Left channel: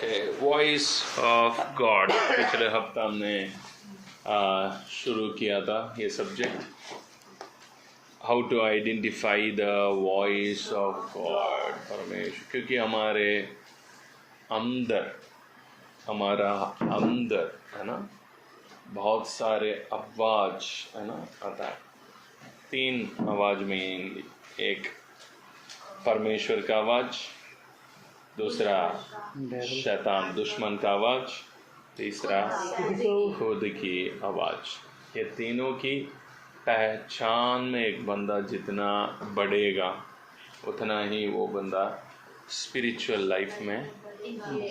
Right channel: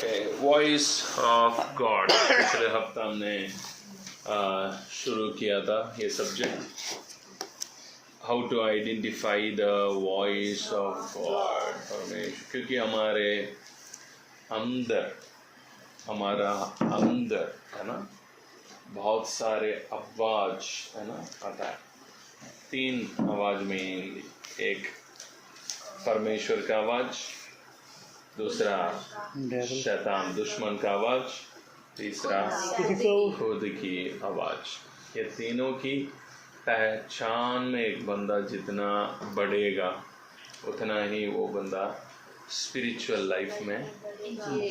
Okay, voice of God पिछले हफ्ता हमने शुरू किया था ये subject, how to identify the voice of God परमेश्वर। क्योंकि हमारे अंदर है ना बहुत सारे आवाज है ना आता है। 3 आवाज में, एक परमेश्वर का आवाज, दूसरा शैतान दुश्मन का आवाज, तीसरा खुद की आवाज। ये तीनों की पहचान में एक बंदा जितना बढ़ेगा उतना ही वो बंदा स्पिरिचुअल लाइफ में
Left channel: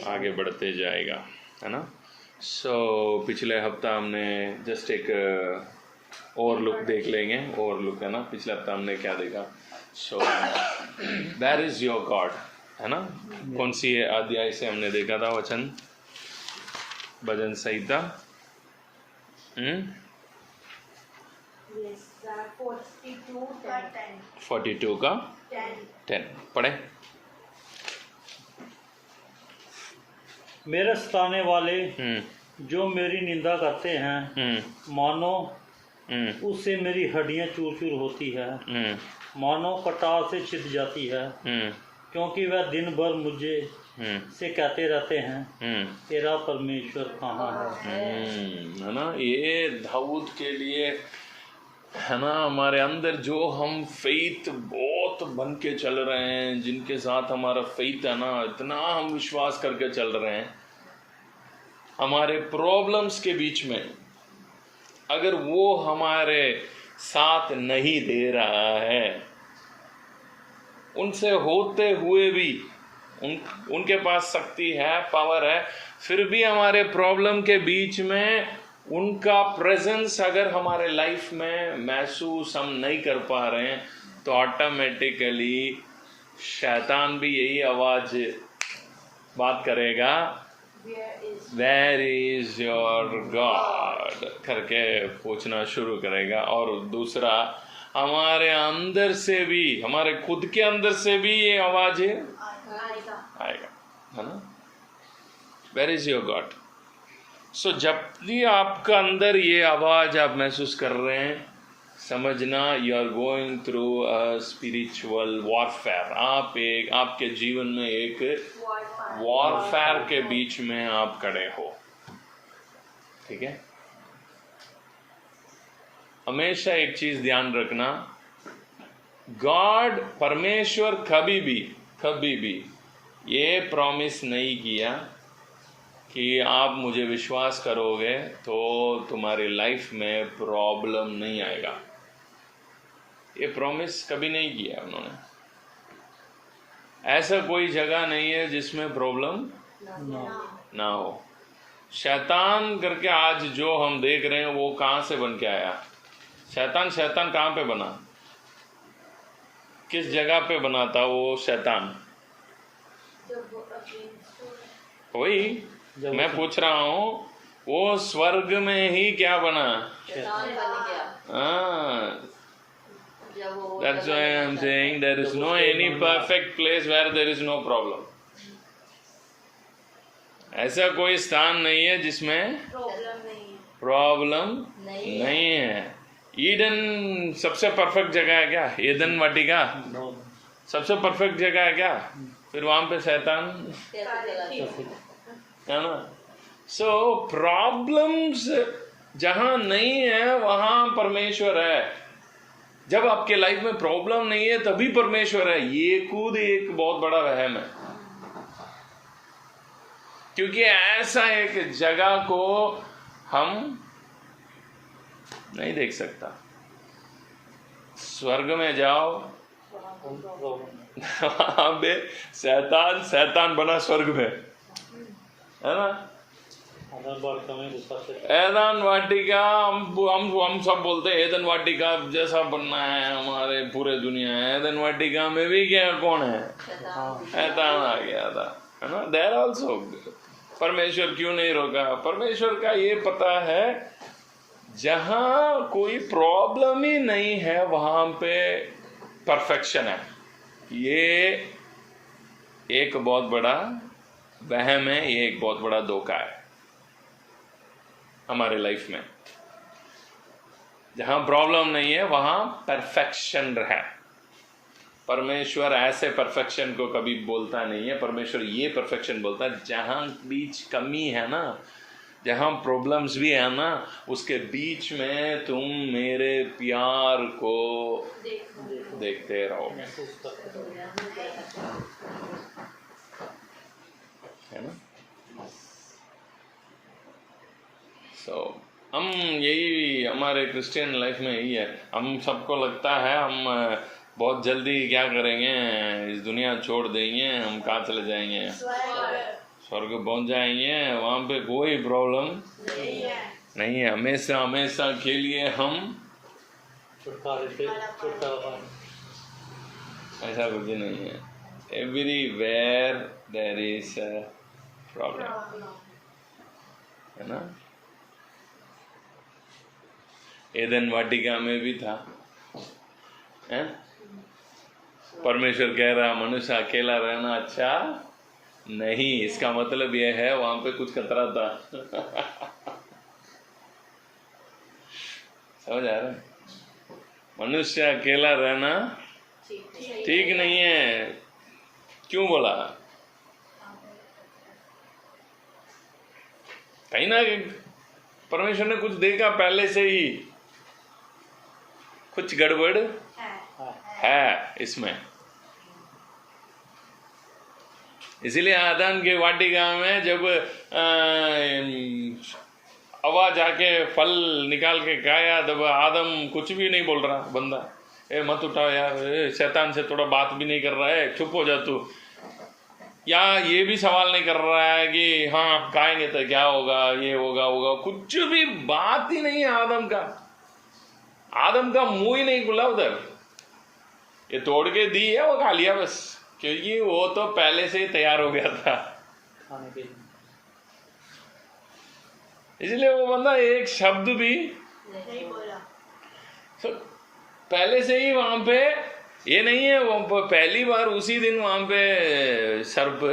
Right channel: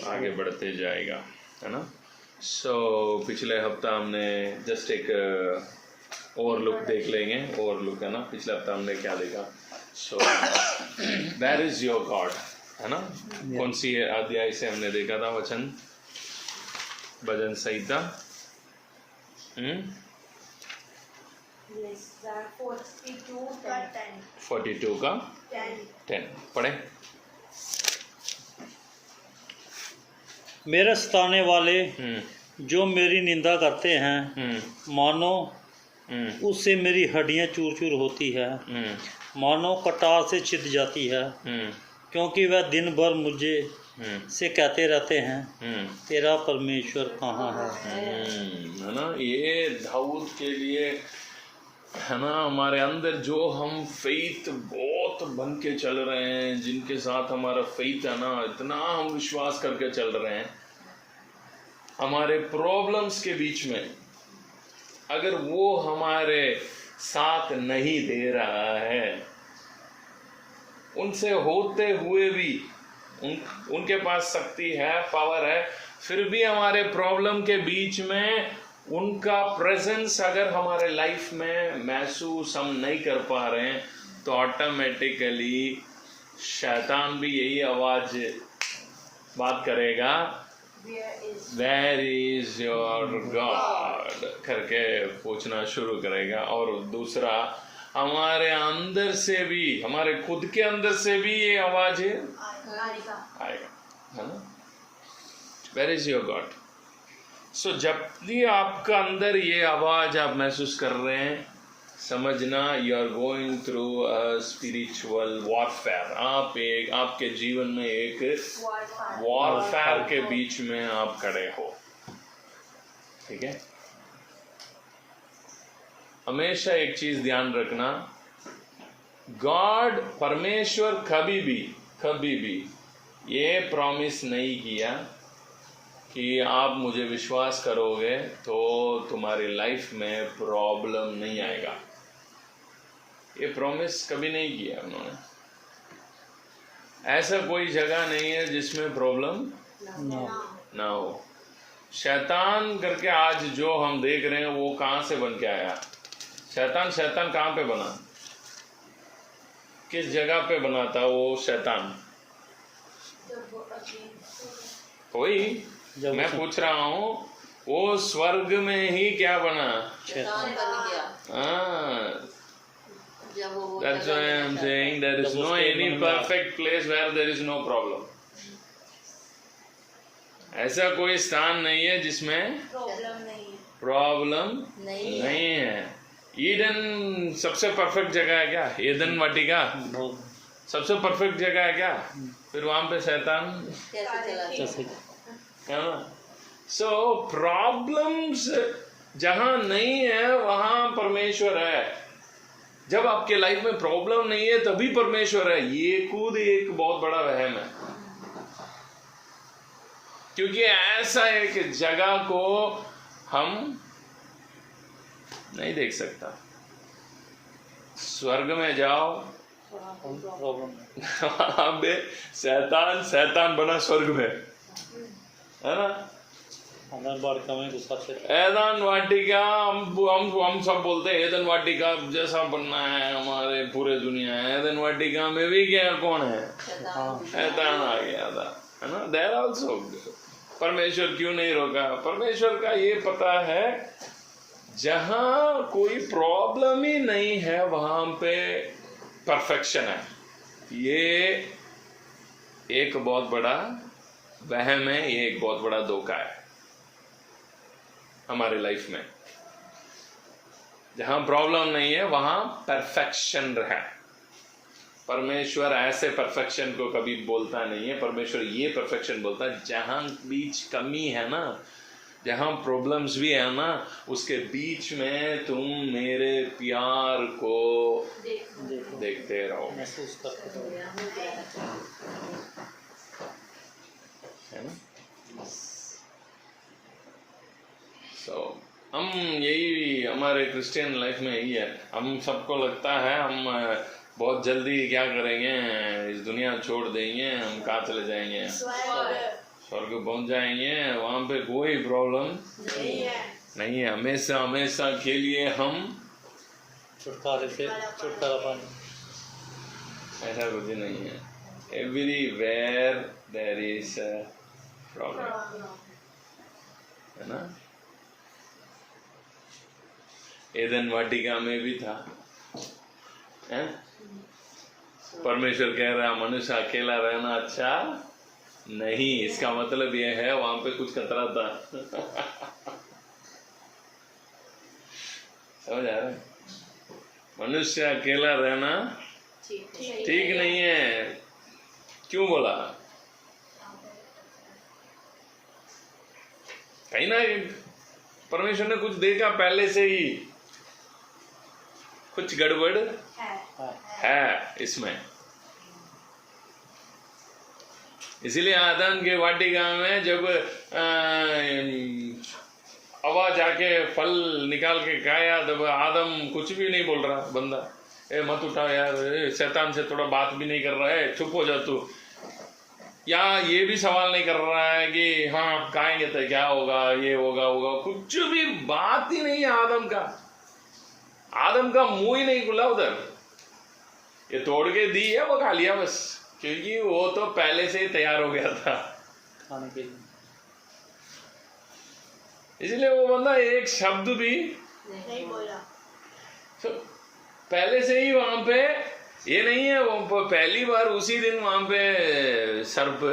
आगे बढ़ते जाएगा, है ना। पिछले हफ्ता हमने जस्ट एक ओवरलुक देख लेंगे, ओवरलुक है ना। पिछले हफ्ता हमने क्या देखा? वेयर इज योर गॉड, है ना। कौन सी अध्याय से हमने देखा था वचन? भजन संहिता 42 का 10 पढ़े। मेरे सताने वाले जो मेरी निंदा करते हैं, मानो उससे मेरी हड्डियां चूर चूर होती है, मानो कटार से छिद जाती है, क्योंकि वह दिन भर मुझे से कहते रहते हैं, तेरा परमेश्वर कहाँ है ना। ये दाऊद के लिए है ना। हमारे अंदर जो हम फेथ बहुत बन के चल रहे हैं, जिनके साथ हमारा फेथ है ना, इतना हम विश्वास करके चल रहे हैं, हमारे प्रॉब्लम्स के बीच में अगर वो हमारे साथ नहीं दे रहा है, उनसे होते हुए भी उनके पास शक्ति है, पावर है, फिर भी हमारे प्रॉब्लम के बीच में उनका प्रेजेंस अगर हमारे लाइफ में महसूस हम नहीं कर पा रहे हैं, तो ऑटोमेटिकली शैतान भी यही आवाज बात करेगा, वेयर इज योर गॉड करके पूछना शुरू करेगा। और दूसरा, हमारे अंदर से भी, हमारे खुद के अंदर से भी ये आवाज आएगा, है ना। Where is your God. जब भी आपका अंदर ये आवाज आप महसूस कर रहे हैं, समझना you are going through a spiritual warfare. आपके जीवन में एक वॉरफेयर के बीच में आप खड़े हो, ठीक है। हमेशा एक चीज ध्यान रखना, गॉड परमेश्वर कभी भी ये प्रॉमिस नहीं किया कि आप मुझे विश्वास करोगे तो तुम्हारी लाइफ में प्रॉब्लम नहीं आएगा। ये प्रॉमिस कभी नहीं किया उन्होंने। ऐसा कोई जगह नहीं है जिसमें प्रॉब्लम ना हो। शैतान करके आज जो हम देख रहे हैं वो कहाँ से बन के आया? शैतान कहाँ पे बना? किस जगह पे बना था वो शैतान? वही मैं पूछ रहा हूँ, वो स्वर्ग में ही क्या बना? That's why I'm saying there is no any perfect place where there is no problem. ऐसा कोई स्थान नहीं है जिसमें प्रॉब्लम नहीं है। ईडन सबसे परफेक्ट जगह है क्या? ईडन वाटिका सबसे परफेक्ट जगह है क्या? फिर वहां पे शैतान है ना। प्रॉब्लम्स जहां नहीं है वहां परमेश्वर है। जब आपके लाइफ में प्रॉब्लम नहीं है तभी परमेश्वर है। ये खुद एक बहुत बड़ा वहम है, क्योंकि ऐसा एक जगह को हम नहीं देख सकता। स्वर्ग में जाओ, शैतान बना स्वर्ग में, है ना। एदन वाटिका हम सब बोलते हैं एदन वाटिका जैसा बनना है हमारे पूरे दुनिया। एदन वाटिका में भी क्या कौन है? शैतान आ गया था, है ना। देयर आल्सो परमेश्वर क्यों नहीं रोका? परमेश्वर का ये पता है जहां कोई प्रॉब्लम ही नहीं है वहां पे परफेक्शन है। ये एक बहुत बड़ा वहम है, ये एक बहुत बड़ा धोखा है हमारे लाइफ में। जहां प्रॉब्लम नहीं है वहां परफेक्शन है। परमेश्वर ऐसे परफेक्शन को कभी बोलता नहीं है। परमेश्वर ये परफेक्शन बोलता है, जहां बीच कमी है ना, जहां प्रॉब्लम्स भी है ना, उसके बीच में तुम मेरे प्यार को देखते रहो, है ना। हम यही हमारे क्रिश्चियन लाइफ में यही है। हम सबको लगता है हम बहुत जल्दी क्या करेंगे, इस दुनिया छोड़ देंगे, हम कहाँ चले जाएंगे, स्वर्ग पहुंच जाएंगे, वहां पे कोई प्रॉब्लम नहीं है। हमेशा हमेशा के लिए हम छुटकारे से छुटकारा, ऐसा कुछ नहीं है। Everywhere there is a problem, है ना। एदन वाटिका में भी था, है? परमेश्वर कह रहा मनुष्य अकेला रहना अच्छा नहीं। इसका मतलब यह है वहां पे कुछ खतरा था। समझ आ रहा है? मनुष्य अकेला रहना ठीक नहीं है। क्यों बोला? कहीं ना परमेश्वर ने कुछ देखा पहले से ही, कुछ गड़बड़ है इसमें। इसीलिए आदम के वाटिका में जब हवा जाके फल निकाल के खाया, तब आदम कुछ भी नहीं बोल रहा। बंदा, ए मत उठाओ यार, शैतान से थोड़ा बात भी नहीं कर रहा है, चुप हो जा तू। या ये भी सवाल नहीं कर रहा है कि हाँ आप खाएंगे तो क्या होगा, ये होगा होगा, कुछ भी बात ही नहीं है आदम का। आदम का मुंह ही नहीं खुला उधर। ये तोड़ के दी है, वो खा लिया बस, क्योंकि वो तो पहले से ही तैयार हो गया था खाने के लिए। इसलिए वो बंदा एक शब्द भी नहीं बोला। तो पहले से ही वहां पे ये नहीं है, वो पहली बार उसी दिन वहां पे सर्प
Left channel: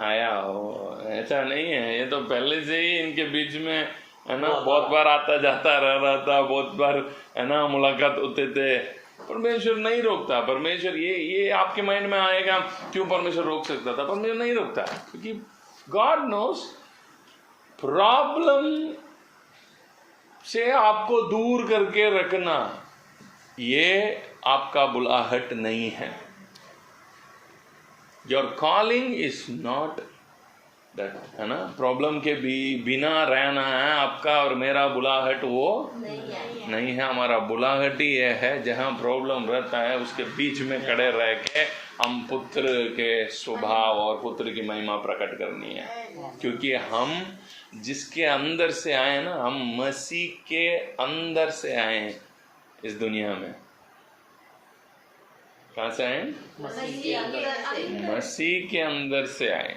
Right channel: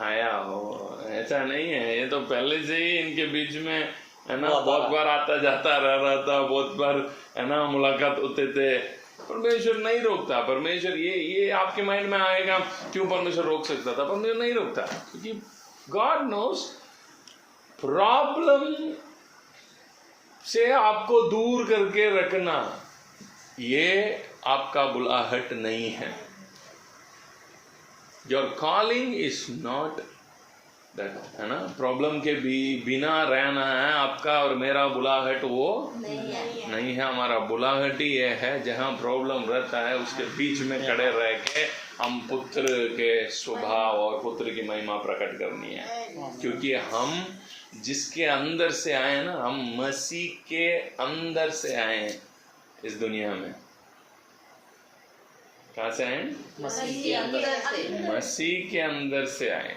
आया हो, ऐसा नहीं है। ये तो पहले से ही इनके बीच में, है ना, बहुत बार आता जाता रह रहा था, बहुत बार, है ना, मुलाकात होते थे। परमेश्वर नहीं रोकता। परमेश्वर ये आपके माइंड में आएगा क्यों परमेश्वर रोक सकता था? परमेश्वर नहीं रोकता, क्योंकि गॉड नोस प्रॉब्लम से आपको दूर करके रखना ये आपका बुलाहट नहीं है। Your calling is not that, है ना। प्रॉब्लम के बिना रहना है आपका और मेरा बुलाहट वो नहीं है। हमारा बुलाहट ही ये है, जहां प्रॉब्लम रहता है उसके बीच में खड़े रह के हम पुत्र के स्वभाव और पुत्र की महिमा प्रकट करनी है। क्योंकि हम जिसके अंदर से आए ना, हम मसीह के अंदर से आए इस दुनिया में। कहां से आए? मसीह के अंदर से आए।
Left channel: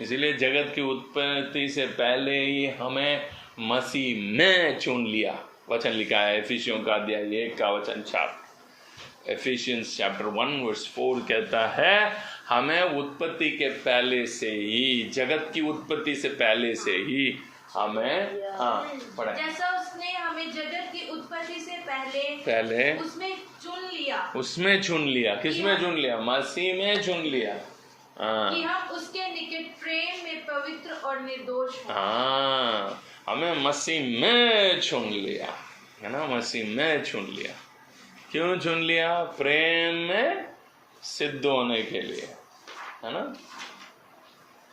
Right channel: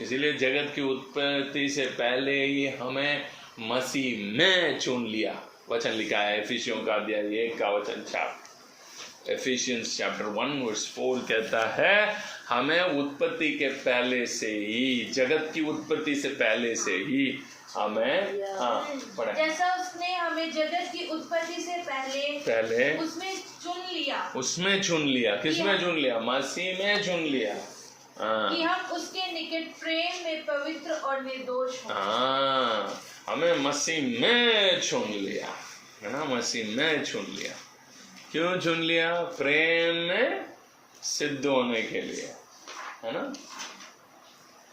इसीलिए जगत की उत्पत्ति से पहले ही हमें मसीह में चुन लिया। वचन लिखा है एफिसियों का अध्याय 1 का वचन 4, एफिशियंस चैप्टर 1 वर्स 4 कहता है हमें उत्पत्ति के पहले से ही, जगत की उत्पत्ति से पहले से ही हमें, पढ़ा, जैसा उसने हमें जगत की उत्पत्ति से पहले उसमें चुन लिया। किसमें चुन लिया? मसीह में चुन लिया। कि हम उसके निकट प्रेम में पवित्र और निर्दोष हों। हमें मसीह में चुन लिया, है ना। मसीह में चुन लिया। क्यों चुन लिया? प्रेम में सिद्ध होने के लिए, है ना।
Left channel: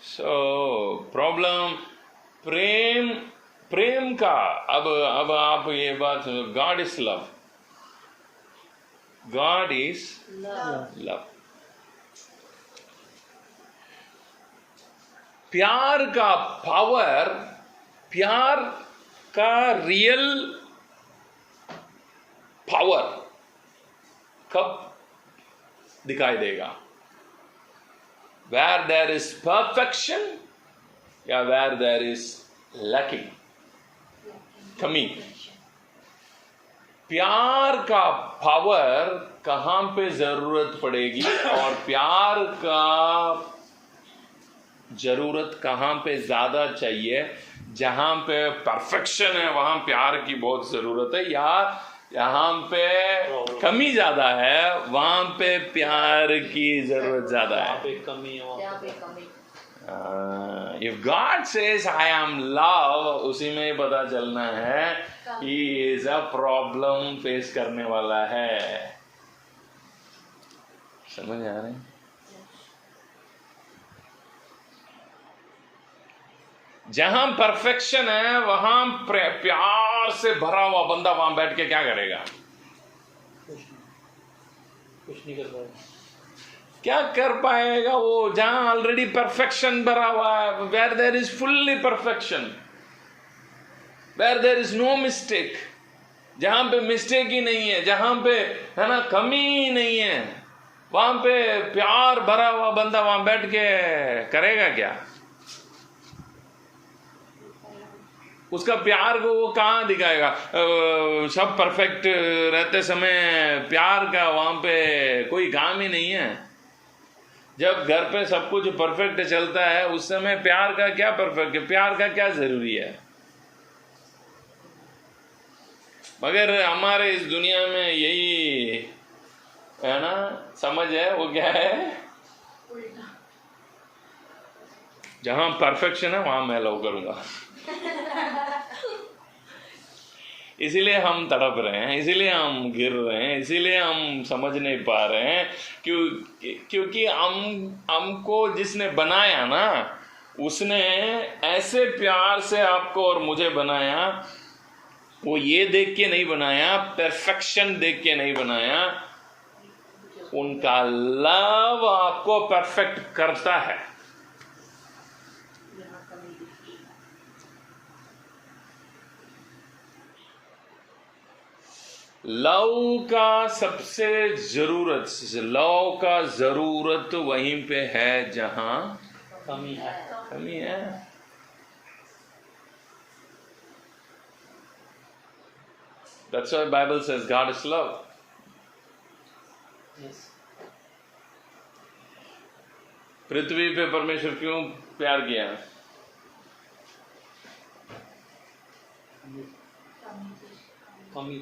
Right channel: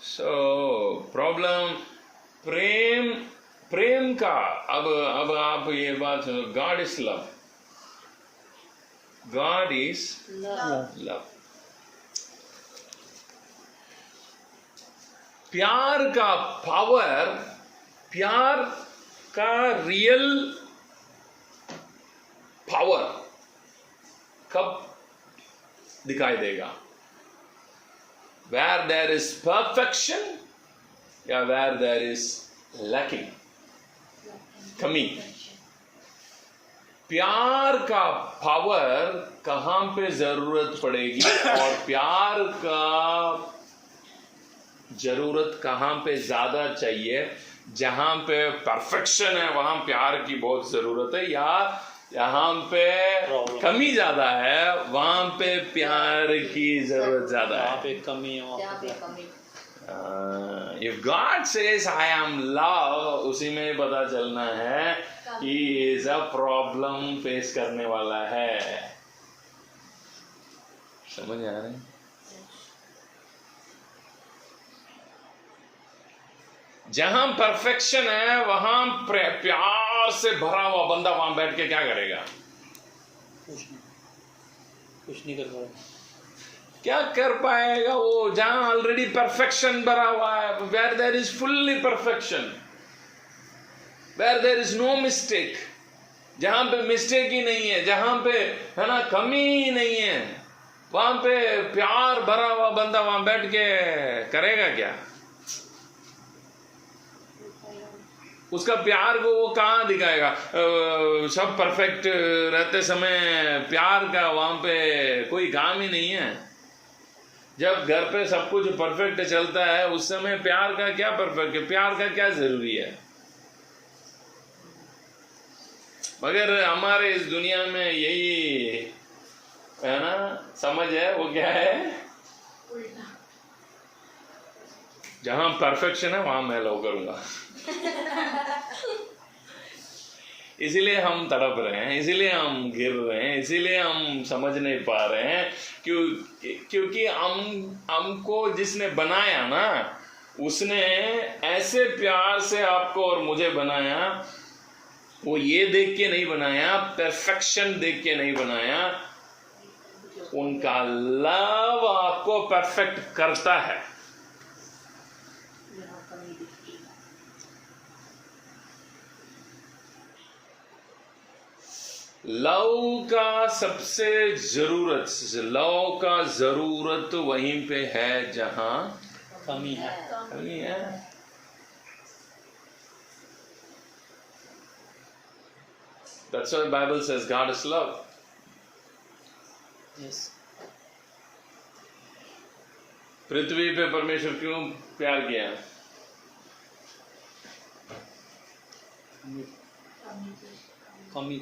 सो प्रॉब्लम प्रेम का, अब आप ये बात, God is love, God is love. प्यार का पावर, प्यार का रियल पावर कब दिखाई देगा? where there is perfection या where there is lacking, कमी। प्यार का पावर कहां पे जरूरत पड़ेगी और प्यार का जरूरत कहाँ पे ज्यादा चाहिए, जहां पे परफेक्शन है वहां प्यार की बहुत जरूरत है, या जहां पे कमी ज्यादा है वहां पे प्यार की जरूरत ज्यादा है? पे कमी है। If God says I am love, उसी में ही पता चलना है कि इज अ प्रॉब्लम फेस करने वाला है। समझ आ रहा है? जहां परफेक्शन है वहां प्यार से भरा हुआ बंदा वहां बैठ के क्या करेगा? कुछ नहीं कर पाएगा। क्या कर पाएगा वो? जहां ऑलरेडी परफेक्शन भरा हुआ है, where there is fully perfection, where there is no mistake, जहां पे मिस्टेक ही नहीं है, जहां पे है ना कमी ही नहीं है, वहां पे प्यार भरा हुआ बंदा वहां बैठ के करेगा क्या? उसका प्यार को वो कहाँ दिखाएगा? सब परफेक्ट रहते समय प्यार का वहां पे कोई काम ही नहीं है। जब घर पे सब कुछ परफेक्ट चलता है उस समय प्यार का क्या परफेक्ट है, प्यार का क्या जरूरी है? मगर हमारे इस दुनिया में यही है ना समझ है, वो क्या है? जहां परफेक्शन है वहां मैं लव करूंगा। इसीलिए हम तड़प रहे हैं, इसीलिए हम गिर रहे हैं, इसीलिए हम समझ नहीं पा रहे हैं, क्योंकि हमको जिसने बनाया ना, उसने ऐसे प्यार से आपको और मुझे बनाया। वो ये देख के नहीं बनाया, परफेक्शन देख के नहीं बनाया, उनका लव आपको परफेक्ट करता है। लव का सबसे लव का जरूरत वहीं पे है जहां कमी है। कमी है। That's why the Bible says God is love. Yes. पृथ्वी पे परमेश्वर क्यों प्यार किया? कमी,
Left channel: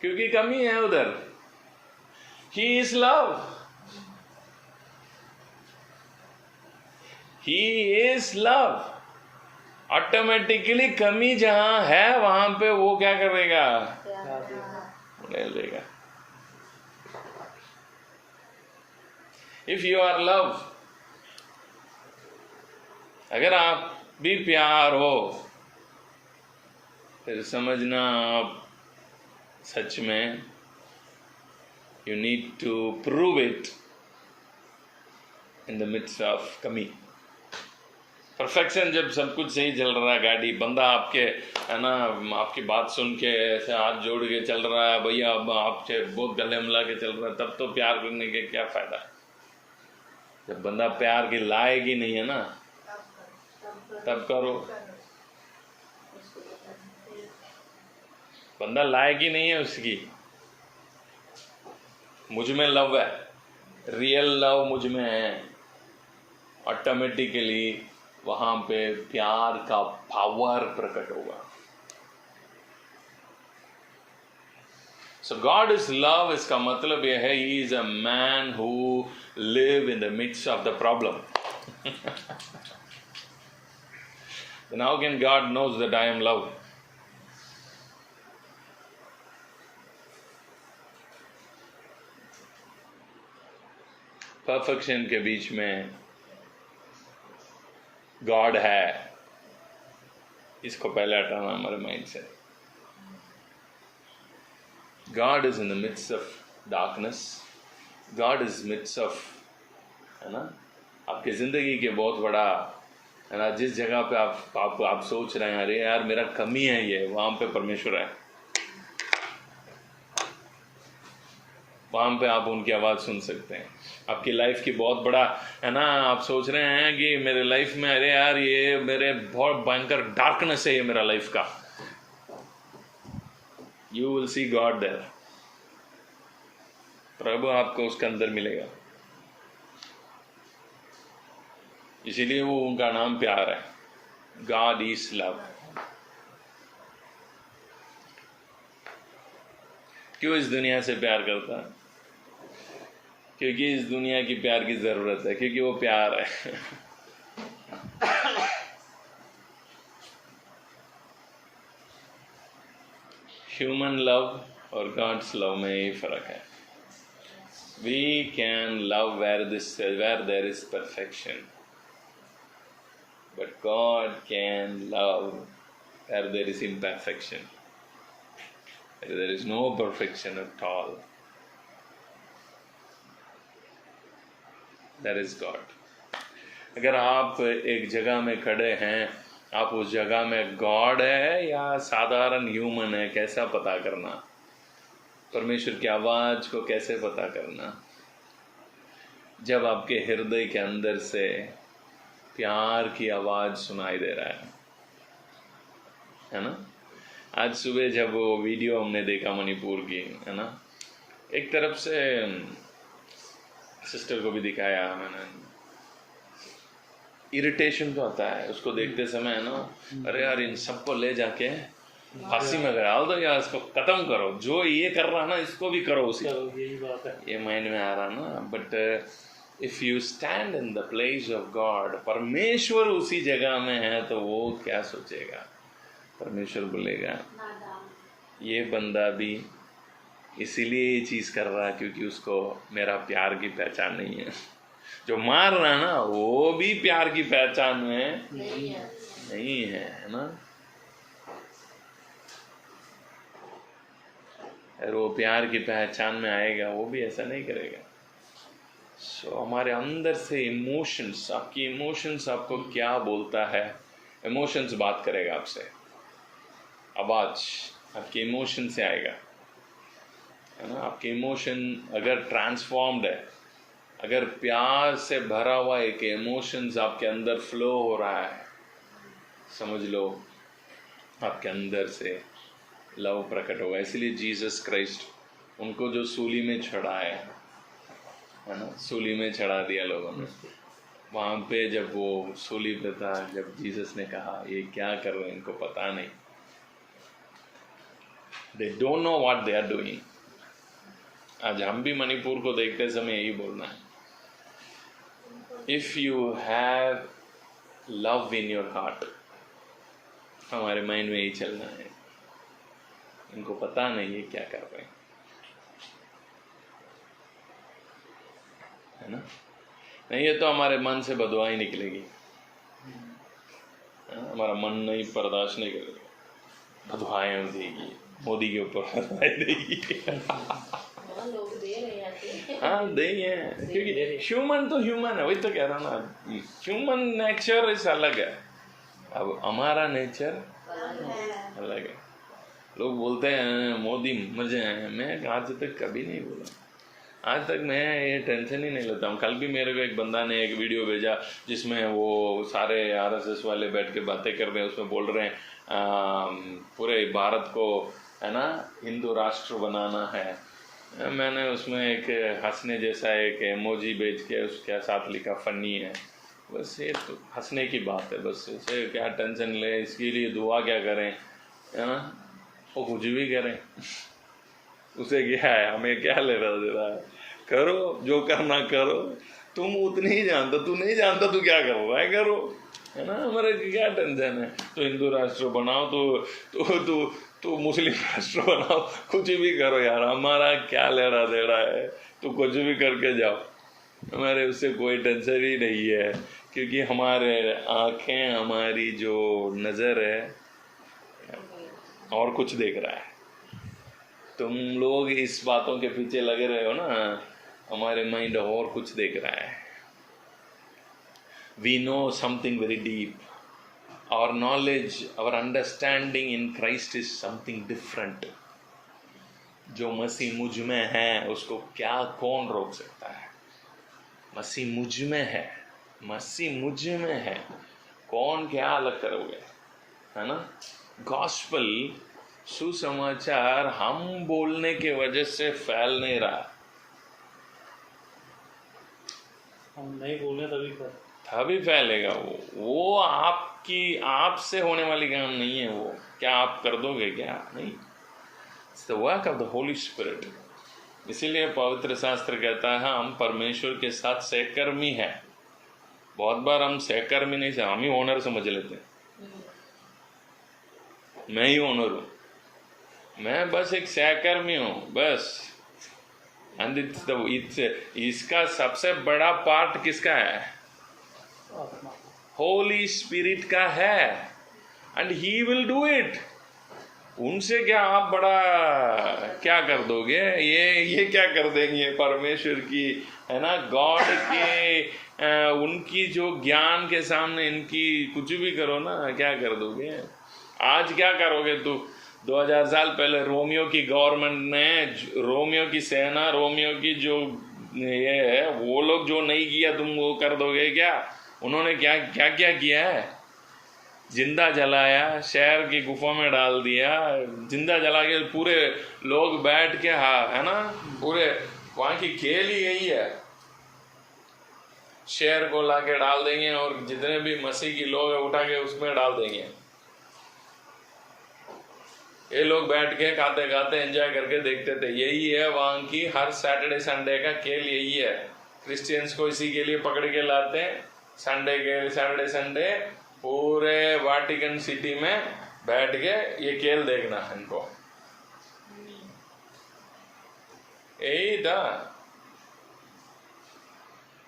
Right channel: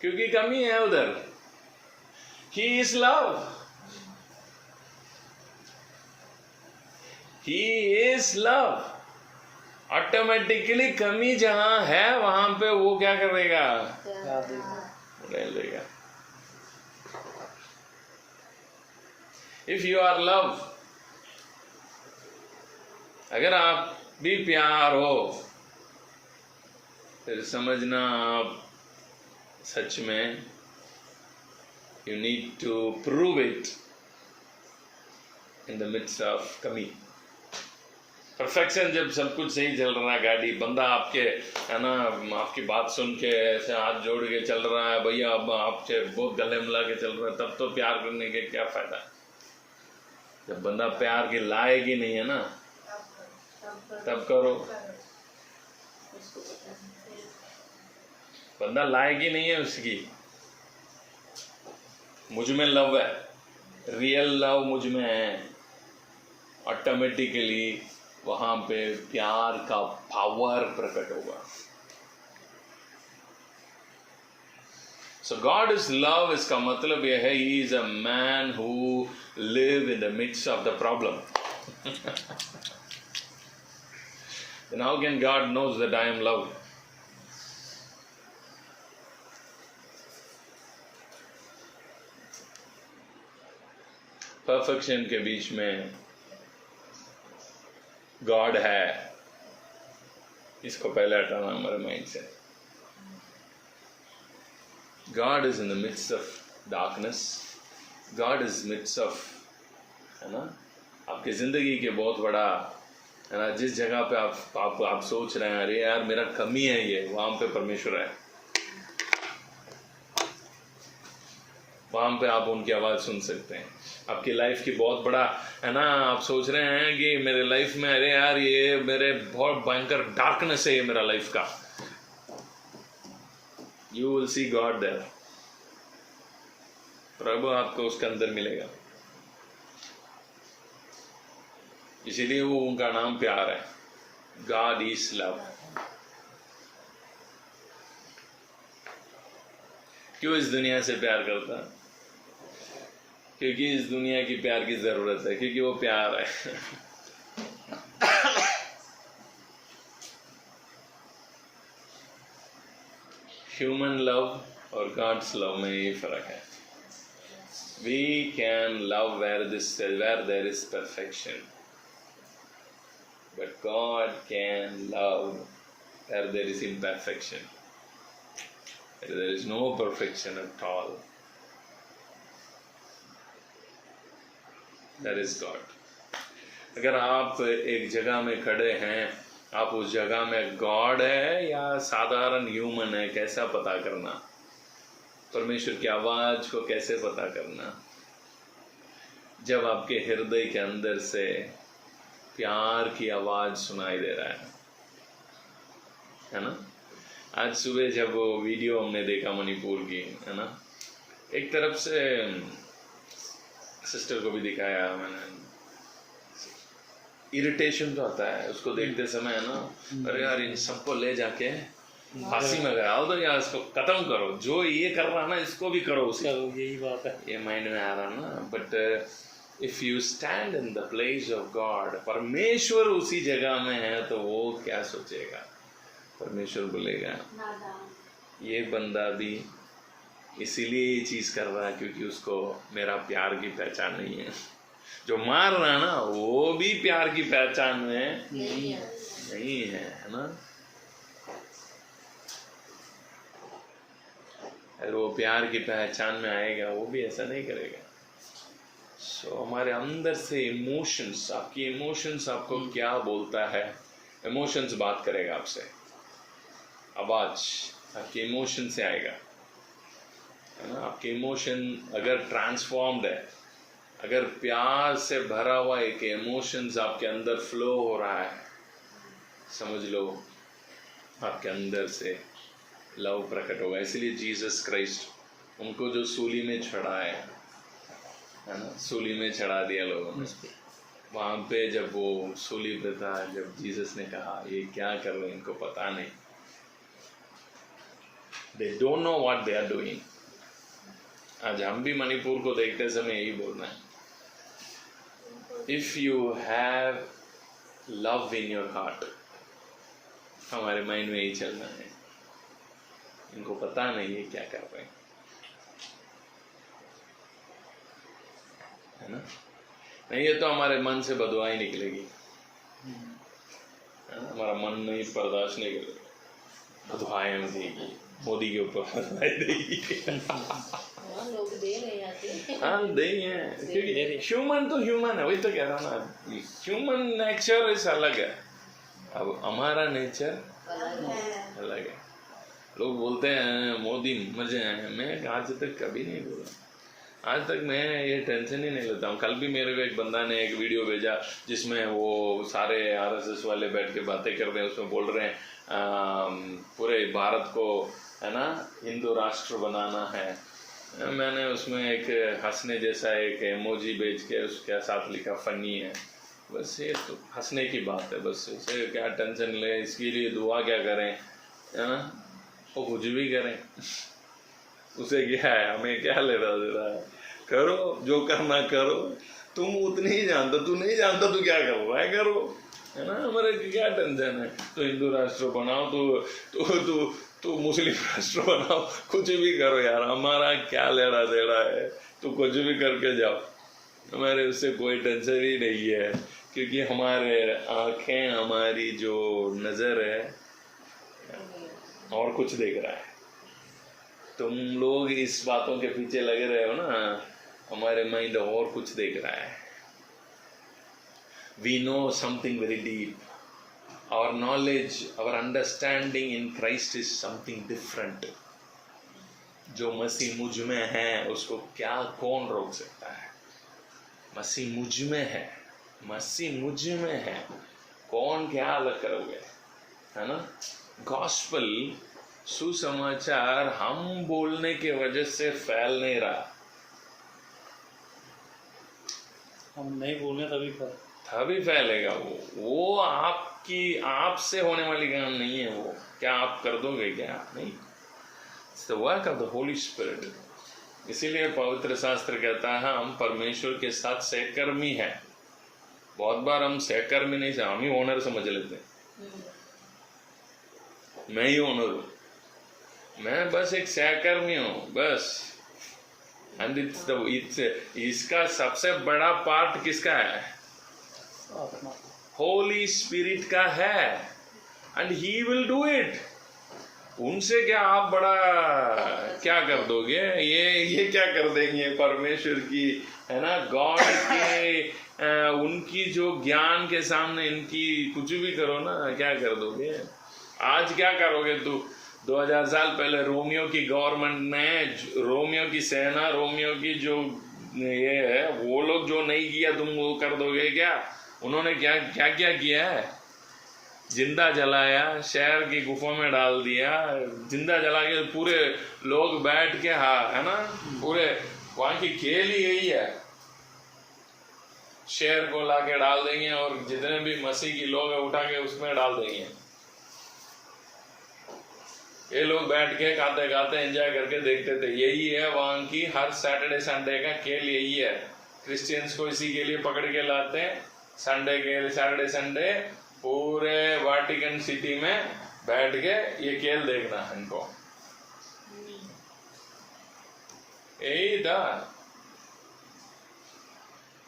क्योंकि कमी है उधर। He is love. He is love. Automatically कमी जहां है वहां पे वो क्या करेगा? रह लेगा। If you are love, अगर आप भी प्यार हो, फिर समझना आप सच में you need to prove it in the midst of कमी। परफेक्शन जब सब कुछ सही चल रहा है, गाड़ी बंदा आपके है ना आपकी बात सुन के ऐसे हाथ जोड़ के चल रहा है, भैया अब आपसे बहुत गले मिला के चल रहा है, तब तो प्यार करने के क्या फायदा? जब बंदा प्यार के लायक ही नहीं है ना, तब करो। बंदा लायक ही नहीं है उसकी। मुझ में लव है, रियल लव मुझ में है, ऑटोमेटिकली वहां पे प्यार का पावर प्रकट होगा। सो गॉड इज लव, इसका मतलब यह है he is a man who live in the midst of the problem. Then how can God knows that I am love? परफेक्शन के बीच में गॉड है, इसको पहले हटाना हमारे माइंड से। God is in the midst of darkness, God is midst of, है ना, आपकी जिंदगी के बहुत बड़ा है ना, जिस जगह पे आप सोच रहे हैं अरे यार मेरा कमी है ये, वहां पे परमेश्वर है, वहां पे आप उनकी आवाज सुन सकते हैं। आपकी लाइफ की बहुत बड़ा है ना, आप सोच रहे हैं कि मेरे लाइफ में अरे यार ये मेरे बहुत भयंकर डार्कनेस है ये मेरा लाइफ का, you will see God there. प्रभु आपको उसके अंदर मिलेगा। इसीलिए वो उनका नाम प्यार है, गॉड इज लव। क्यों इस दुनिया से प्यार करता है? क्योंकि इस दुनिया की प्यार की जरूरत है, क्योंकि वो प्यार है। ह्यूमन लव और गॉड्स लव में यही फर्क है। We can love where there is perfection, but God can love where there is imperfection. There is no perfection at all. That is God. अगर आप एक जगह में खड़े हैं, आप उस जगह में गॉड है या साधारण ह्यूमन है, कैसा पता करना? परमेश्वर की आवाज को कैसे पता करना? जब आपके हृदय के अंदर से प्यार की आवाज सुनाई दे रहा है ना? आज सुबह जब वो वीडियो हमने देखा मणिपुर की, है ना, एक तरफ से सिस्टर को भी दिखाया मैंने, इरिटेशन जो आता है उसको देखते समय, है ना, अरे यार इन सबको ले जाके फांसी में डाल दो या इसको खत्म करो, जो ये कर रहा ना इसको भी करो उसी। यही बात है, ये माइंड में आ रहा ना। But if you stand in the place of God, परमेश्वर उसी जगह में है, तो वो क्या सोचेगा? परमेश्वर बोलेगा ये बंदा भी इसीलिए ये चीज कर रहा है क्योंकि उसको मेरा प्यार की पहचान नहीं है। जो मार रहा ना वो भी प्यार की पहचान में नहीं है ना। अगर वो प्यार की पहचान में आएगा वो भी ऐसा नहीं करेगा। सो हमारे अंदर से इमोशंस, आपकी इमोशंस आपको क्या बोलता है? इमोशंस बात करेगा आपसे, आवाज आपके इमोशन से आएगा, है ना। आपके इमोशन अगर ट्रांसफॉर्म्ड है, अगर प्यार से भरा हुआ एक इमोशंस आपके अंदर फ्लो हो रहा है, समझ लो आपके अंदर से लव प्रकट होगा। इसलिए जीसस क्राइस्ट, उनको जो सूली में चढ़ाया है ना, सूली में चढ़ा दिया लोगों ने, वहाँ पे जब वो सूली पे था, जब जीसस ने कहा ये क्या कर रहे हैं, इनको पता नहीं, they don't know what they are doing। आज हम भी मणिपुर को देखते समय यही बोलना है, if you have love in your heart, हमारे माइंड में यही चलना है, इनको पता नहीं है क्या कर रहे हैं, है ना। नहीं है तो हमारे मन से बदुआई निकलेगी, हमारा मन नहीं बर्दाश्त नहीं करेगा, बदुआएं देगी, मोदी के ऊपर बदुआई देगी। लोग दे रहे हैं, हाँ दे हैं, क्योंकि ह्यूमन तो ह्यूमन है, वही तो कह रहा ना, ह्यूमन नेचर इस अलग है, अब हमारा नेचर अलग है। लोग बोलते हैं मोदी मजे हैं, मैं आज तक कभी नहीं बोला, आज तक मैं ये टेंशन ही नहीं लेता हूँ। कल भी मेरे को एक बंदा ने एक वीडियो भेजा जिसमें वो सारे आरएसएस वाले बैठ के बातें कर रहे हैं, उसमें बोल रहे हैं पूरे भारत को, है ना, हिंदू राष्ट्र बनाना है। मैंने उसमें एक हंसने जैसा एक इमोजी भेज के उसके साथ लिखा फनी है, बस ये तो हंसने की बात है, बस उसे क्या टेंशन ले, इसके लिए दुआ क्या करें, वो कुछ भी करें, उसे क्या है, हमें क्या ले रहा दे रहा है, करो जो करना करो, तुम उतनी ही जानता, तू नहीं जानता तू क्या कर रहा है, करो, है ना, हमारे क्या टेंशन है। तो हिंदू राष्ट्र बनाओ, तो मुस्लिम राष्ट्र बनाओ, कुछ भी करो यार, हमारा क्या लेना दे रहा है, तो कुछ भी करके जाओ, हमारे उससे कोई टेंशन ही नहीं है, क्योंकि हमारे आंखें, हमारी जो नज़र है और कुछ देख रहा है। तुम लोग इस बातों के पीछे लगे रहे हो ना, हमारे माइंड और कुछ देख रहा है। We know something very deep, our knowledge, our understanding in Christ is something different। जो मसीह मुझ में है उसको क्या कौन रोक सकता है? मसीह मुझ में है, मसीह मुझ में है, कौन क्या अलग करोगे, है ना। गॉस्पल, सुसमाचार हम बोलने के वजह से फैल नहीं रहा, हम नहीं बोले तभी फैलेगा वो आपसे होने वाली काम नहीं है। वो क्या आप कर दोगे क्या? नहीं। It's the work of the Holi spirit. इसीलिए पवित्र शास्त्र कहता है हम परमेश्वर के साथ सहकर्मी हैं। बहुत बार हम सहकर्मी नहीं से हम ही ओनर समझ लेते हैं। मैं ही ओनर हूं, मैं बस एक सहकर्मी हूं बस। एंड इसका सबसे बड़ा पार्ट किसका है? होली स्पिरिट का है। And he will do it. उनसे क्या आप बड़ा क्या कर दोगे? ये क्या कर देंगे परमेश्वर की, है ना, गॉड के उनकी जो ज्ञान के सामने इनकी कुछ भी करो ना, क्या कर दोगे? आज क्या करोगे? 2000 साल पहले रोमियो की गवर्नमेंट ने, रोमियो की सेना, रोमियो की जो ये है, वो लोग जो नहीं किया तुम वो कर दोगे क्या? उन्होंने क्या क्या क्या किया है? जिंदा जलाया, शहर की गुफा में डाल दिया, जिंदा जला के पूरे लोग बैठ के, है ना, पूरे वहां की खेल ही यही है। शहर को लाके डाल देंगे और जितने भी मसीह की लोग है उठा के उसमें डाल देंगे। ये लोग बैठ के खाते खाते एंजॉय करके देखते थे। यही है वहां की हर सैटरडे संडे का खेल, यही है। क्रिश्चियंस को इसी के लिए पकड़ के लाते हैं। सैटरडे संडे पूरे वाटिकन सिटी में बैठ के ये खेल देखना है इनको। यही था।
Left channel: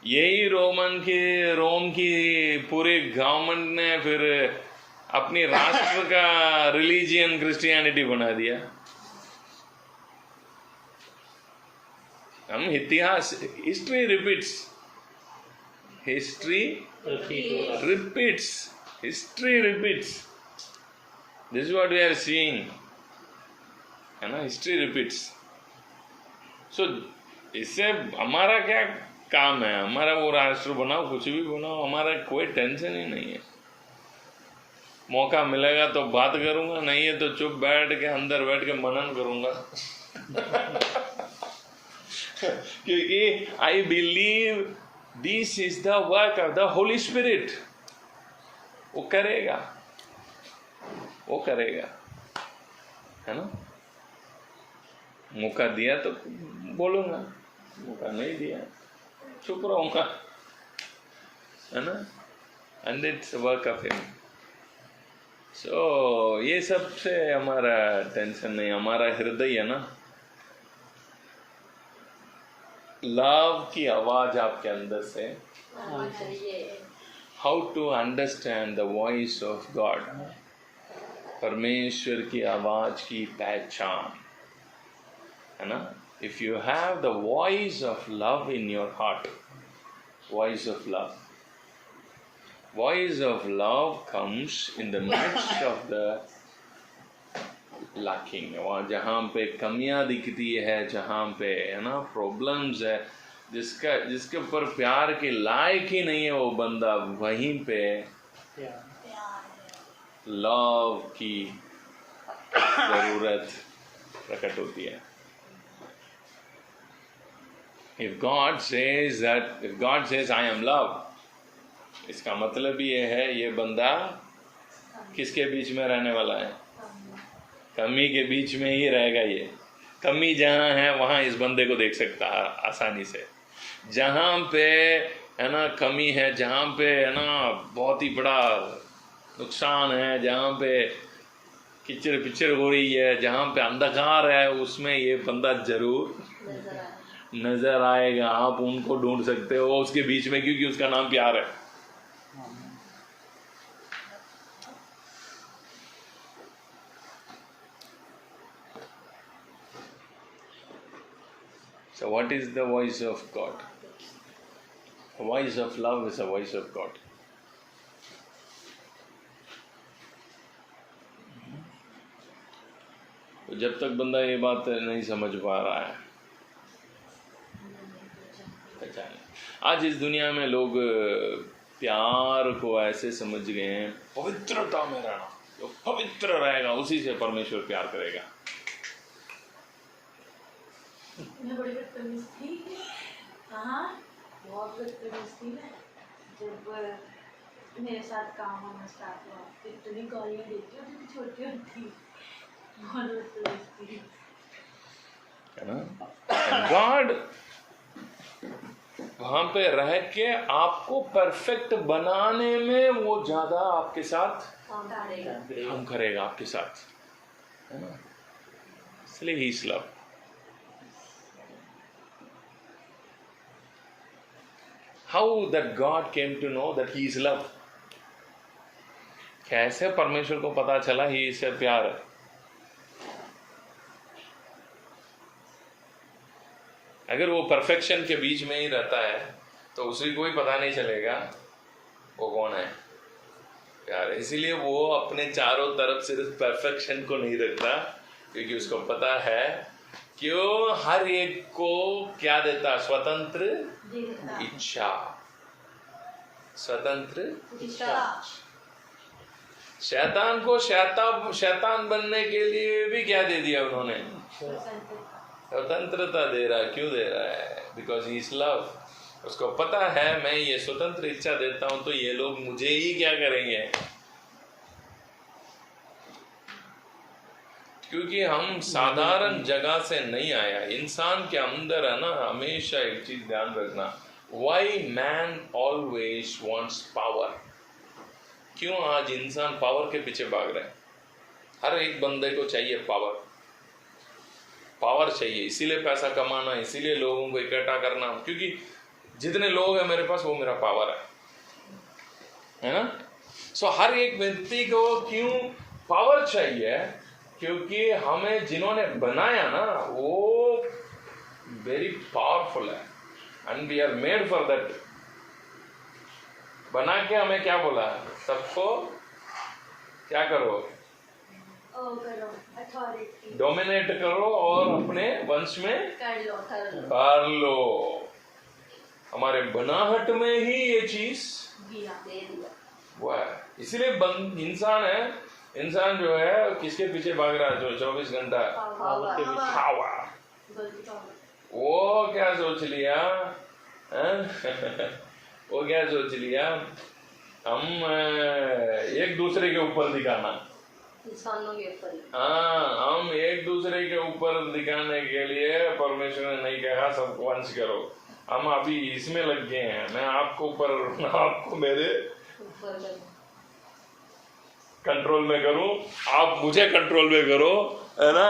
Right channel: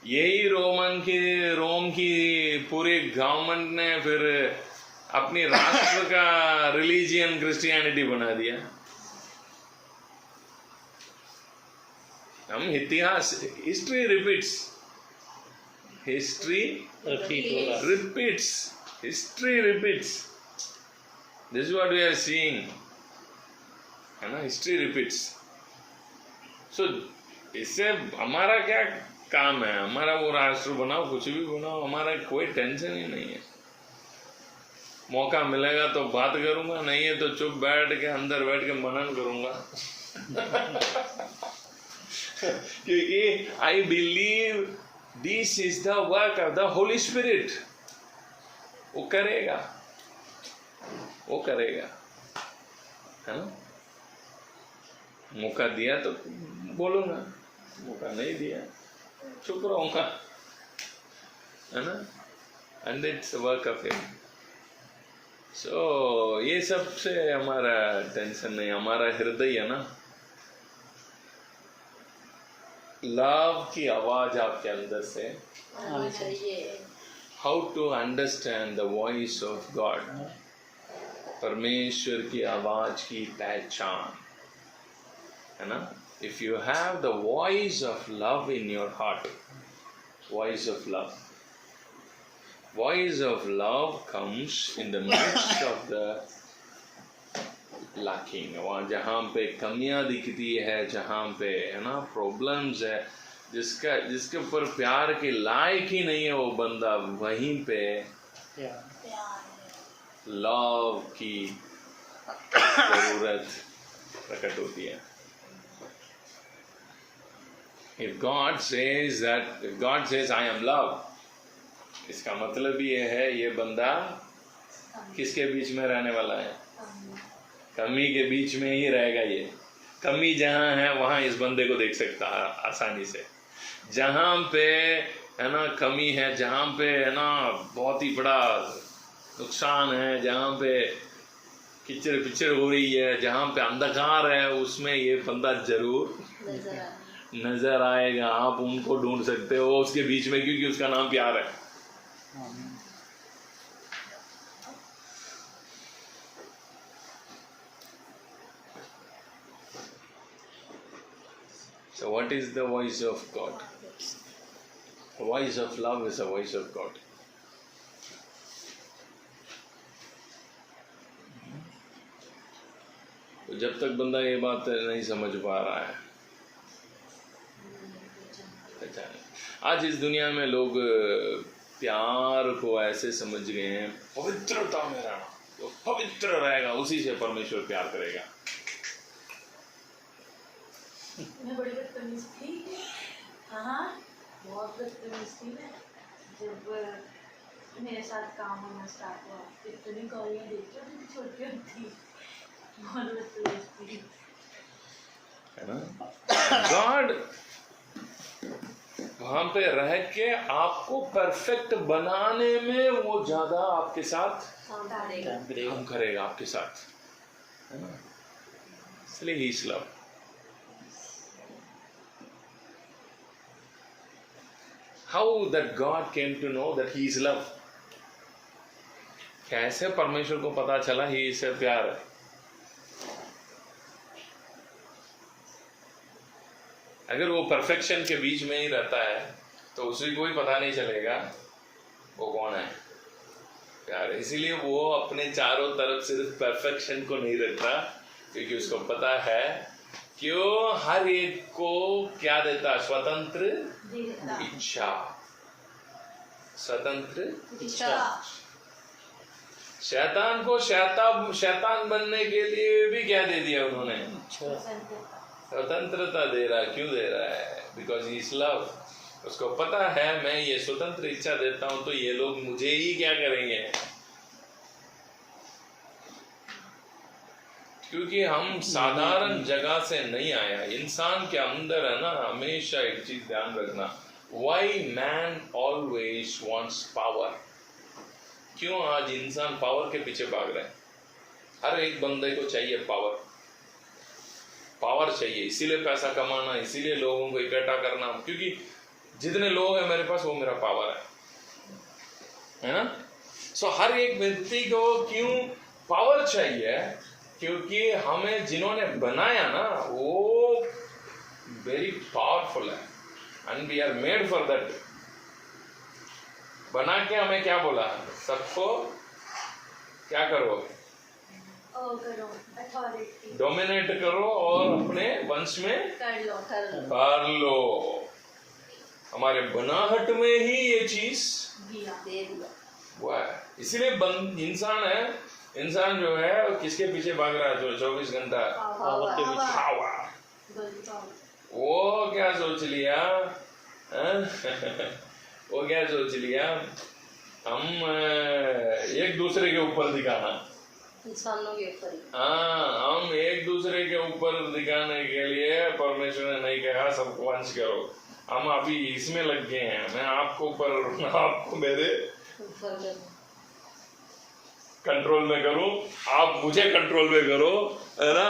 यही रोम की पूरी गवर्नमेंट ने फिर अपनी राष्ट्र का रिलीजियन क्रिश्चियनिटी बना दिया। हम इतिहास, history repeats, history repeats. This is what we are seeing, है ना, history repeats. So इससे हमारा क्या काम है? हमारा वो राष्ट्र बनाओ, कुछ भी बनाओ, हमारा कोई टेंशन ही नहीं है। मौका मिलेगा तो बात करूंगा, नहीं है तो चुप बैठ के अंदर बैठ के मनन करूंगा। क्योंकि I believe this is the work of the Holi spirit. वो करेगा, है ना। मौका दिया तो बोलूंगा, मौका नहीं दिया चुप रहूंगा, है ना। And it's work of him. So ये सबसे हमारा टेंशन नहीं, हमारा हृदय है ना, लव की आवाज आपके अंदर से। How to understand the voice of God, परमेश्वर की आवाज की पहचान, है ना। If you have the voice of love in your heart, voice of love comes in the midst of the lacking। वहाँ जहाँ पे कमियां दिखती है, जहाँ पे, है ना, प्रॉब्लम्स है, जिसके ऊपर प्यार के लायक ही नहीं है वो बंदा, वहीं पे लव की जरूरत प्रकट होती है। If God says I am love, इसका मतलब ये है ये बंदा किसके बीच में रहने वाला है? कमी के बीच में ही रहेगा। ये कमी जहाँ है वहाँ इस बंदे को देख सकता है आसानी से। जहाँ पे, है ना, कमी है, जहाँ पे, है ना, बहुत ही बड़ा नुकसान है, जहाँ पे किचड़ पिचड़ हो रही है, जहाँ पे अंधकार है, उसमें ये बंदा जरूर नजर आएगा। आप उनको ढूंढ सकते हो उसके बीच में, क्योंकि उसका नाम प्यार है। So what is the voice of God? The voice of love is the voice of God. तो जब तक बंदा ये बात नहीं समझ पा रहा है, आज इस दुनिया में लोग प्यार को ऐसे समझ गए हैं, पवित्रता में रहना, जो पवित्र रहेगा उसी से परमेश्वर प्यार करेगा। मैं बड़ी बदतमीज थी, हाँ बहुत बदतमीज थी मैं, जब मेरे साथ काम होना स्टार्ट हुआ, इतनी गालियाँ देती हूँ जब छोटी होती, बहुत बदतमीज थी, है ना। गॉड वहां पे रह के आपको परफेक्ट बनाने में वो ज्यादा आपके साथ काम करेगा आपके साथ, है ना। इसलिए he is love. How that God came to know that he is love? कैसे परमेश्वर को पता चला ही इससे प्यार है? अगर वो परफेक्शन के बीच में ही रहता है तो उसे कोई पता नहीं चलेगा वो कौन है प्यार। इसीलिए वो अपने चारों तरफ सिर्फ परफेक्शन को नहीं रखता, क्योंकि उसको पता है क्यों हर एक को क्या देता? स्वतंत्र इच्छा, स्वतंत्र इच्छा। शैतान को शैतान बनने के लिए भी क्या दे दिया उन्होंने? स्वतंत्रता दे रहा। क्यों दे रहा है? Because he is love. उसको पता है मैं ये स्वतंत्र इच्छा देता हूं तो ये लोग मुझे ही क्या करेंगे, क्योंकि हम साधारण जगह से नहीं आया। इंसान के अंदर है ना, हमेशा एक चीज ध्यान रखना, Y man always wants power. क्यों आज इंसान पावर के पीछे भाग रहा है? हर एक बंदे को चाहिए पावर, पावर चाहिए। इसीलिए पैसा कमाना, इसीलिए लोगों को इकट्ठा करना, क्योंकि जितने लोग हैं मेरे पास वो मेरा पावर है ना। सो हर एक व्यक्ति को क्यों पावर चाहिए? क्योंकि हमें जिन्होंने बनाया ना वो वेरी पावरफुल है, and we are made for that. बना के हमें क्या बोला? सबको क्या करो? अथॉरिटी, डोमिनेट करो और अपने वंश में कर लो। हमारे बनाहट में ही ये चीज हुआ है। इसीलिए इंसान है, इंसान जो है किसके पीछे भाग रहा है? जो 24 घंटा वो क्या सोच लिया वो क्या सोच लिया? हम एक दूसरे के ऊपर दिखाना, इंसानों के ऊपर। हाँ, हम एक दूसरे के ऊपर दिखाने के लिए परमेश्वर ने नहीं कहा सबको वंश करो। हम अभी इसमें लग गए हैं, मैं आपको ऊपर, आपको मेरे कंट्रोल में करूं, आप मुझे कंट्रोल में करो, है ना।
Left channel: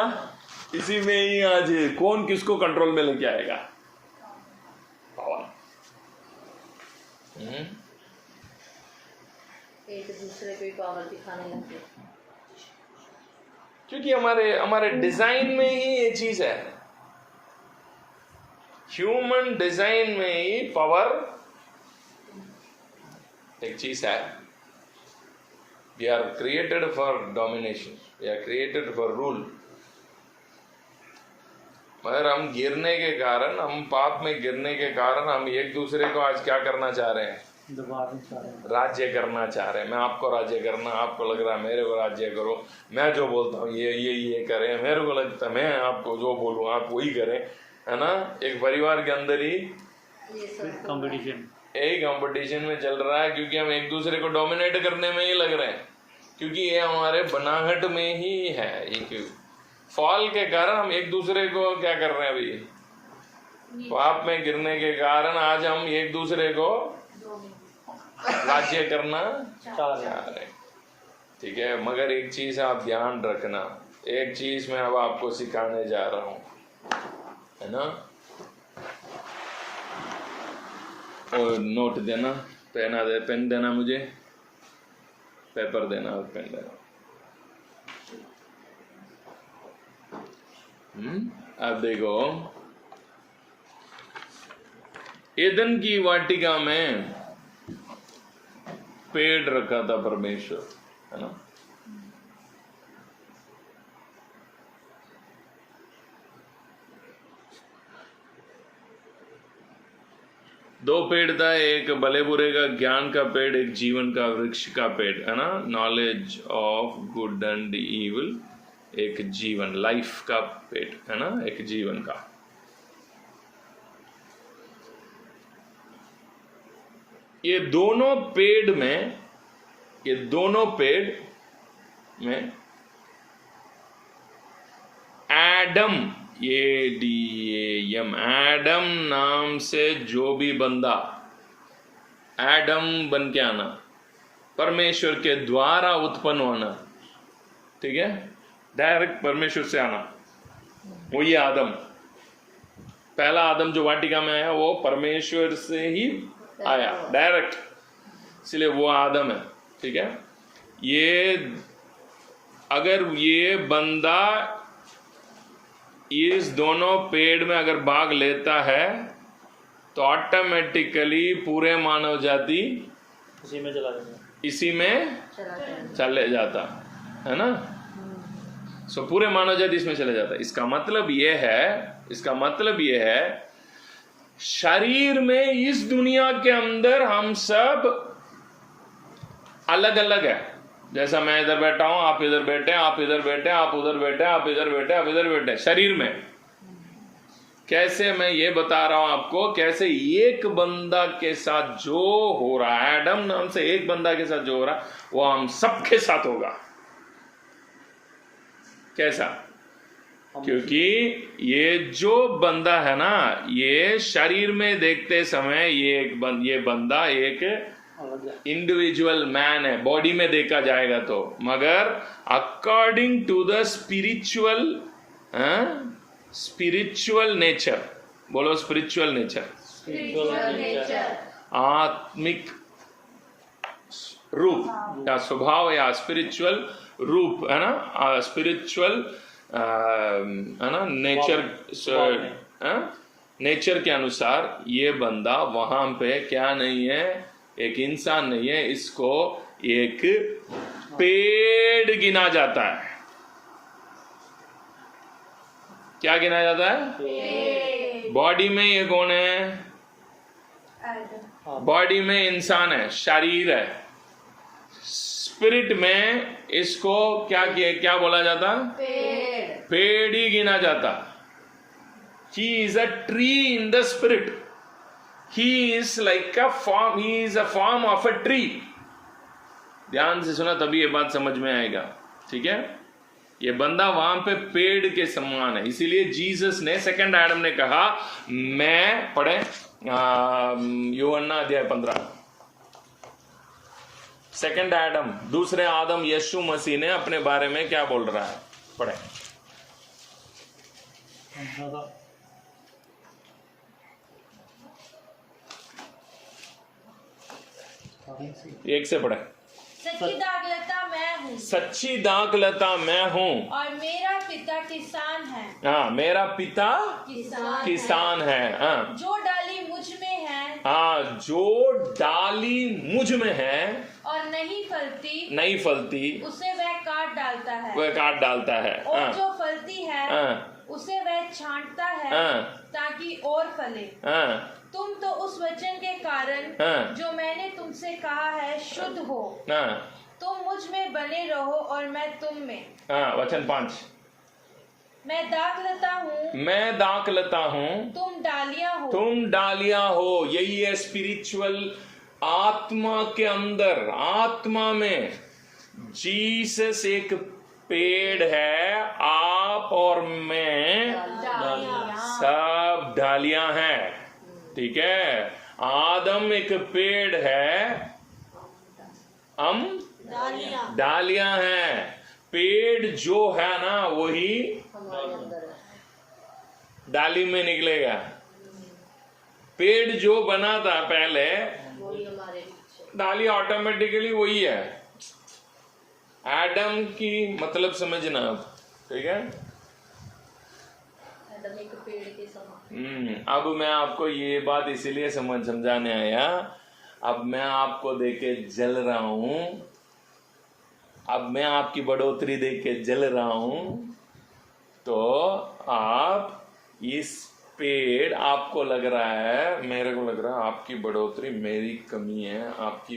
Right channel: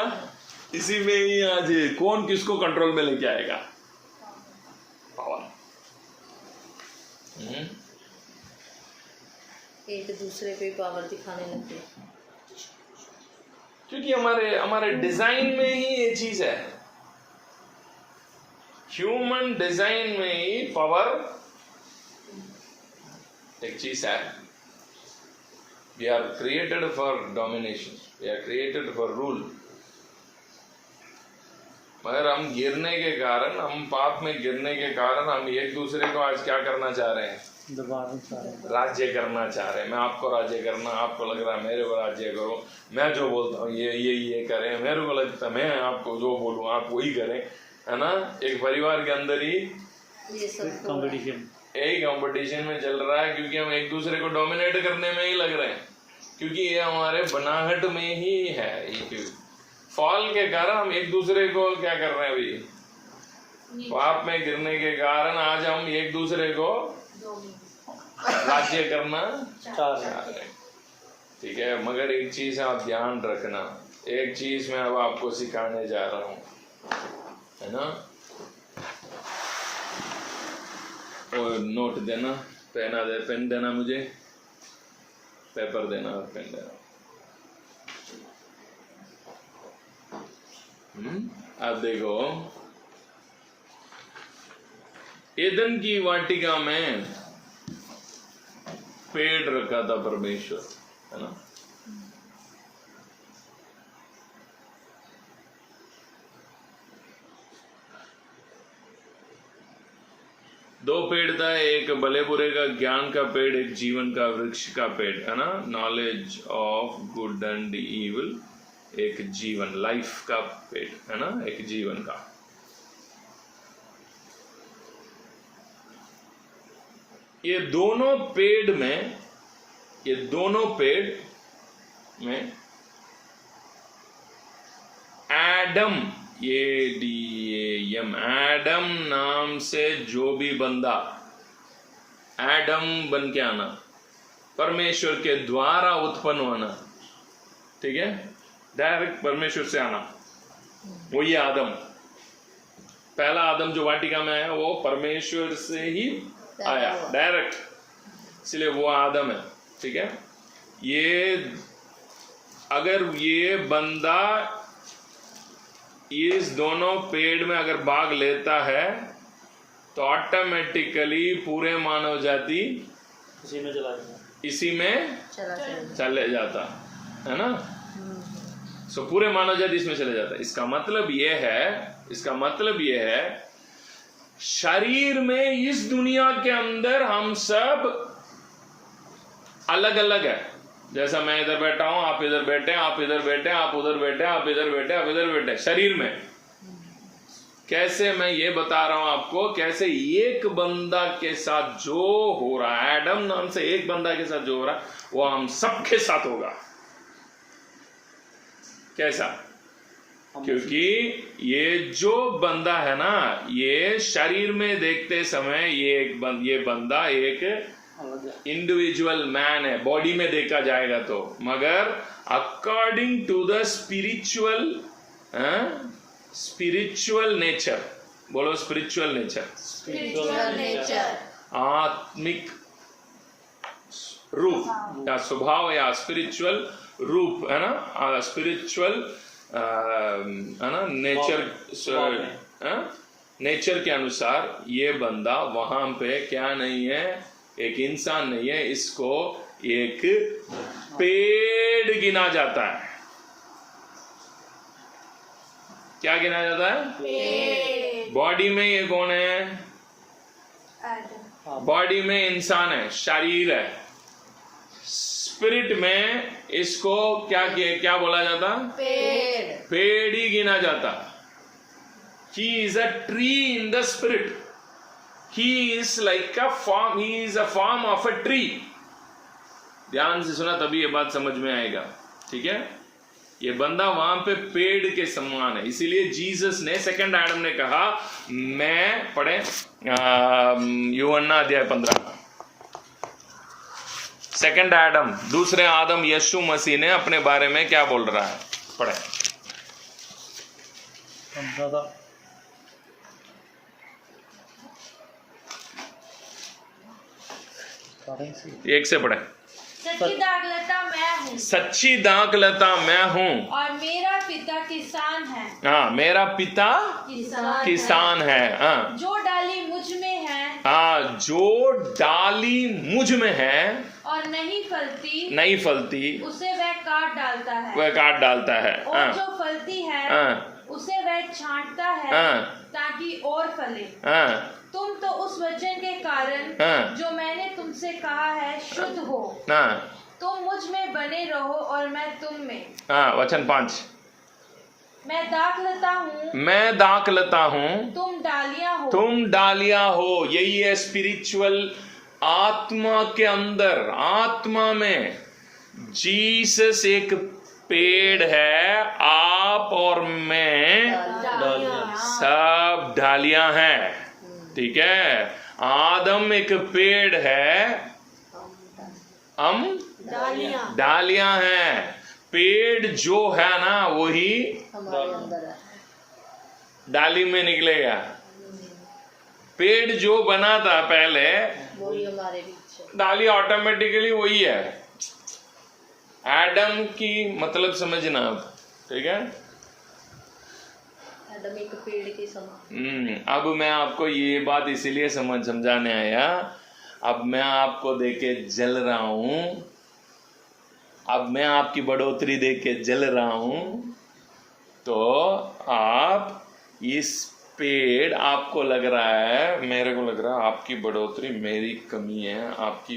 इसी में ही आज कौन किसको कंट्रोल में लेके आएगा? पावर। एक दूसरे पे पावर दिखाने लगते, क्योंकि हमारे डिजाइन में ही ये चीज है। ह्यूमन डिजाइन में ही पावर एक चीज है। We are created for domination, we are created for rule. मगर हम गिरने के कारण, हम पाप में गिरने के कारण हम एक दूसरे को आज क्या करना चाह रहे हैं? राज्य करना चाह रहे हैं। मैं आपको राज्य करना, आपको लग रहा है मेरे को राज्य करो, मैं जो बोलता हूँ ये करें, मेरे को लगता है मैं आपको जो बोलूँ आप वही करें, है ना। एक परिवार के अंदर ही कंपटीशन, यही कंपटीशन में चल रहा है, क्योंकि हम एक दूसरे को डोमिनेट करने में ही लग रहे हैं, क्योंकि ये हमारे बनाहट में ही है। ये फॉल के कारण हम एक दूसरे को क्या कर रहे हैं? अभी पाप में गिरने के कारण आज हम एक दूसरे को राज्य करना चाह रहे हैं, ठीक है। मगर एक चीज आप ध्यान रखना, एक चीज मैं अब आपको सिखाने जा रहा हूं, है ना। और नोट देना, पेन देना, मुझे पेपर देना और पेन देना। आप देखो, एदन की वाटिका में पेड़ रखा था परमेश्वर, है ना। दो पेड़ था, एक भले बुरे का ज्ञान का पेड़, एक जीवन का वृक्ष का पेड़, है ना। Knowledge of good and evil, एक जीवन, लाइफ का पेड़, है ना, एक जीवन का। ये दोनों पेड़ में एडम, ADAM, एडम नाम से जो भी बंदा, एडम बन के आना, परमेश्वर के द्वारा उत्पन्न होना, ठीक है, डायरेक्ट परमेश्वर से आना, वो ये आदम, पहला आदम जो वाटिका में है वो परमेश्वर से ही आया डायरेक्ट, इसलिए वो आदम है, ठीक है। ये अगर ये बंदा इस दोनों पेड़ में अगर भाग लेता है तो ऑटोमेटिकली पूरे मानव जाति इसी में चले जाता है ना। सो पूरे मानव जाति इसमें चले जाता है। इसका मतलब ये है शरीर में इस दुनिया के अंदर हम सब अलग अलग है। जैसा मैं इधर बैठा हूं, आप इधर बैठे, आप इधर बैठे, आप उधर बैठे, आप इधर बैठे, आप इधर बैठे, शरीर में। कैसे मैं ये बता रहा हूं आपको, कैसे एक बंदा के साथ जो हो रहा है, एडम नाम से एक बंदा के साथ जो हो रहा है वो हम सबके साथ होगा। कैसा? क्योंकि ये जो बंदा है ना, ये शरीर में देखते समय ये बंदा एक इंडिविजुअल मैन है, बॉडी में देखा जाएगा तो, मगर according to the spiritual nature, बोलो स्पिरिचुअल नेचर, आत्मिक रूप या स्वभाव या स्पिरिचुअल रूप है ना, स्पिरिचुअल है ना, नेचर के अनुसार ये बंदा वहां पे क्या नहीं है, एक इंसान नहीं है, इसको एक पेड़ गिना जाता है। क्या गिना जाता है? बॉडी में ये कौन है? बॉडी में इंसान है, शरीर है। स्पिरिट में इसको क्या बोला जाता? पेड़ ही गिना जाता। He is a tree in the spirit. He is like a form. He is a form of a tree. ध्यान से सुना तभी ये बात समझ में आएगा, ठीक है। ये बंदा वहां पे पेड़ के समान है। इसीलिए जीसस ने, सेकंड एडम ने कहा, मैं पढ़े यूहन्ना अध्याय 15, सेकंड एडम, दूसरे आदम यीशु मसीह ने अपने बारे में क्या बोल रहा है, पढ़े। एक से पढ़े। सच्ची दाखलता मैं हूँ, सच्ची दाखलता मैं हूँ, और मेरा पिता किसान है। हाँ, मेरा पिता किसान है। हाँ, जो डाली मुझ में है, हाँ, जो डाली मुझ में है और नहीं फलती उसे वह काट डालता है, और जो फलती है उसे वह छांटता है ताकि और फले। तुम तो उस वचन के कारण जो मैंने तुमसे कहा है शुद्ध हो। तुम मुझ में बने रहो और मैं तुम में। वचन 5, मैं दाखलता हूँ, तुम डालियां हो। यही है स्पिरिचुअल, आत्मा के अंदर, आत्मा में जीसस एक पेड़ है, आप और मैं सब डालियां हैं, ठीक है। आदम एक पेड़ है, हम डालियां हैं। पेड़ जो है ना वही डाली में निकलेगा। पेड़ जो बना था पहले, डाली ऑटोमेटिकली वही है। एडम की मतलब समझना आप, ठीक है। एडम एक पेड़ के समान। अब मैं आपको ये बात इसीलिए समझाने आया। अब मैं आपको देख के जल रहा हूं, अब मैं आपकी बढ़ोतरी देख के जल रहा हूं, तो आप इस पेड़, आपको लग रहा है, मेरे को लग रहा है आपकी बढ़ोतरी मेरी कमी है, आपकी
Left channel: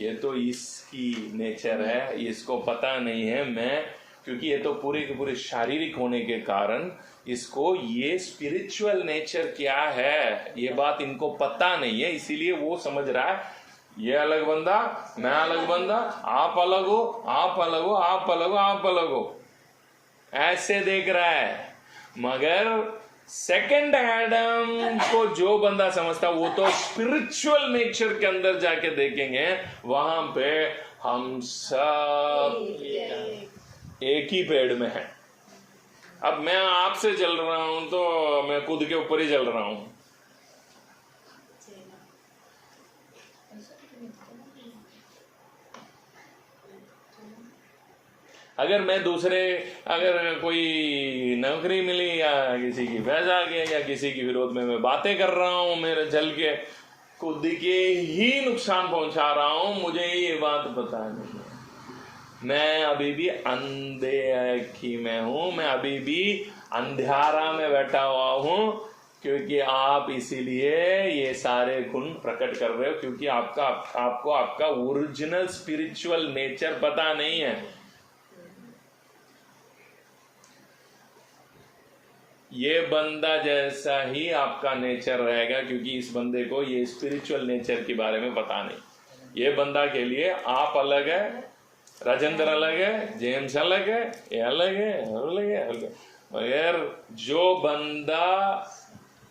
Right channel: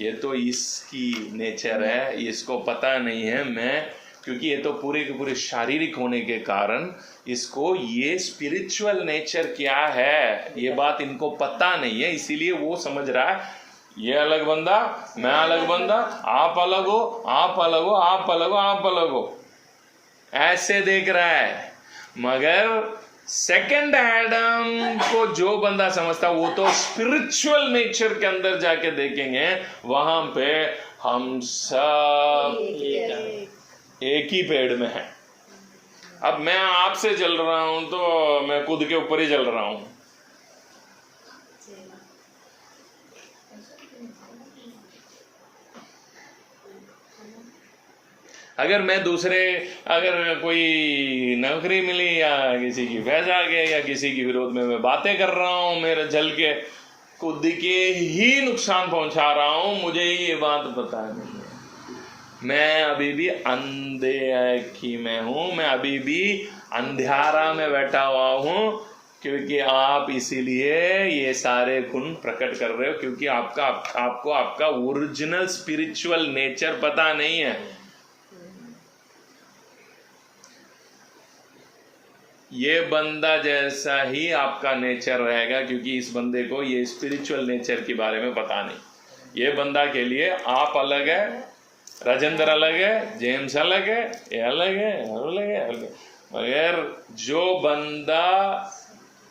ये तो इसकी नेचर है, इसको पता नहीं है मैं क्योंकि ये तो पूरे के पूरे शारीरिक होने के कारण इसको ये स्पिरिचुअल नेचर क्या है ये बात इनको पता नहीं है, इसीलिए वो समझ रहा है ये अलग बंदा, मैं अलग बंदा, आप अलग हो, आप अलग हो, आप अलग हो, आप अलग हो, ऐसे देख रहा है। मगर सेकंड एडम को जो बंदा समझता वो तो स्पिरिचुअल नेचर के अंदर जाके देखेंगे, वहां पे हम सब एक ही पेड़ में हैं। अब मैं आपसे चल रहा हूं तो मैं खुद के ऊपर ही चल रहा हूं। अगर मैं दूसरे, अगर कोई नौकरी मिली या किसी की फैज आ गया या किसी के विरोध में मैं बातें कर रहा हूं, मेरे जल के खुद के ही नुकसान पहुंचा रहा हूं, मुझे ये बात पता नहीं है। मैं अभी भी अंधेरी में हूं, मैं अभी भी अंधेरा में बैठा हुआ हूं, क्योंकि आप इसीलिए ये सारे गुण प्रकट कर रहे हो, क्योंकि आपको आपका ओरिजिनल स्पिरिचुअल नेचर पता नहीं है। ये बंदा जैसा ही आपका नेचर रहेगा, क्योंकि इस बंदे को ये स्पिरिचुअल नेचर के बारे में पता नहीं। ये बंदा के लिए आप अलग है, राजेंद्र अलग है, जेम्स अलग है, ये अलग है, अलग है, अलग है। मगर जो बंदा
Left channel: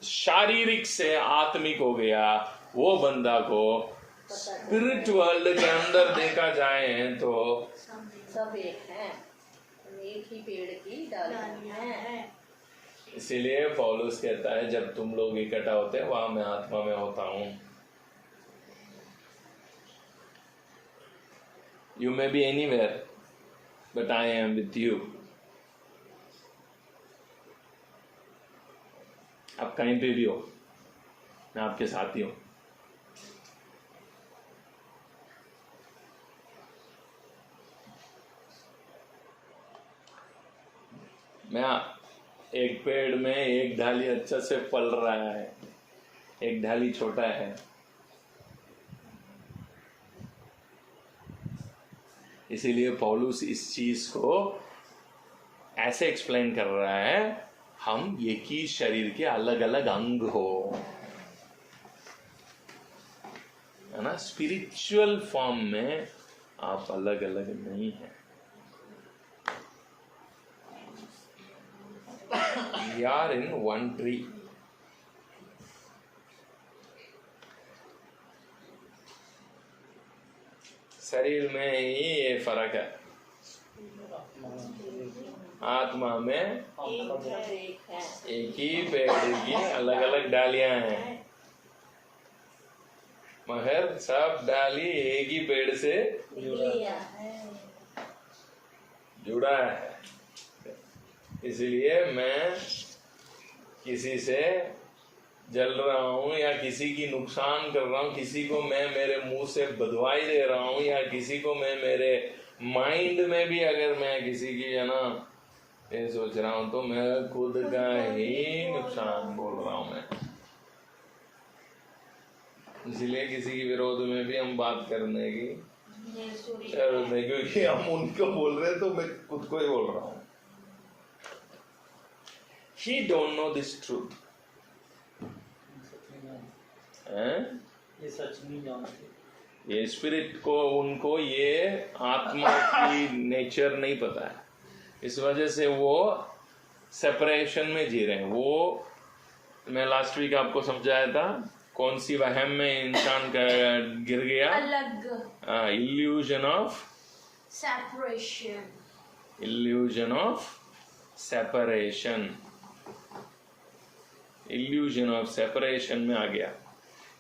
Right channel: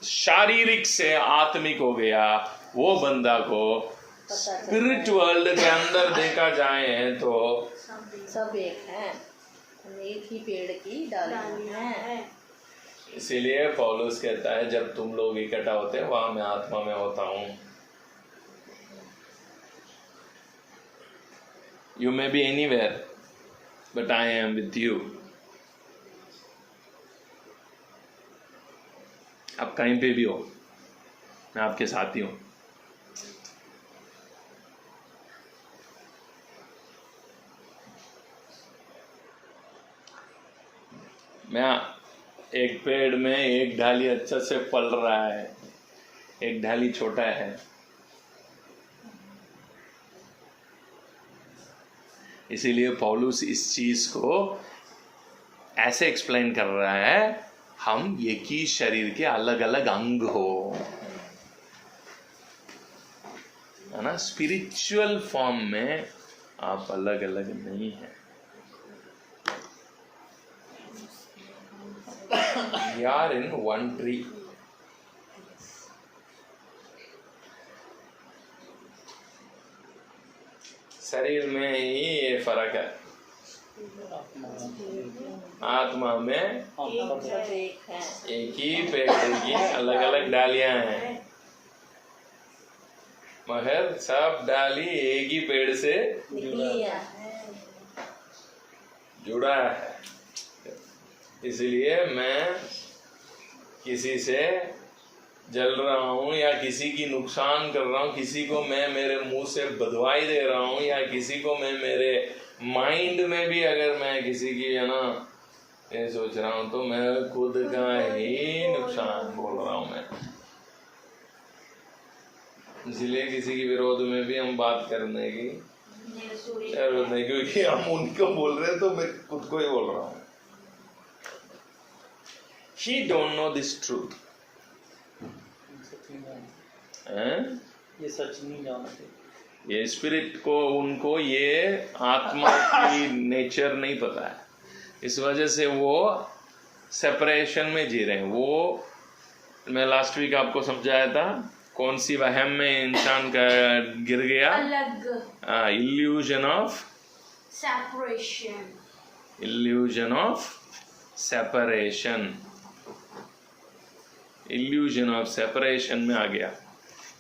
शारीरिक से आत्मिक हो गया, वो बंदा को स्पिरिट वर्ल्ड के अंदर देखा जाए तो सब एक है, एक ही पेड़ की डाली है। इसीलिए पौलुस कहता है जब तुम लोग इकट्ठा होते हैं वहां मैं आत्मा में होता हूं। You may be anywhere but I am with you. आप कहीं पे भी हो, मैं आपके साथ ही हूं। मैं एक पेड़ में एक डाली अच्छा से फल रहा है, एक डाली छोटा है, इसीलिए पौलुस इस चीज को ऐसे एक्सप्लेन कर रहा है, हम एक ही शरीर के अलग अलग अंग हो, है ना। स्पिरिचुअल फॉर्म में आप अलग अलग नहीं है। We are in one tree. शरीर में ही ये फर्क है, आत्मा में एक ही पेड़ की अलग अलग डालियां हैं, मगर सब डाली एक ही पेड़ से जुड़ा है। इसलिए मैं किसी से जल रहा हूं या किसी की नुकसान कर रहा हूं, किसी को मैं मेरे मुंह से बदवाई दे रहा हूं, या किसी को मैं मेरे माइंड में भी अगर मैं किसी की है ना ये सोच रहा हूं, तो मैं खुद का ही नुकसान बोल रहा हूं मैं। इसलिए किसी के विरोध में भी हम बात करने की जरूरत नहीं, क्योंकि हम उनको बोल रहे हैं तो मैं खुद को ही बोल रहा हूं। He don't know this truth. ये सच नहीं जानते, ये स्पिरिट को उनको ये आत्मा की नेचर नहीं पता है, इस वजह से वो सेपरेशन में जी रहे हैं। वो मैं लास्ट वीक आपको समझाया था, कौन सी वहम में इंसान का गिर गया, illusion of separation, illusion of separation, illusion of separation में आ गया।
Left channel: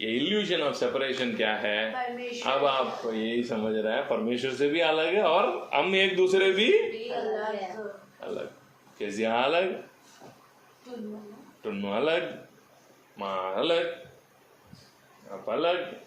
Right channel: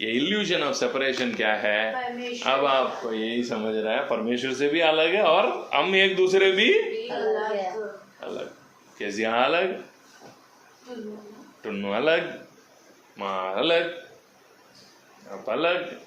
ये इल्यूजन ऑफ सेपरेशन क्या है, अब आपको यही समझ रहा है, परमेश्वर से भी अलग है और हम एक दूसरे भी अलग। कैसे अलग, टुन्नू अलग, माँ अलग, आप अलग।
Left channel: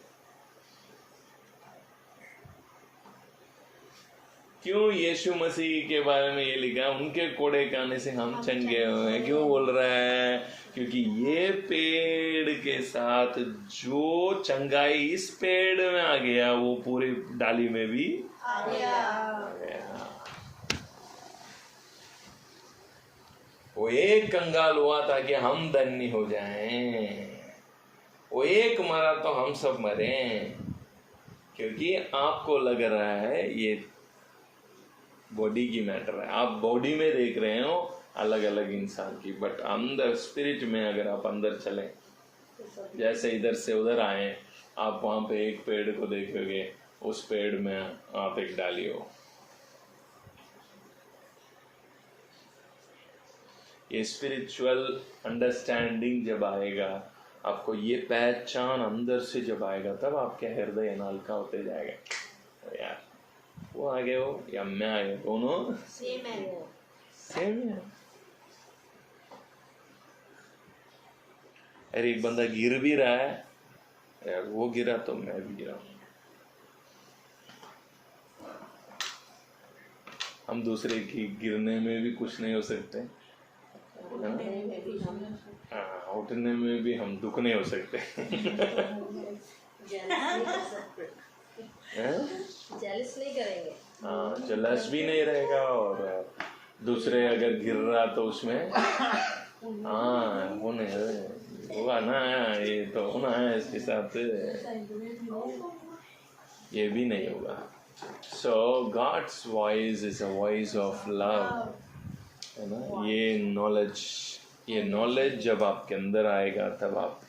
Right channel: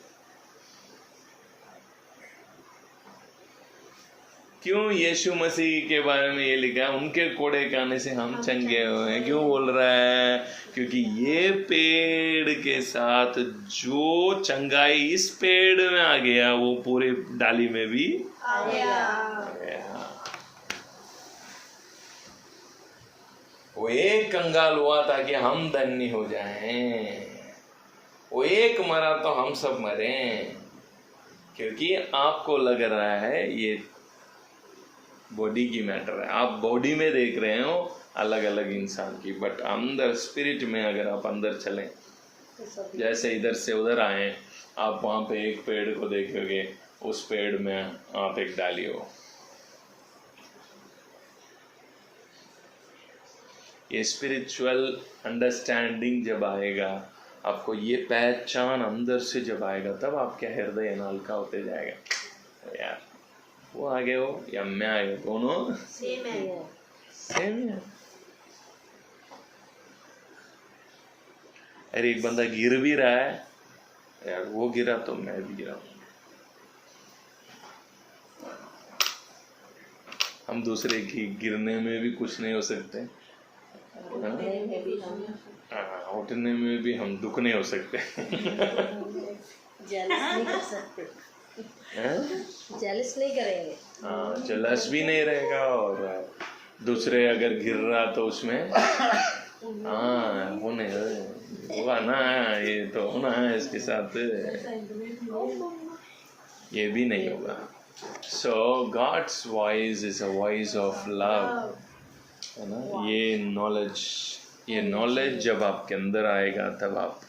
क्यों यीशु मसीह के बारे में ये लिखा है, उनके कोड़े खाने से हम चंगे हुए हैं। क्यों बोल रहा है, क्योंकि ये पेड़ के साथ जो चंगाई इस पेड़ में आ गया वो पूरे डाली में भी आ गया। वो एक कंगाल हुआ ताकि हम धन्य हो जाएं, वो एक मरा तो हम सब मरें। क्योंकि आपको लग रहा है ये बॉडी की मैटर है, आप बॉडी में देख रहे हो अलग अलग इंसान की, बट अंदर स्पिरिट में अगर आप अंदर चलें, जैसे इधर से उधर आए, आप वहाँ पे एक पेड़ को देखोगे, उस पेड़ में आप एक डाली हो। ये स्पिरिचुअल अंडरस्टैंडिंग जब आएगा, आपको ये पहचान अंदर से जब आएगा, तब आपके हृदय हल्का होते जाएगा। तो यार वो आगे हो या मैं आगे, दोनों सेम है, सेम है। अरे एक बंदा गिर भी रहा है यार, वो गिरा तो मैं भी गिरा। हम दूसरे की गिरने में भी कुछ नहीं हो सकते, उठने में भी हम दुख नहीं हो सकते। जेलस नहीं करेंगे, हाँ, जेलस भी नहीं रहेगा, और दूसरे अगर गिर रहा तो उसमें हाँ होने हुआ ना, ये तो होना है इसके साथ, ये भी नहीं होगा। So God's voice is a voice of love, है ना। ये नॉलेज जब आपके अंदर आएगा, तब आप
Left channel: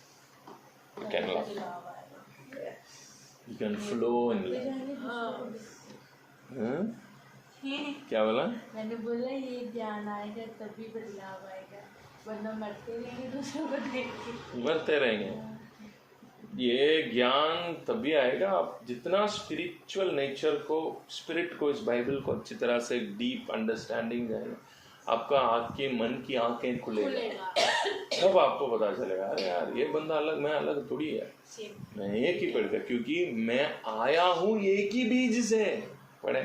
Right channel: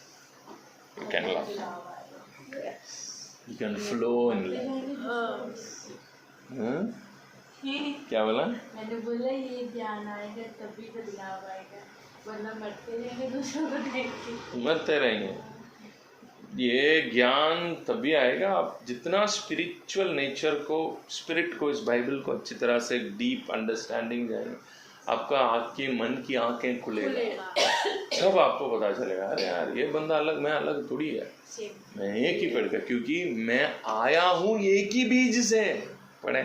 you can love, you can flow in love. क्या बोला? मैंने बोला ये ज्ञान आएगा तभी तो लव आएगा, वरना मरते रहेंगे दूसरों को देख के, मरते रहेंगे। ये ज्ञान तभी आएगा आप जितना स्पिरिचुअल नेचर को, स्पिरिट को, इस बाइबल को अच्छी तरह से डीप अंडरस्टैंडिंग जाएगा, आपका आपकी मन की आंखें खुलेगा, तब आपको पता चलेगा अरे यार ये बंदा अलग, मैं अलग थोड़ी है, मैं एक ही पेड़ का, क्योंकि मैं आया हूं एक ही बीज से। पढ़े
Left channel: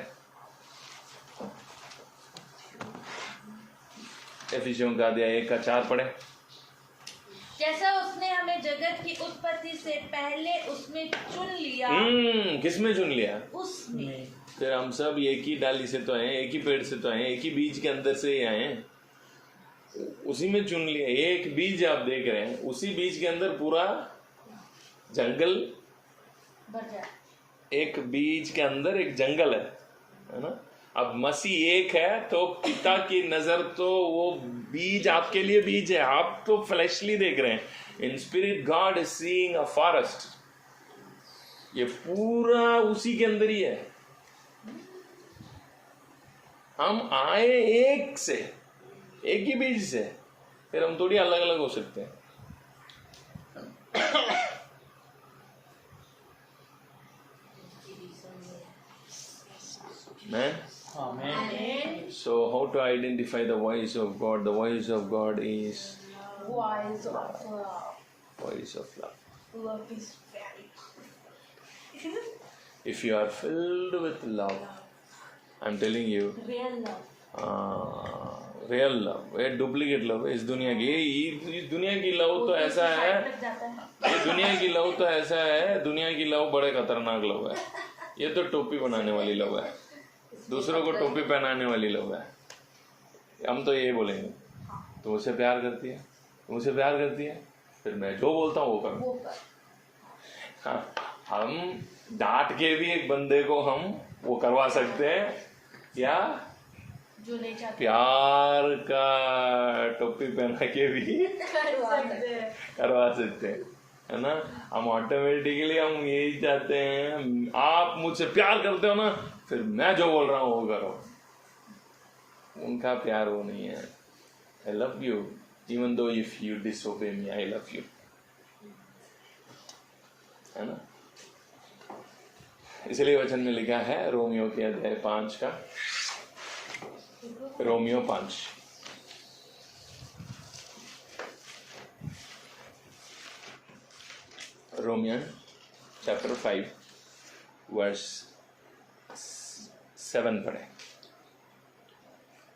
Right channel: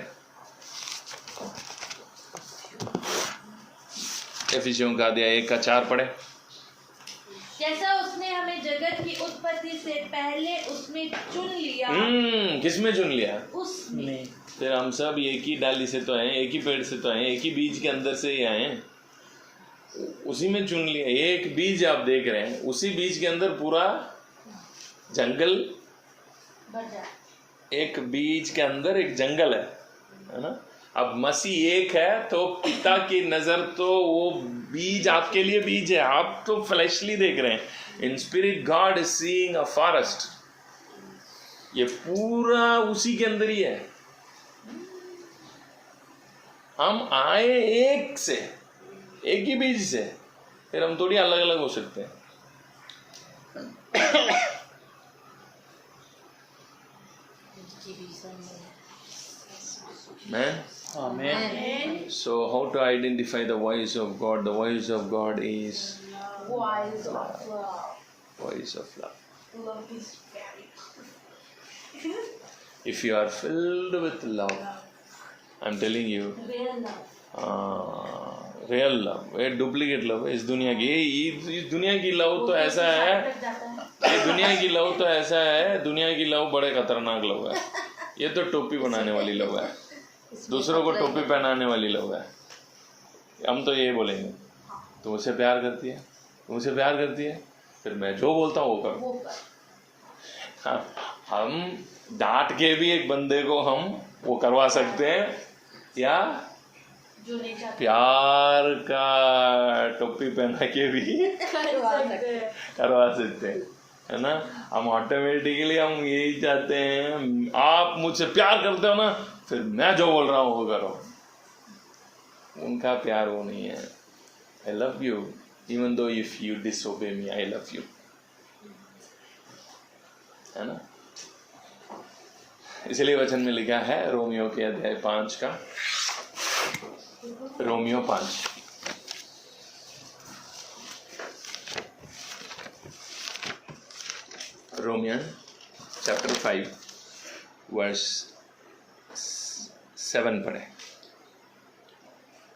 एफिसियों का अध्याय 1:4 पढ़े। जैसा उसने हमें जगत की उत्पत्ति से पहले उसने चुन लिया। किसमें चुन लिया? उसमें। फिर हम सब एक ही डाली से तो हैं, एक ही पेड़ से तो हैं, एक ही बीज के अंदर से ही आए, उसी में चुन लिया। एक बीज आप देख रहे हैं, उसी बीज के अंदर पूरा जंगल, एक बीज के अंदर एक जंगल है ना। अब मसीह एक है तो पिता की नजर तो वो बीज आपके लिए बीज है, आप तो फ्लैशली देख रहे हैं। In spirit God is seeing a forest, ये पूरा उसी के अंदर ही है। हम आए एक से, एक ही बीज से, फिर हम थोड़ी अलग अलग हो सकते हैं। Man. Amen. So how to identify the voice of God? The voice of God is Voice of love. voice of love. Love is very If you are filled with love, I'm telling you, real love. real love, ये duplicate love है इस दुनिया की। इस दुनिया की love तो ऐसा है, ये दुनिया की लव तो ऐसा है, दुनिया की लव बड़े खतरनाक लव है। ये तो टोपी बनाने वाली लव है, दूसरों को टोपी पहनाने वाली लव है। हम तो ये बोलेंगे तुम मुझसे प्यार करती है, तुम मुझसे प्यार करती है, फिर मैं जो बोलता हूँ वो करो। हम डांट के भी एक बंदे को हम वो करवा सकते हैं, या प्यार का टोपी पहना के भी करवा सकते हैं, है ना। हम ऑटोमेटिकली हम यही चाहते हैं, आप मुझसे प्यार करते हो ना, फिर मैं जो बोल रहा हूँ वो करो। उनका प्यार वो नहीं है। I love you even though if you disobey me, I love you, है ना। इसलिए वचन में लिखा है रोमियो के अध्याय 5 का, रोमियो 5, रोमियन चैप्टर 5 वर्स 7 पढ़े।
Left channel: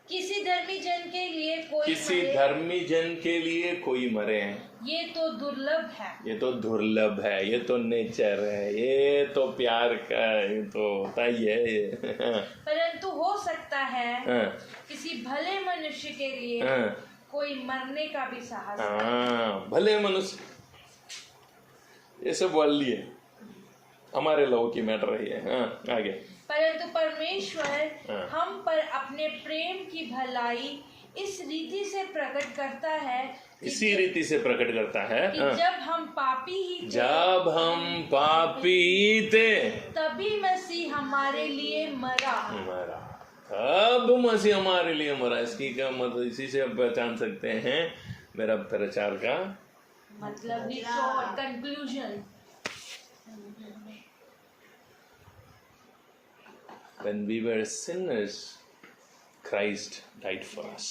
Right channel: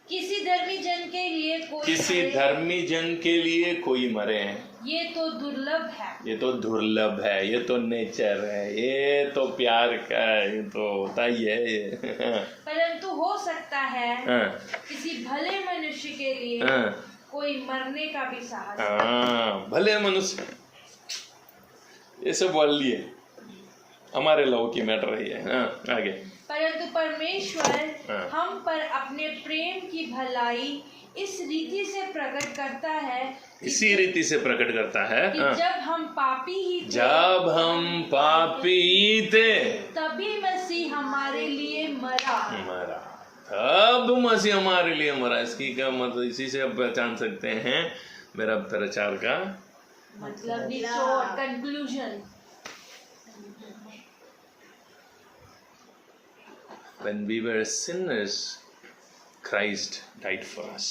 किसी धर्मी जन के लिए कोई किसी धर्मी जन के लिए कोई मरे हैं, ये तो दुर्लभ है, ये तो दुर्लभ है, ये तो नेचर है, ये तो प्यार का, ये तो होता ही है ये। परंतु हो सकता है हाँ, किसी भले मनुष्य के लिए हाँ, कोई मरने का भी साहस। हाँ, भले मनुष्य, ये सब वर्ल्ड है, हमारे लव की मैटर रही है। हाँ, आगे। परंतु परमेश्वर हम पर अपने प्रेम की भलाई इस रीति से प्रकट करता है, इसी रीति से प्रकट करता है कि जब हम पापी ही थे, जब हम पापी थे तभी मसीह हमारे लिए मरा। तब मसीह हमारे लिए मरा। इसकी क्या मतलब, इसी से आप पहचान सकते हैं मेरा प्रचार का मतलब निचोड़, conclusion. When we were sinners, Christ died for us.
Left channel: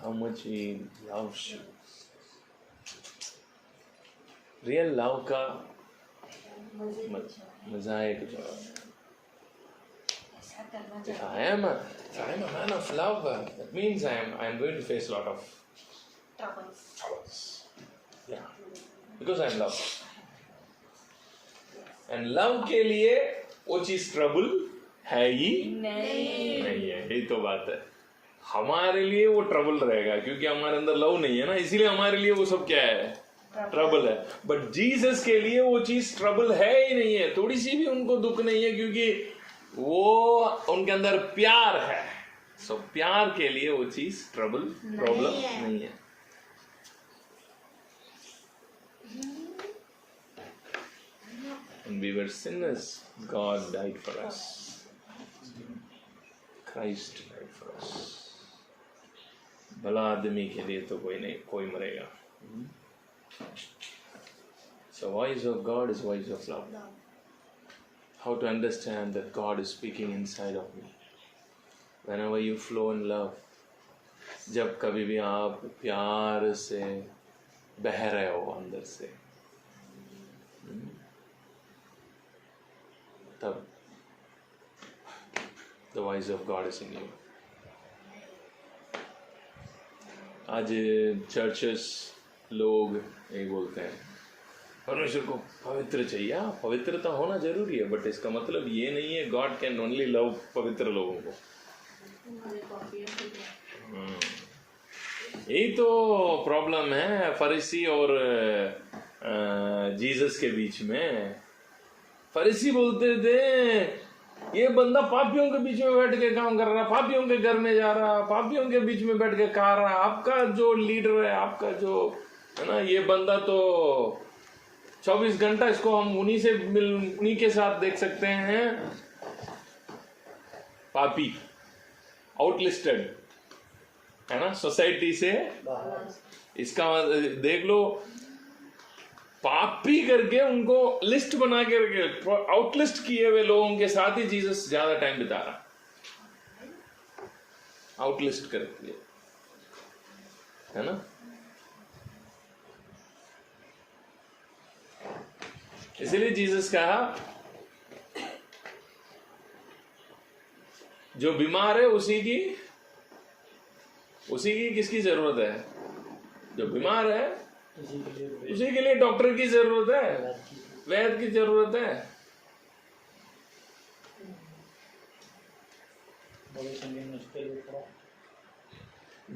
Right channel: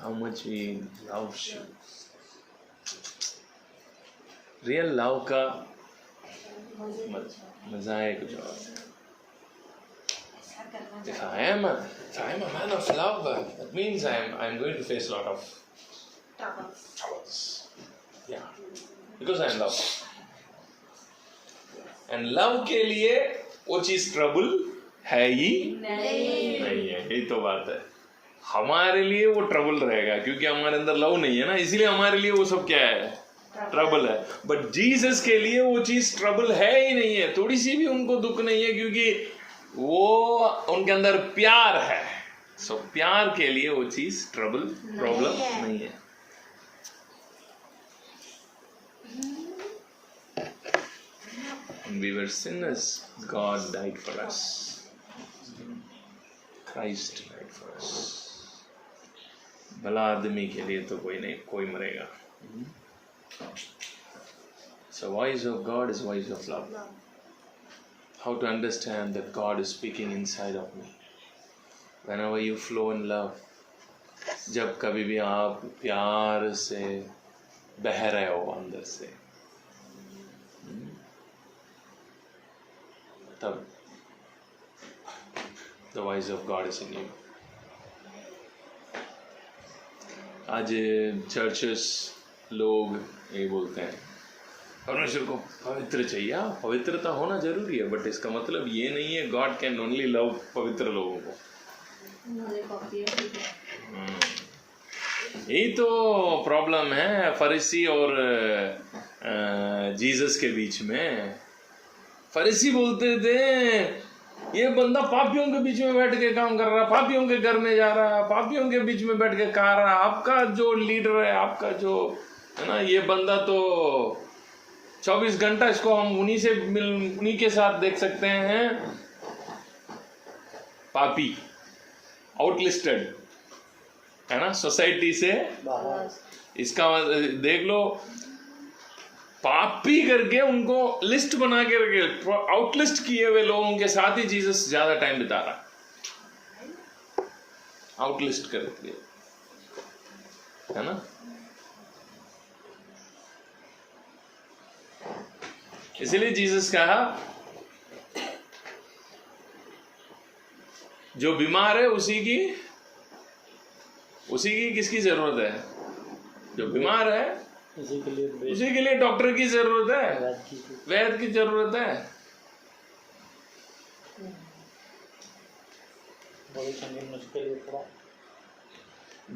How much He loves you. Real love का मजा है कुछ और। If I am a man of love, that means I am going to face a lot of troubles. Yeah, because I am love. And love के लिए वो चीज trouble है ही नहीं है। यही तो बात है, हमारे लिए वो ट्रबल रहेगा क्योंकि हमारे अंदर लव नहीं है ना, इसीलिए हमारे लिए वो सब क्या है, ट्रबल है। बट जीसस के लिए वो चीज ट्रबल है ही नहीं है, थोड़ी सी भी उनको दुख नहीं है, क्योंकि वो उनके अंदर प्यार है। सो प्यार के लिए वो चीज ट्रबल, प्रॉब्लम नहीं है। When we were sinners, God died for us. Christ died for us. भला आदमी के लिए तो कोई नहीं, कोई मरेगा। So voice of God is voice of love. How to understand that God is speaking inside of me? Whenever you flow in love, जब कभी भी आप प्यार से बह रहे हो अंदर से, तब the voice of God is in you. आज चर्चेस लोग यही बोलते हैं परमेश्वर को पवित्र चाहिए। पवित्रता होना जरूरी है, बट इसका मतलब ये नहीं है गॉड कैन ओनली लव पवित्र लोगों को। यही तो प्रॉब्लम है फरीसी और जीसस के बीच में। फरीसी बोलते थे ये बंदा पापियों के बीच में बैठ के काम कर रहा, पापियों के घर में जा रहा, पापियों के बीच में बैठ के खा रहा, आपका जो लीडर है, आपका जो है ना, ये बंदा तो 24 घंटा इसको हम उन्हीं के साथ देख सकते हैं। पापी, आउटलिस्टेड है ना, सोसाइटी से इसका देख लो, पापी करके उनको लिस्ट बना के रखे, आउटलिस्ट किए हुए लोगों के साथ ही जीसस ज्यादा टाइम बिता रहा, आउटलिस्ट करके, है ना। इसीलिए जीसस कहा जो बीमार है उसी की किसकी जरूरत है? जो बीमार है उसी के लिए डॉक्टर की जरूरत है, वैद्य की जरूरत है।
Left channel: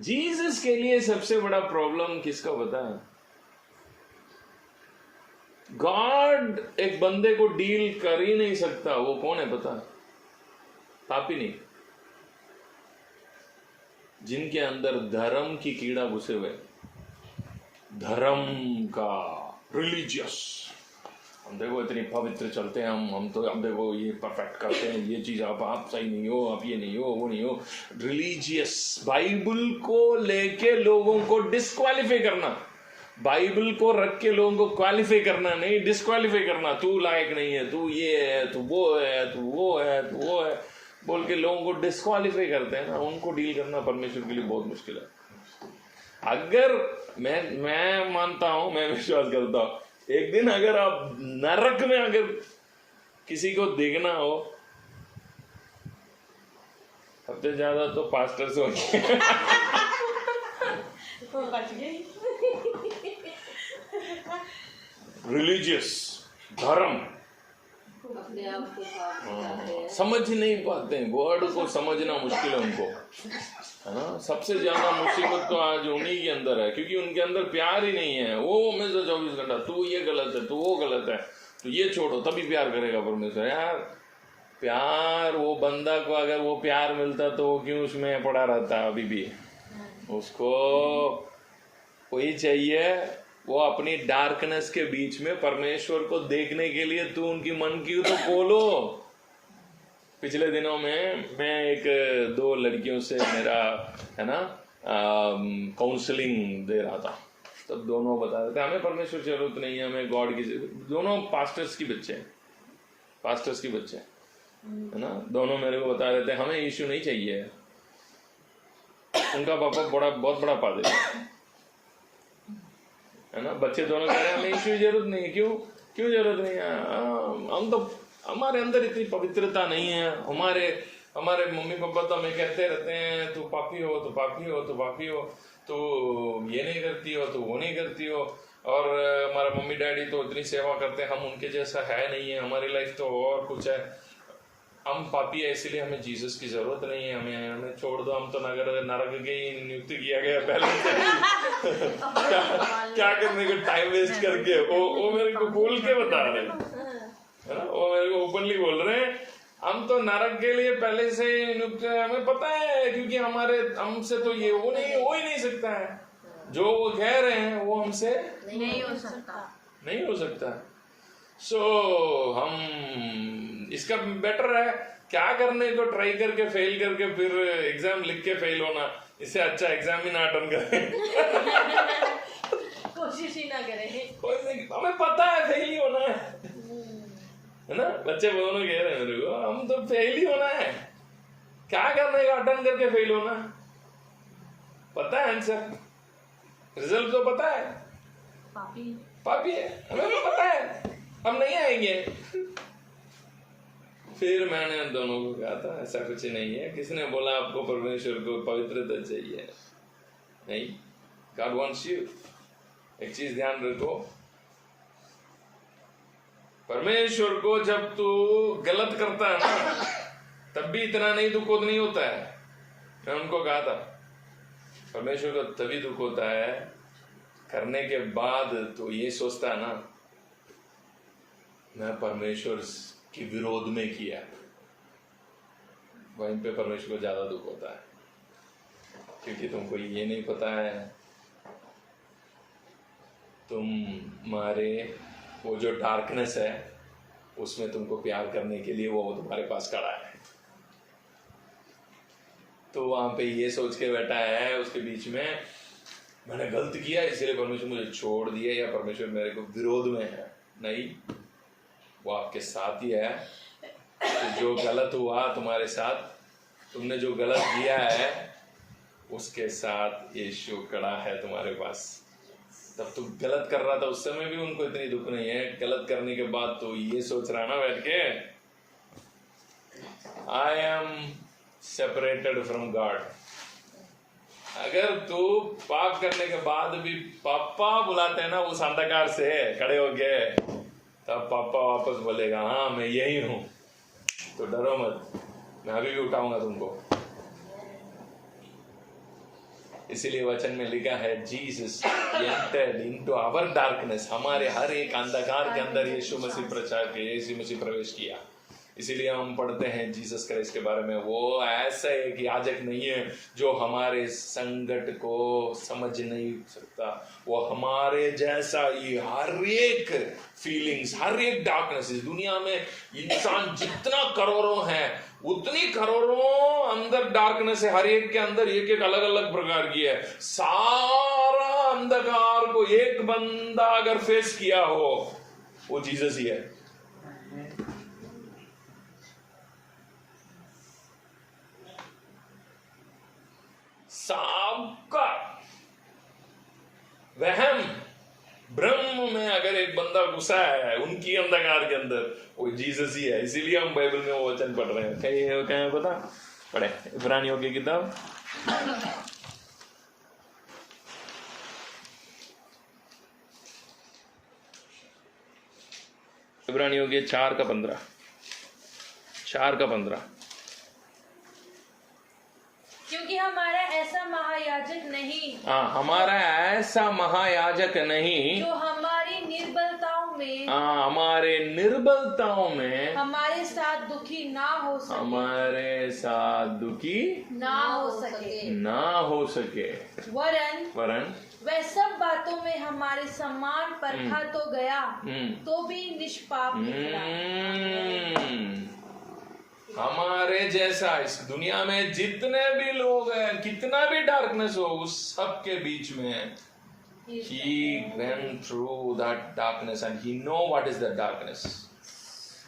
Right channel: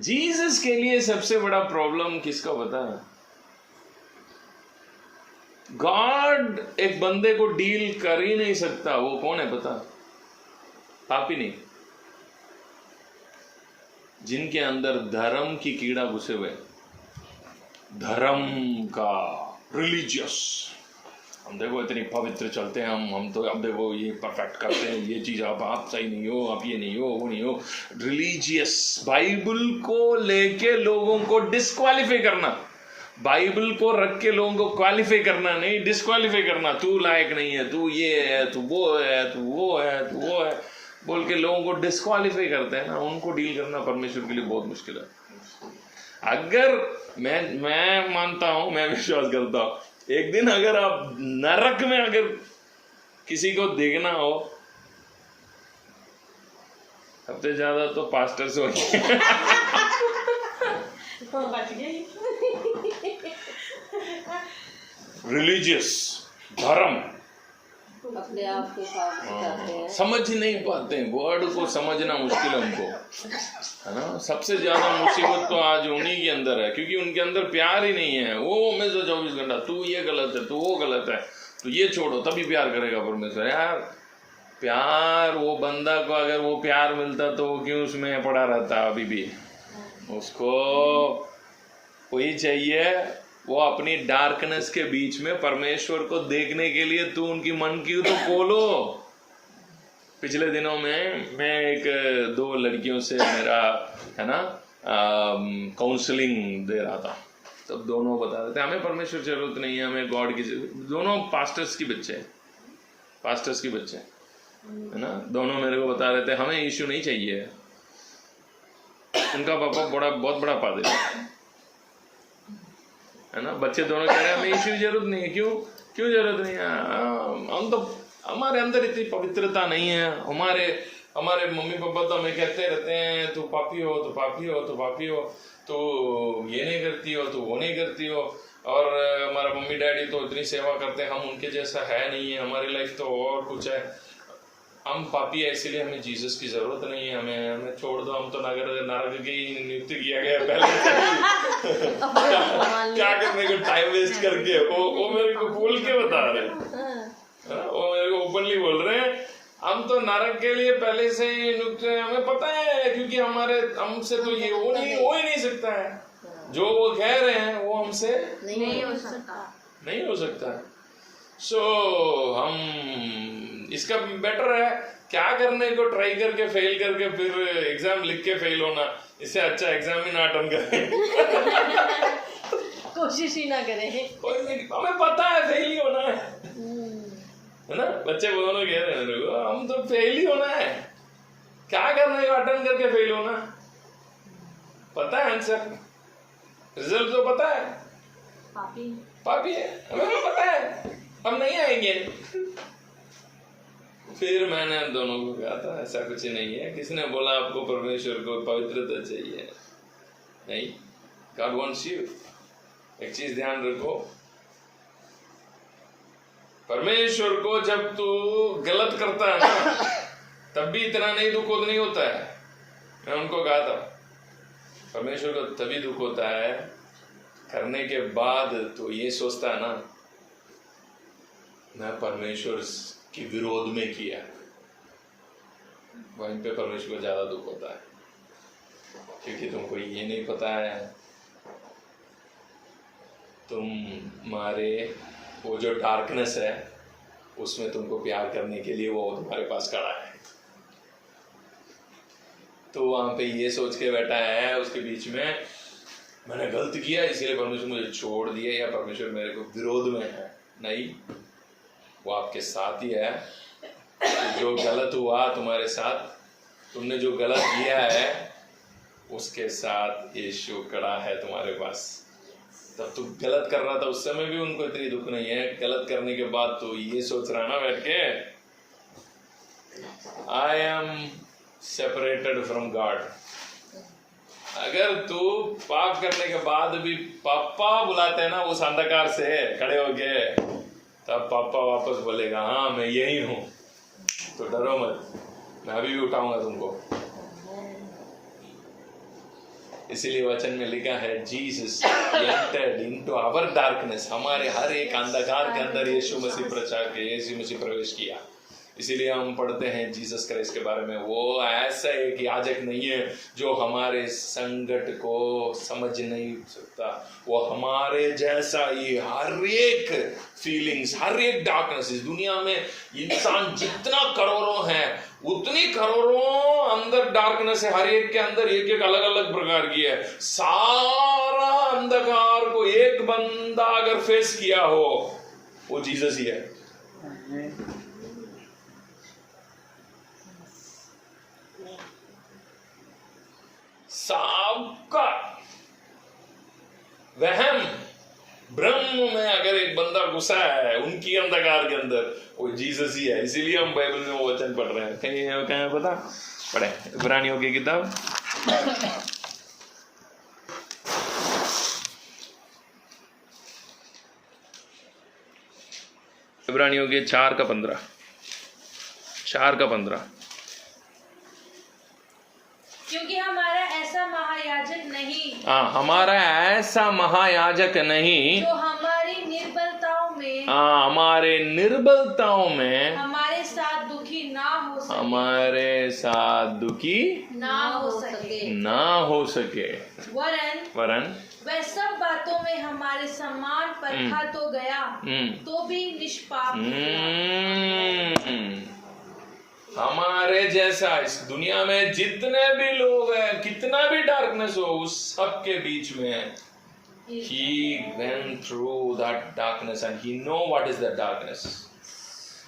जीसस के लिए सबसे बड़ा प्रॉब्लम किसका पता है? गॉड एक बंदे को डील कर ही नहीं सकता। वो कौन है पता? पापी नहीं, जिनके अंदर धर्म की कीड़ा घुसे हुए, धर्म का, रिलीजियस, हम देखो इतनी पवित्र चलते हैं, हम तो अब देखो ये परफेक्ट करते हैं, ये चीज आप सही नहीं हो, आप ये नहीं हो, वो नहीं हो, रिलीजियस। बाइबल को लेके लोगों को डिस्क्वालीफाई करना, बाइबल को रख के लोगों को क्वालिफाई करना नहीं, डिस्क्वालीफाई करना। तू लायक नहीं है, तू ये है, तू वो है, तू वो है, तू वो है बोल के लोगों को डिस्क्वालीफाई करते हैं ना, उनको डील करना परमेश्वर के लिए बहुत मुश्किल है। अगर मैं मानता हूं, मैं विश्वास करता हूं, एक दिन अगर आप नरक में अगर किसी को देखना हो, सबसे ज्यादा तो पास्टर से होंगे। रिलीजियस, धर्म, अपने आप के साथ करते हैं। समझ नहीं पाते हैं, वर्ड को समझना मुश्किल है उनको, है ना। सबसे ज्यादा मुसीबत तो आज उन्हीं के अंदर है, क्योंकि उनके अंदर प्यार ही नहीं है। वो में से 24 घंटा तू ये गलत है, तू वो गलत है, तो ये छोड़ो तभी प्यार करेगा परमेश्वर। यार प्यार, वो बंदा को अगर वो प्यार मिलता तो वो क्यों उसमें पड़ा रहता अभी भी। उसको वही चाहिए, वो अपनी डार्कनेस के बीच में परमेश्वर को देखने के लिए तू उनकी मन की तो खोलो। पिछले दिनों में मैं एक 2 लड़कियों से मेरा है ना काउंसलिंग दे रहा था, तब दोनों बता रहे थे हमें परमेश्वर की जरूरत नहीं है, हमें गॉड की। दोनों पास्टर्स की बच्चे हैं, पास्टर्स की बच्चे है ना। दोनों मेरे को बता रहे थे हमें यीशु नहीं चाहिए। उनका पापा बहुत बड़ा पादरी है ना। बच्चे दोनों कह रहे हैं हमें यीशु की जरूरत नहीं है। क्यों जरूरत नहीं है? हम तो, हमारे अंदर इतनी पवित्रता नहीं है। हमारे मम्मी पापा तो हमें कहते रहते हैं तू पापी हो, तो पापी हो, तो पापी हो, तो ये नहीं करती हो, तो वो नहीं करती हो। और हमारा मम्मी डैडी तो इतनी सेवा करते हैं, हम उनके जैसा है नहीं है, हमारी लाइफ तो और कुछ है, हम पापी है, इसीलिए हमें जीसस की जरूरत नहीं है, हमें छोड़ दो, हम तो नरक के ही नियुक्त किया गया पहले। क्या करने को टाइम वेस्ट करके। वो मेरे को खोल के बता रहे हैं, वो मेरे को ओपनली बोल रहे हैं हम तो नरक के लिए पहले से ही नियुक्त है, हमें पता है, क्योंकि हमसे तो ये हो ही नहीं सकता है। जो वो कह रहे हैं वो हमसे नहीं हो सकता। सो हम इसका बेटर है क्या करने को ट्राई करके फेल करके फिर एग्जाम लिख के फेल होना, इससे अच्छा एग्जाम ही ना अटेंड करें। कोशिश ही ना करें। हमें पता है फेल ही होना है ना। बच्चे दोनों कह रहे हैं मेरे को हम तो फेल ही होना है, क्या करने का अटेंड करके फेल होना। पता है आंसर, रिजल्ट तो पता है, पापी है, हमें तो पता है हम नहीं आएंगे। फिर मैंने दोनों को कहा था ऐसा कुछ नहीं है। किसने बोला आपको परमेश्वर को पवित्रता चाहिए? नहीं, गॉड वांट्स यू। एक चीज ध्यान रखो, परमेश्वर को जब तू गलत करता है ना तब भी इतना नहीं दुख नहीं होता है। मैं उनको कहा था परमेश्वर को तभी दुख होता है करने के बाद, तो ये सोचता है ना मैं परमेश्वर की विरोध में किया, वहीं पे परमेश्वर को ज्यादा दुख होता है, क्योंकि तुमको ये नहीं पता है तुम्हारे वो जो डार्कनेस है उसमें तुमको प्यार करने के लिए वो तुम्हारे पास खड़ा है। तो वहां पे ये सोच के बैठा है उसके बीच में मैंने गलत किया इसलिए परमेश्वर मुझे छोड़ दिया, या परमेश्वर मेरे को विरोध में है। नहीं, वो आपके साथ ही है। तो जो गलत हुआ तुम्हारे साथ, तुमने जो गलत किया है उसके साथ यीशु खड़ा है तुम्हारे पास। तब तू गलत कर रहा था उस समय भी उनको इतनी दुख नहीं है, गलत करने के बाद तो ये सोच रहा ना बैठ के I am separated from God. अगर तू पाप करने के बाद भी पापा बुलाते हैं ना उस अंधकार से खड़े हो गए, तब पापा वापस बोलेगा हाँ मैं यही हूं, तो डरो मत, मैं अभी भी उठाऊंगा तुमको। इसीलिए वचन में लिखा है Jesus entered into our darkness, हमारे हर एक अंधकार के अंदर यीशु मसीह प्रवेश किया। इसीलिए हम पढ़ते हैं जीसस क्राइस्ट के बारे में, वो ऐसा एक याजक नहीं है जो हमारे संकट को समझ नहीं सकता, वो हमारे जैसा ही हर एक फीलिंग्स, हर एक डार्कनेस, इस दुनिया में इंसान जितना करोड़ों हैं उतनी करोड़ों अंदर डार्कनेस है, हर एक के अंदर एक एक अलग अलग प्रकार की है। सारा अंधकार को एक बंदा अगर फेस किया हो वो जीसस ही है। सबका वहम ब्रह्म में अगर एक बंदा घुसा है उनकी अंधकार के अंदर, वो जीसस ही है। इसीलिए हम बाइबल में वो वचन पढ़ रहे हैं। क्या है पता? पढ़े इब्रानियों की किताब इब्रानियों के 4 का 15। 4:15। क्योंकि हमारा ऐसा महायाजक नहीं, हाँ, हमारा ऐसा महायाजक नहीं जो हमारी निर्बलताओं में, हमारे निर्बलताओं में हमारे साथ दुखी ना हो सके, हमारे साथ दुखी ना हो सके, वरन वह सब बातों में हमारे समान परखा तो गया, तो भी निष्पाप निकला। हमारे जैसा इस दुनिया में जितने भी लोग हैं, कितना भी डार्कनेस हो, उस सब के बीच में he went through that darkness and he know what is that darkness।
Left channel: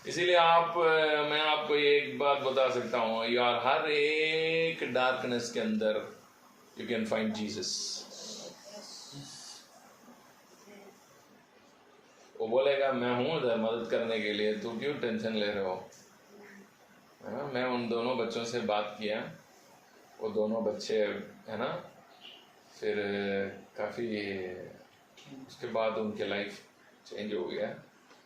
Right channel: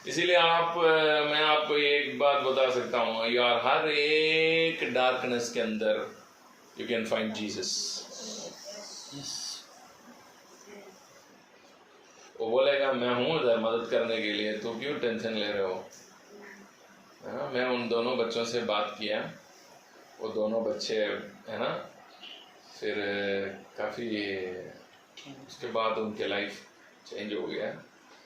इसीलिए मैं आपको एक बात बता सकता हूँ, यार हर एक डार्कनेस के अंदर you can find Jesus। वो बोलेगा मैं हूँ उधर मदद करने के लिए, तो क्यों टेंशन ले रहे हो, है ना। मैं उन दोनों बच्चों से बात किया, वो दोनों बच्चे है ना, फिर काफ़ी उसके बाद उनके लाइफ चेंज हो गया।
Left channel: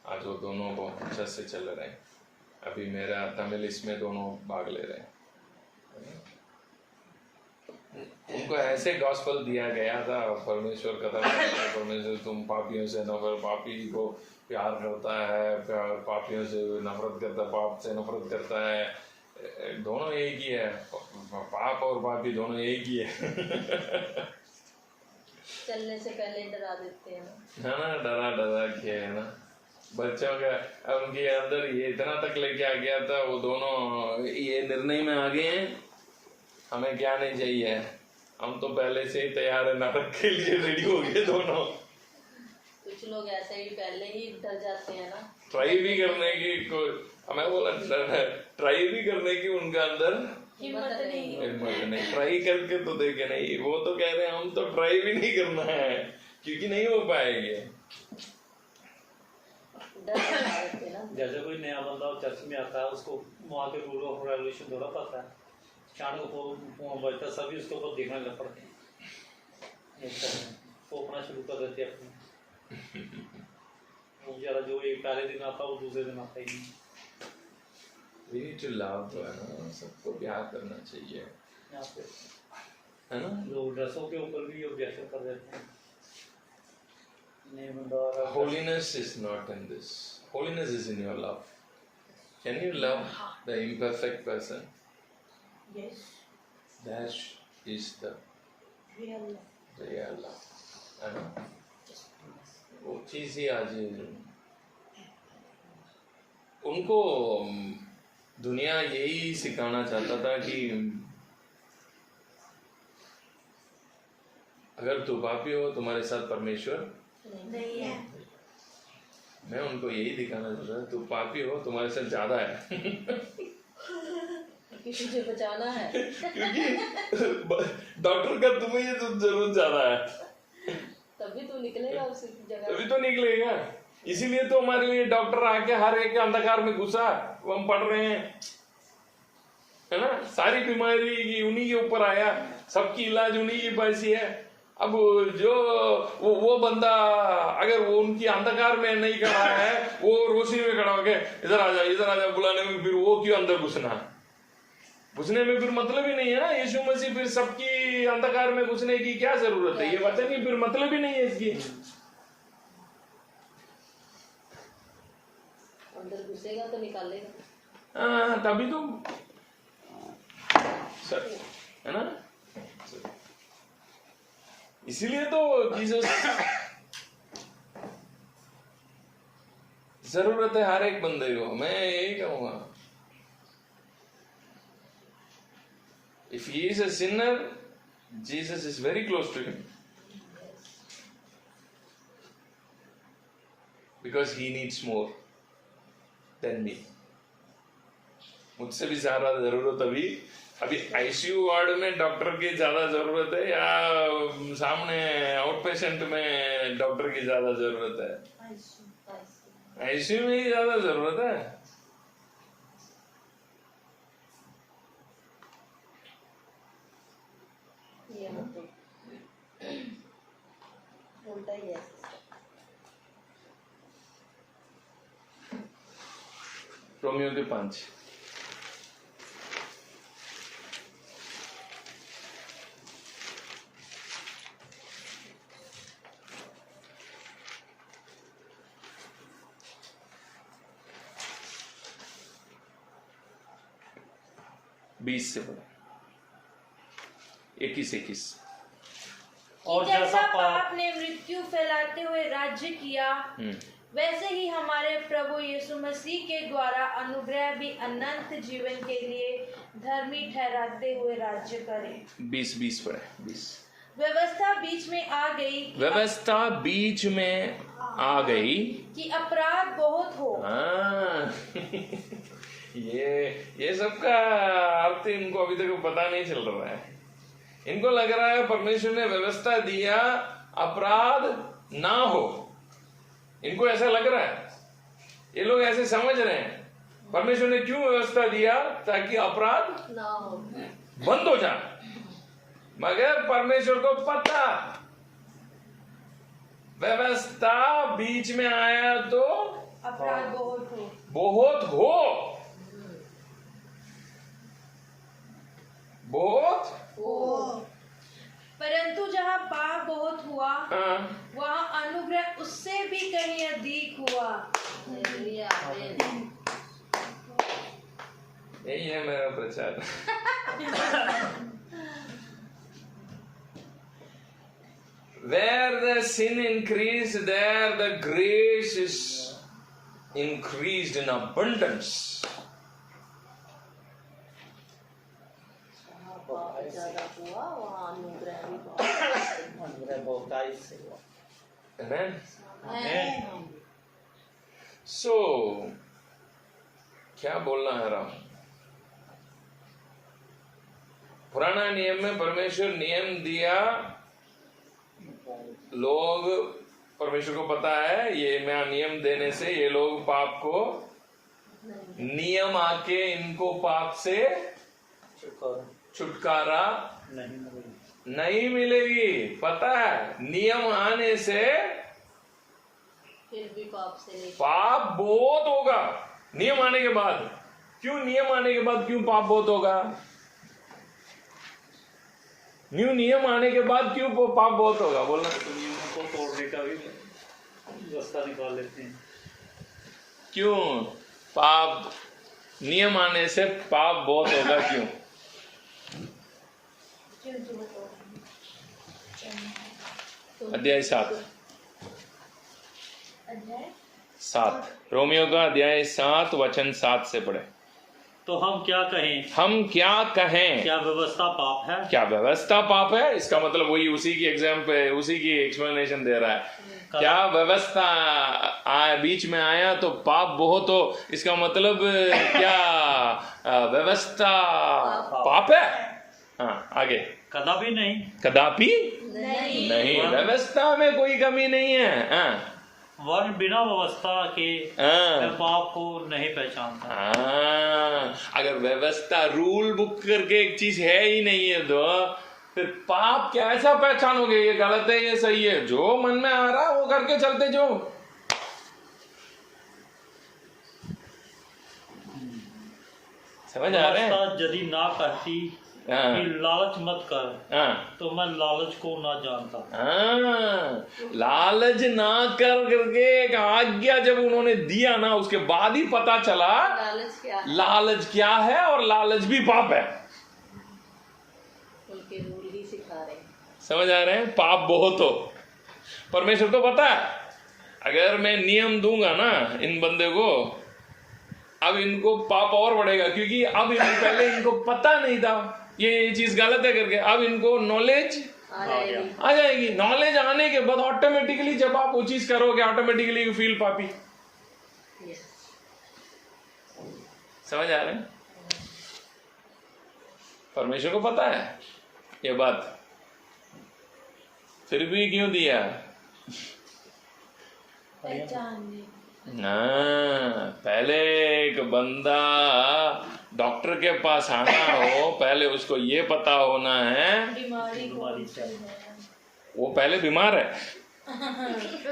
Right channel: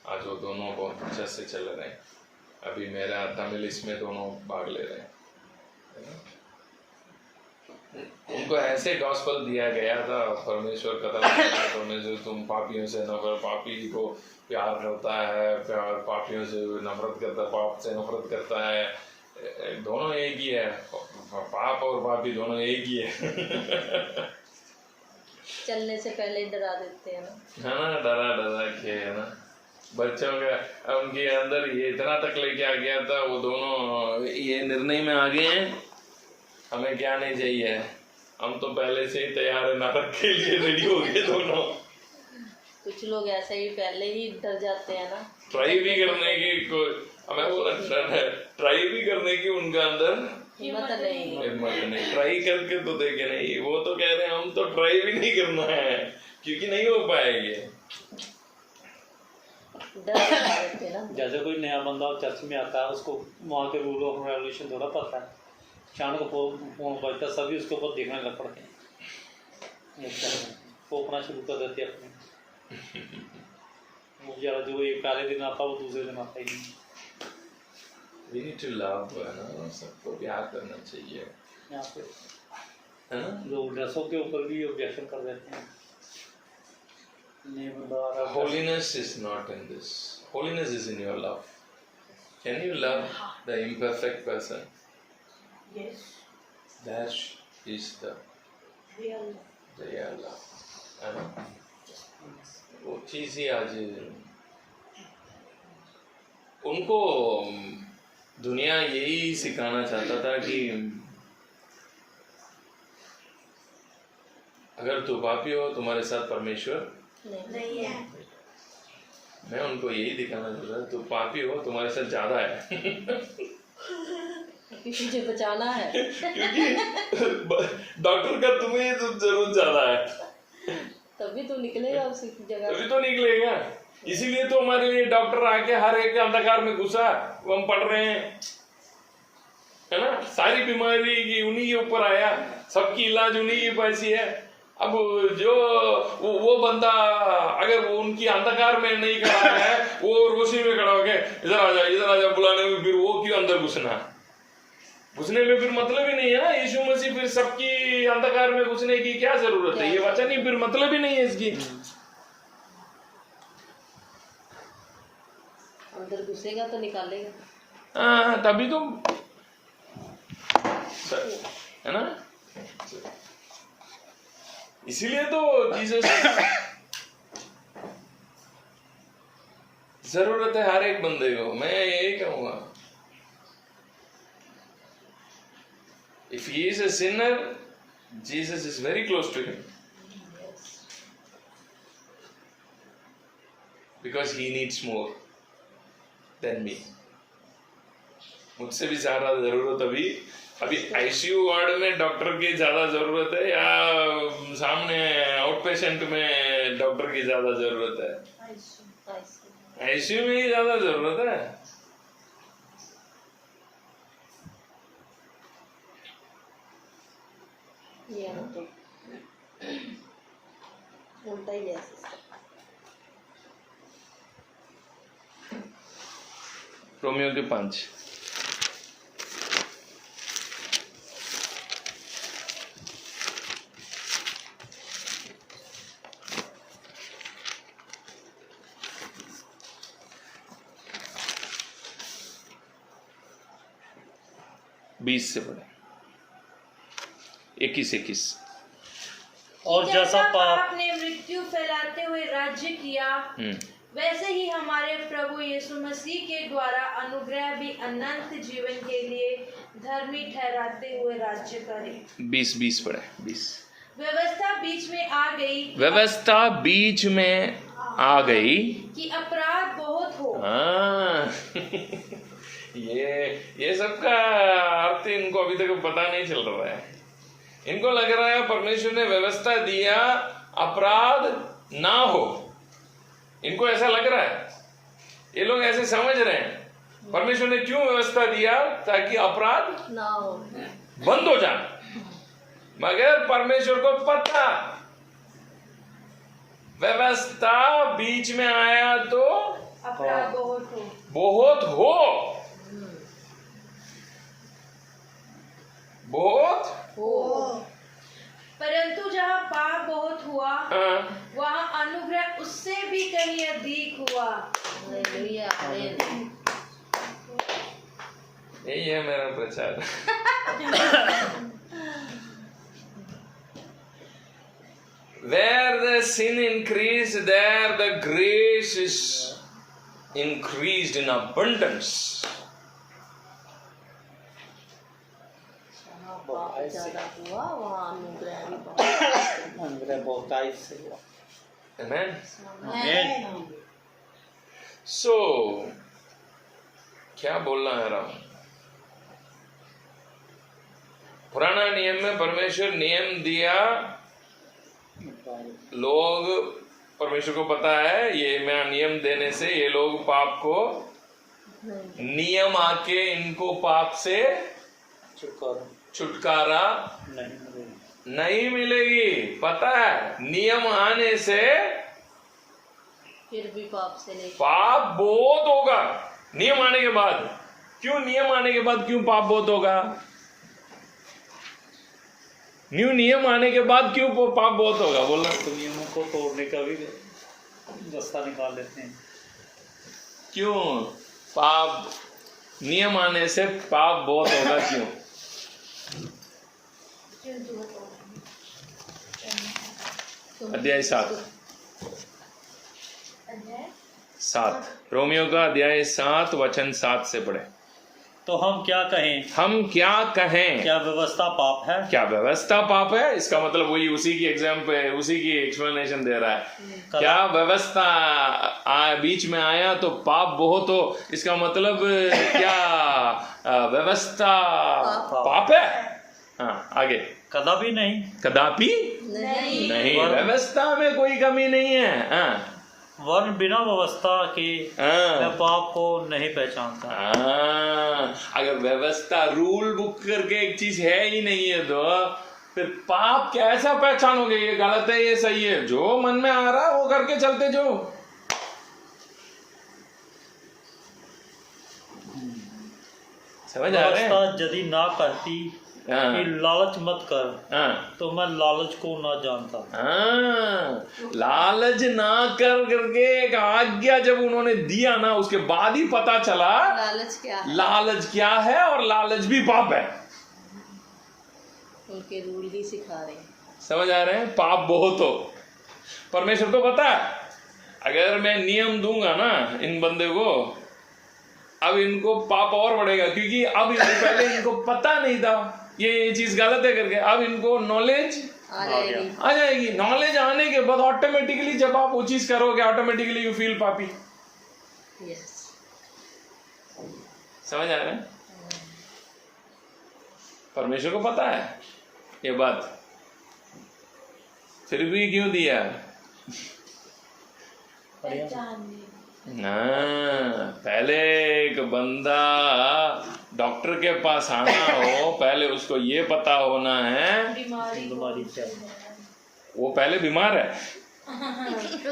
आज वो दोनों बहुत अच्छा से चल रहे हैं। अभी मेरा तमिल इसमें दोनों भाग ले रहे हैं, है ना? उनको ऐसे गॉस्पेल दिया गया था, परमेश्वर कथा परमेश्वर तुम पापियों से नफरत, पापी को प्यार करता है, पापियों से नफरत करता है, पाप से नफरत करता है। दोनों एक ही है, पाप और पापी दोनों एक ही है। चलने से पहले डरा देते हैं ना, है ना, डरा के, है ना। बच्चों का उनके अंदर ये इतना तक लेके आ गया था, वो दोनों ये निर्णय में आ गए हैं, हमें क्या नहीं चाहिए, हम तो पहले से ही तैयार है, नरक के लिए रेडी हो गए दोनों। कुछ लोग ऐसे ही पहले ही डर जाते हैं ना, ट्राई भी करने की हमें बोला ट्राई भी करने की उनका अंदर हिम्मत नहीं। ट्राई करके तो देखे नहीं, वो तो कह रहे हैं हम तो ट्राई भी नहीं करना है क्योंकि नहीं हो पाएगी। जैसे कोई नया बंदा चर्च में आता है, उसको वहाँ के रूल ऑफ रेगुलेशन थोड़ा पता है, अचानक फोन बजता सभी उसके ऊपर देखने लग पड़ते हैं, फोपना शुरू कर देते अपने। मुझे जो एक पहले दिन आता वो दूसरे दिन आता ही नहीं। We need to love, है ना, सबको प्यार करना चाहिए, यहाँ पे है ना। लोग ड्रेसों के ऊपर भी ऑब्जेक्शन कर देते हैं। Holiness is not in this. Holiness is in your love. Can you love the imperfect person? Yes. That is the Real love, है ना। वो चीज़ ही आज उनको दुनिया यही सिखाना चाहता था कि अगर तू पापी हो, तुम्हारे साथ परमेश्वर नहीं है। मैं उनको यही दिखाना चाहता था, तू पापी हो, तुम्हारे साथ ज्यादा है। तुझे बचाना है, क्योंकि डॉक्टर का तुम्हें तो जरूरत ज्यादा है, तभी तो निकलेगा उसी जगह, तभी तो निकलेगा। इसीलिए तो हमारे लिए डॉक्टर आके हर एक अंधकार में घुसा, वो हम पढ़ रहे हैं, है ना। सारी बीमारी की उन्हीं के ऊपर आया, सबकी इलाज उन्हीं की पैसी है। अब जो वो बंदा अगर वो उनकी अंधकार में नहीं खड़ा है, वो रोशनी में खड़ा होके इधर आ जा बुलाने में, फिर वो क्यों अंदर घुसने में फिर मतलब ही नहीं है ना। यीशु मसीह फिर सबकी अंधकार में घुसने की क्या जरूरत है, ये वचन ही फिर मतलब ही नहीं है इसकी। अंदर घुसेगा तो निकालेगा। हाँ, तभी तो है ना। इसीलिए तो जीसस जरूरत है हर एक बंदे को। मैं यही कहूंगा, if he is a sinner, Jesus is very close to him, because he needs more than me। मुझसे भी ज्यादा जरूरत अभी आईसीयू वार्ड में डॉक्टर की ज्यादा जरूरत है, या सामने आउट पेशेंट में डॉक्टर की ज्यादा जरूरत है? आईसीयू में ही ज्यादा जरूरत है। ये मतलब उल्टा ही है। रोमियो के 5 20 से पढ़े, 21। और जैसा पाप ने मृत्यु फैलाते हुए राज्य किया, वैसे ही हमारे प्रभु यीशु मसीह के द्वारा अनुग्रह भी अनंत जीवन के लिए धर्मी ठहराते हुए राज्य करे। 20 पढ़े, 20। व्यवस्था बीच में आ गई, व्यवस्था बीच में आ गई कि अपराध बहुत हो। ये सबका अर्थ इनको अभी तक पता नहीं चल रहा है। इनको लग रहा है परमेश्वर ने व्यवस्था दिया अपराध ना हो, इनको ऐसा लग रहा है, ये लोग ऐसे समझ रहे हैं। परमेश्वर ने क्यों व्यवस्था दिया? ताकि अपराध ना हो, बंद हो जाए। मगर परमेश्वर को पता व्यवस्था बीच में आया तो अपराध बहुत हो। परंतु जहाँ पाप बहुत हुआ, वहाँ अनुग्रह उससे भी कहीं अधिक हुआ। यही है मेरा प्रचार। Where the sin increased, there the grace is increased in abundance. Amen. So, क्या बोलना है राम? पुराना नियम में परमेश्वर नियम दिया, लोग, परमेश्वर को पता है ये मैं नियम देने से ये लोग पाप को, नियम आके इनको पाप से छुटकारा नहीं मिलेगी। पता है नियम आने से फिर भी पाप से नहीं, पाप बहुत होगा। नियम आने के बाद क्यों, नियम आने के बाद क्यों पाप बहुत होगा? नियम आने के बाद क्यों पाप बहुत होगा? बोलना। नियमों को तोड़ने का भी रास्ता निकाल लेते हैं। क्यों पाप, नियम आने से पाप बहुत होगा क्यों? अध्याय 7 रोमियो का अध्याय 7 वचन 7 से पढ़े। तो हम क्या कहें? हम क्या कहें? क्या व्यवस्था पाप है? क्या व्यवस्था पाप है? इसका मतलब वही उसी की एग्जाम्पल, उसी की एक्सप्लेनेशन दे रहा है। क्या व्यवस्था बीच में आया तो पाप बहुत हो, इसका मतलब क्या व्यवस्था पाप है? हाँ, आगे। कदापि नहीं, कदापि नहीं, व्यवस्था में कोई कमी नहीं है। हाँ, वर्ण बिना व्यवस्था के पाप को नहीं पहचानता। अगर व्यवस्था रूल बुक करके एक चीज है ही नहीं है तो फिर पाप कैसा पहचानोगे? ये गलत है, ये सही है, जो मन में आ रहा वो करके चलते जो। समझ आ रहे हैं? यदि ना कहती कि लालच मत कर, तो मैं लालच को ना जानता। लालच ना कर करके एक आज्ञा जब उन्होंने दिया ना, उसके बाद ही पता चला लालच क्या है और लालच भी पाप है। उनके रूल ही सिखा रहे हैं। समझ आ रहे हैं? पाप बहुत हो, परमेश्वर तो पता है। अगर मैं नियम दूंगा ना इन बंदे को, अब इनको पाप और बढ़ेगा, क्योंकि अब पहले इनको पता नहीं था ये चीज गलत है करके। अब इनको नॉलेज आ जाएगी। नॉलेज आने के बाद ऑटोमेटिकली जब आप वो चीज करोगे, ऑटोमेटिकली यू फील पापी। समझ आ रहे हैं? परमेश्वर को पता है ये बात, फिर भी क्यों दिया? ना, पहले एक बंदा डॉक्टर के पास आना हो, पहले उसको ये पता होना है बीमारी वो पहले बीमार है।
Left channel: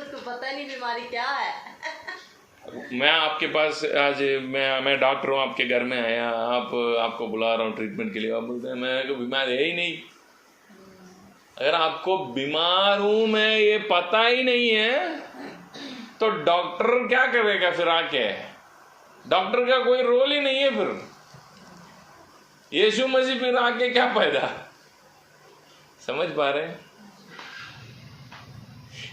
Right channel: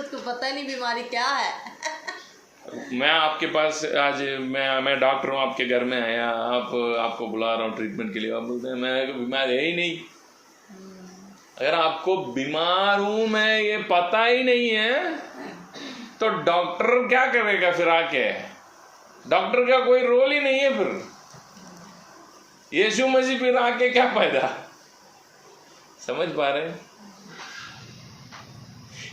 उसको पता नहीं बीमारी क्या है। मैं आपके पास आज मैं डॉक्टर हूँ, आपके घर में आया, आपको बुला रहा हूँ ट्रीटमेंट के लिए, आप बोलते हैं मैं बीमार है ही नहीं। अगर आपको बीमार हूं मैं ये पता ही नहीं है तो डॉक्टर क्या करेगा फिर आके? डॉक्टर का कोई रोल ही नहीं है फिर। यीशु मसीह फिर आके क्या फायदा? समझ पा रहे हैं?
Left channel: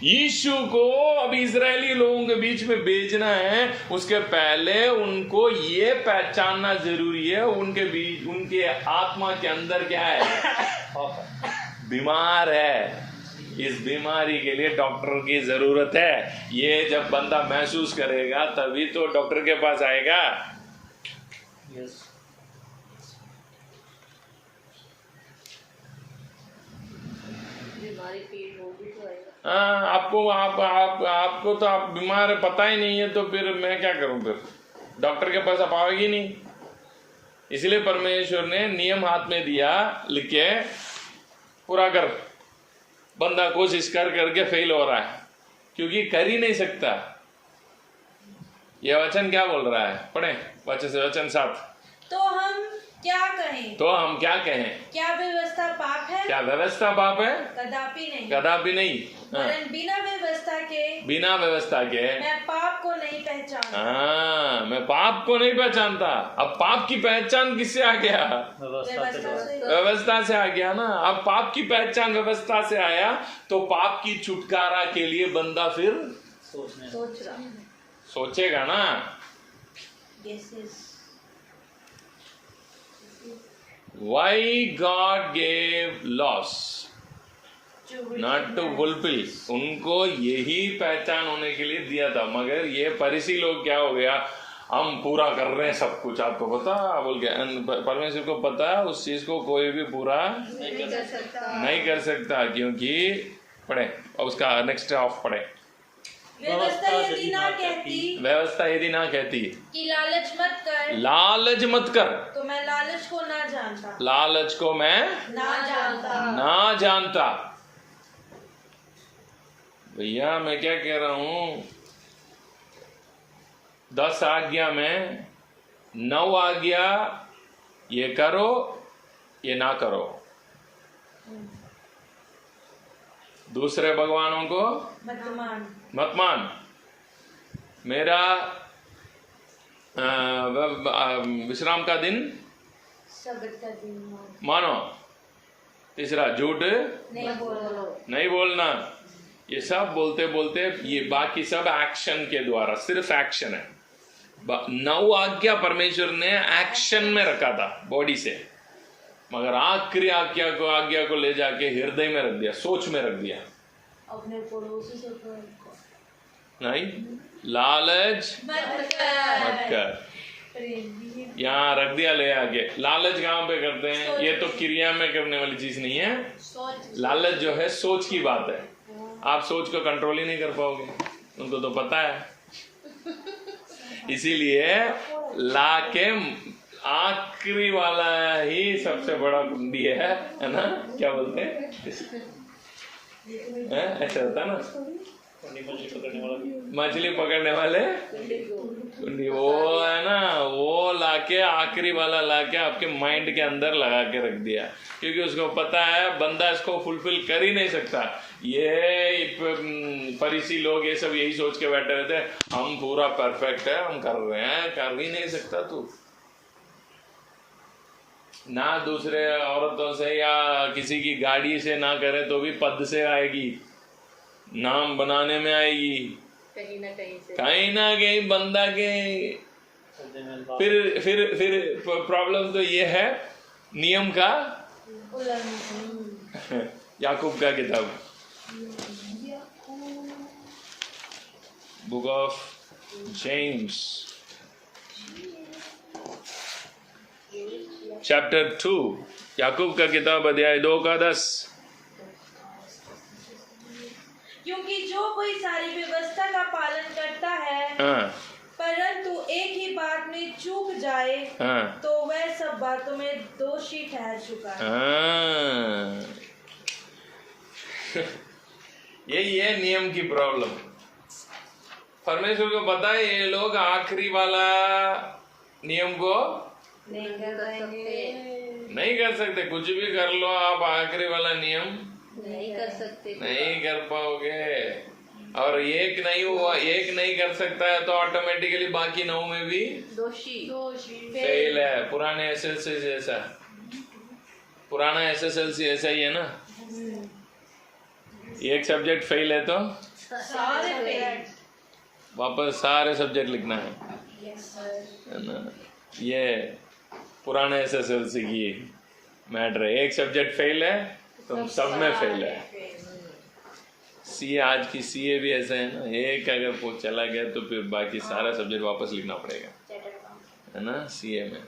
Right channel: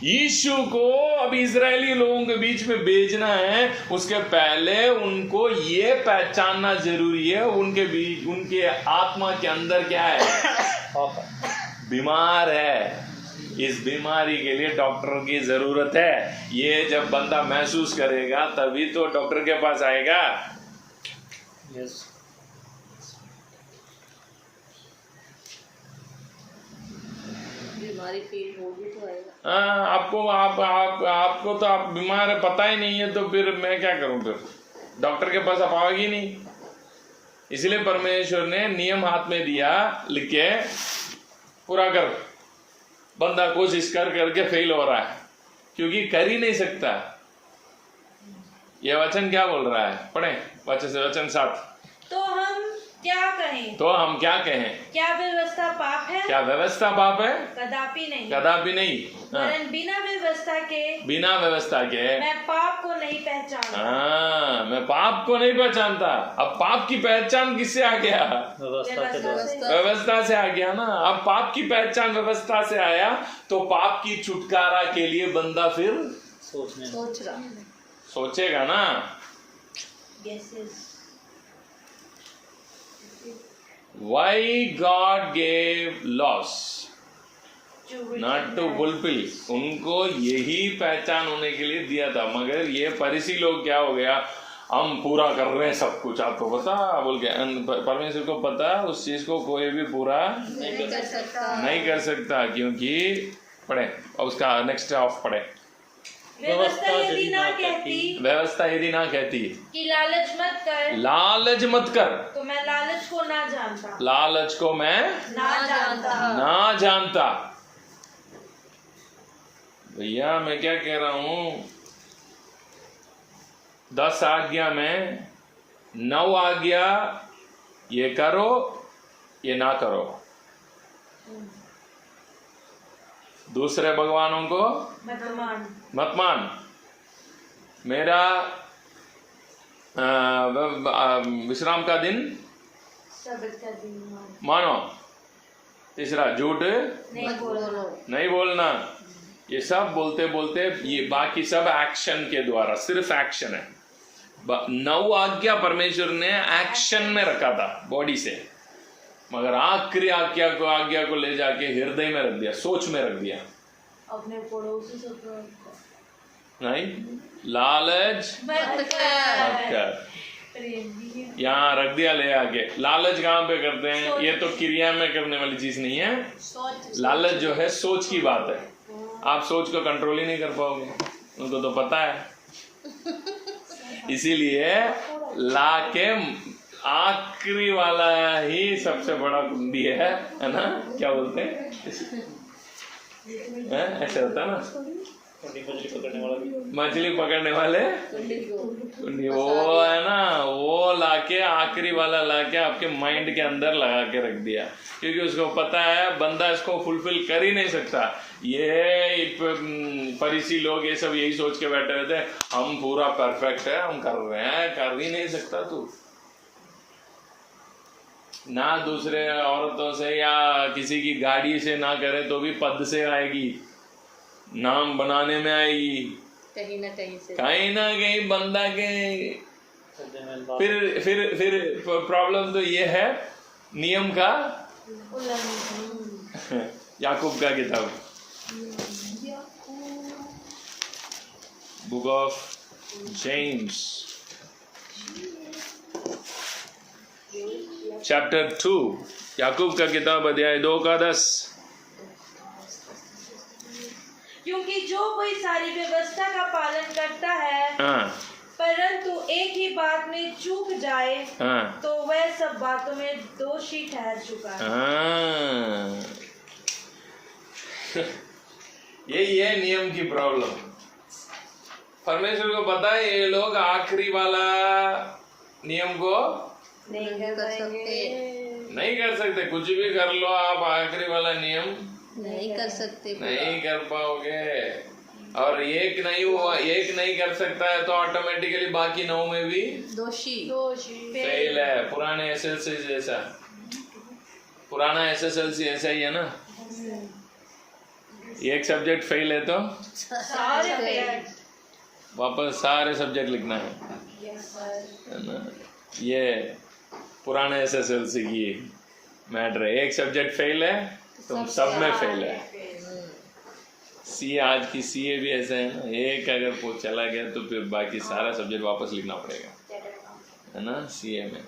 यीशु को अब इजरायली लोगों के बीच में भेजना है, उसके पहले उनको ये पहचानना जरूरी है उनके बीच, उनके आत्मा के अंदर क्या है? बीमार है। इस बीमारी के लिए डॉक्टर की जरूरत है। ये जब बंदा महसूस करेगा तभी तो डॉक्टर के पास आएगा। बीमारी फील होगी तो आएगा। आपको तो आप बीमार है पता ही नहीं है, तो फिर मैं क्या करूं? फिर डॉक्टर के पास आप आओगे नहीं। इसलिए परमेश्वर ने नियम हाथ में दिया, लिख के पूरा कर। बंदा कोशिश कर करके फेल हो रहा है क्योंकि कर ही नहीं सकता। ये वचन क्या बोल रहा है? पढ़े वचन 7। तो हम क्या कहें? क्या व्यवस्था पाप है? क्या व्यवस्था पाप है? कदापि नहीं। कदापि नहीं। वरन बिना व्यवस्था के मैं पाप को नहीं पहचानता। मैं पाप को नहीं पहचानता। अब पाप की पहचान किससे आ गया? व्यवस्था से आ गया ना। अब पाप की पहचान व्यवस्था से आया तो पाप की छुटकारा के लिए बंदा फिर सोचेगा ना। Why God gave laws? Not to fulfill. उनको यही पहचान होने के लिए दिया था। मगर ये फरीसी लोग क्या हो गया? हम पूरा कर रहे हैं सब कुछ, आपको पता बोल के। परमेश्वर को पता उस चीज को कोई भी पूरा नहीं कर सकता क्योंकि पढ़े उसका नेक्स्ट ऑफ पढ़े। व्यवस्था यदि ना कहती कि लालच मत कर तो मैं लालच को मैं ना जानता। भैया मैं क्या कह रहा हूं? 10 आज्ञा में 9 आज्ञा ये करो ये ना करो। दूसरे भगवानों को मत मान। मेरा विश्राम का दिन मानो। तीसरा झूठ नहीं बोलना। ये सब बोलते बोलते ये बाकी सब एक्शन के द्वारा, सिर्फ एक्शन है। 9 आज्ञा परमेश्वर ने एक्शन में रखा था बॉडी से, मगर आखिरी आज्ञा को ले जाके हृदय में रख दिया, सोच में रख दिया। अपने पड़ोसी से नहीं, लालच मत कर। यहाँ रख दिया ले आके। लालच कहाँ पे करते हैं? ये तो क्रिया में करने वाली चीज नहीं है। लालच जो है सोच की बात है। आप सोच को कंट्रोल ही नहीं कर पाओगे, उनको तो पता है। इसीलिए लाके आखिरी वाला ही सबसे बड़ा कुंडी है ना? क्या बोलते हैं? ऐसा होता ना, मछली पकड़ने वाले कुंडी, वो है ना, वो लाके आखिरी वाला लाके आपके माइंड के अंदर लगा के रख दिया, क्योंकि उसको पता है बंदा इसको फुलफिल कर ही नहीं सकता। ये फरीसी लोग ये सब यही सोच के बैठे रहते हैं, हम पूरा परफेक्ट है, हम कर रहे हैं। कर ही नहीं सकता तू ना। दूसरे औरतों से या किसी की गाड़ी से ना करे तो भी पद से आएगी, नाम बनाने में आएगी, कहीं ना कहीं बंदा के। फिर प्रॉब्लम तो ये है नियम का। याकूब का किताब, बुक ऑफ जेम्स चैप्टर 2, याकूब का किताब अध्याय 2 का 10। क्योंकि जो कोई सारी व्यवस्था का पालन करता है परंतु एक ही बात में चूक जाए तो वह सब बातों में दोषी ठहर चुका है। यही है नियम की प्रॉब्लम। परमेश्वर को पता है ये लोग आखिरी वाला नियम को नहीं कर सकते। कुछ भी कर लो आप, आखिरी वाला नियम नहीं कर सकते, नहीं कर पाओगे। और एक नहीं कर सकता है तो ऑटोमेटिकली बाकी 9 में भी दोषी फेल है। पुराने एसएससी जैसा पुराना SSLC ऐसा ही है ना, एक सब्जेक्ट फेल है तो सारे फेल। वापस सारे सब्जेक्ट लिखना है ना। ये पुराना SSLC की मैटर है, एक सब्जेक्ट फेल है तो सब में फेल है। CA आज की CA भी ऐसा है ना, एक अगर वो चला गया तो फिर बाकी सारा सब्जेक्ट वापस लिखना पड़ेगा, है ना CA में।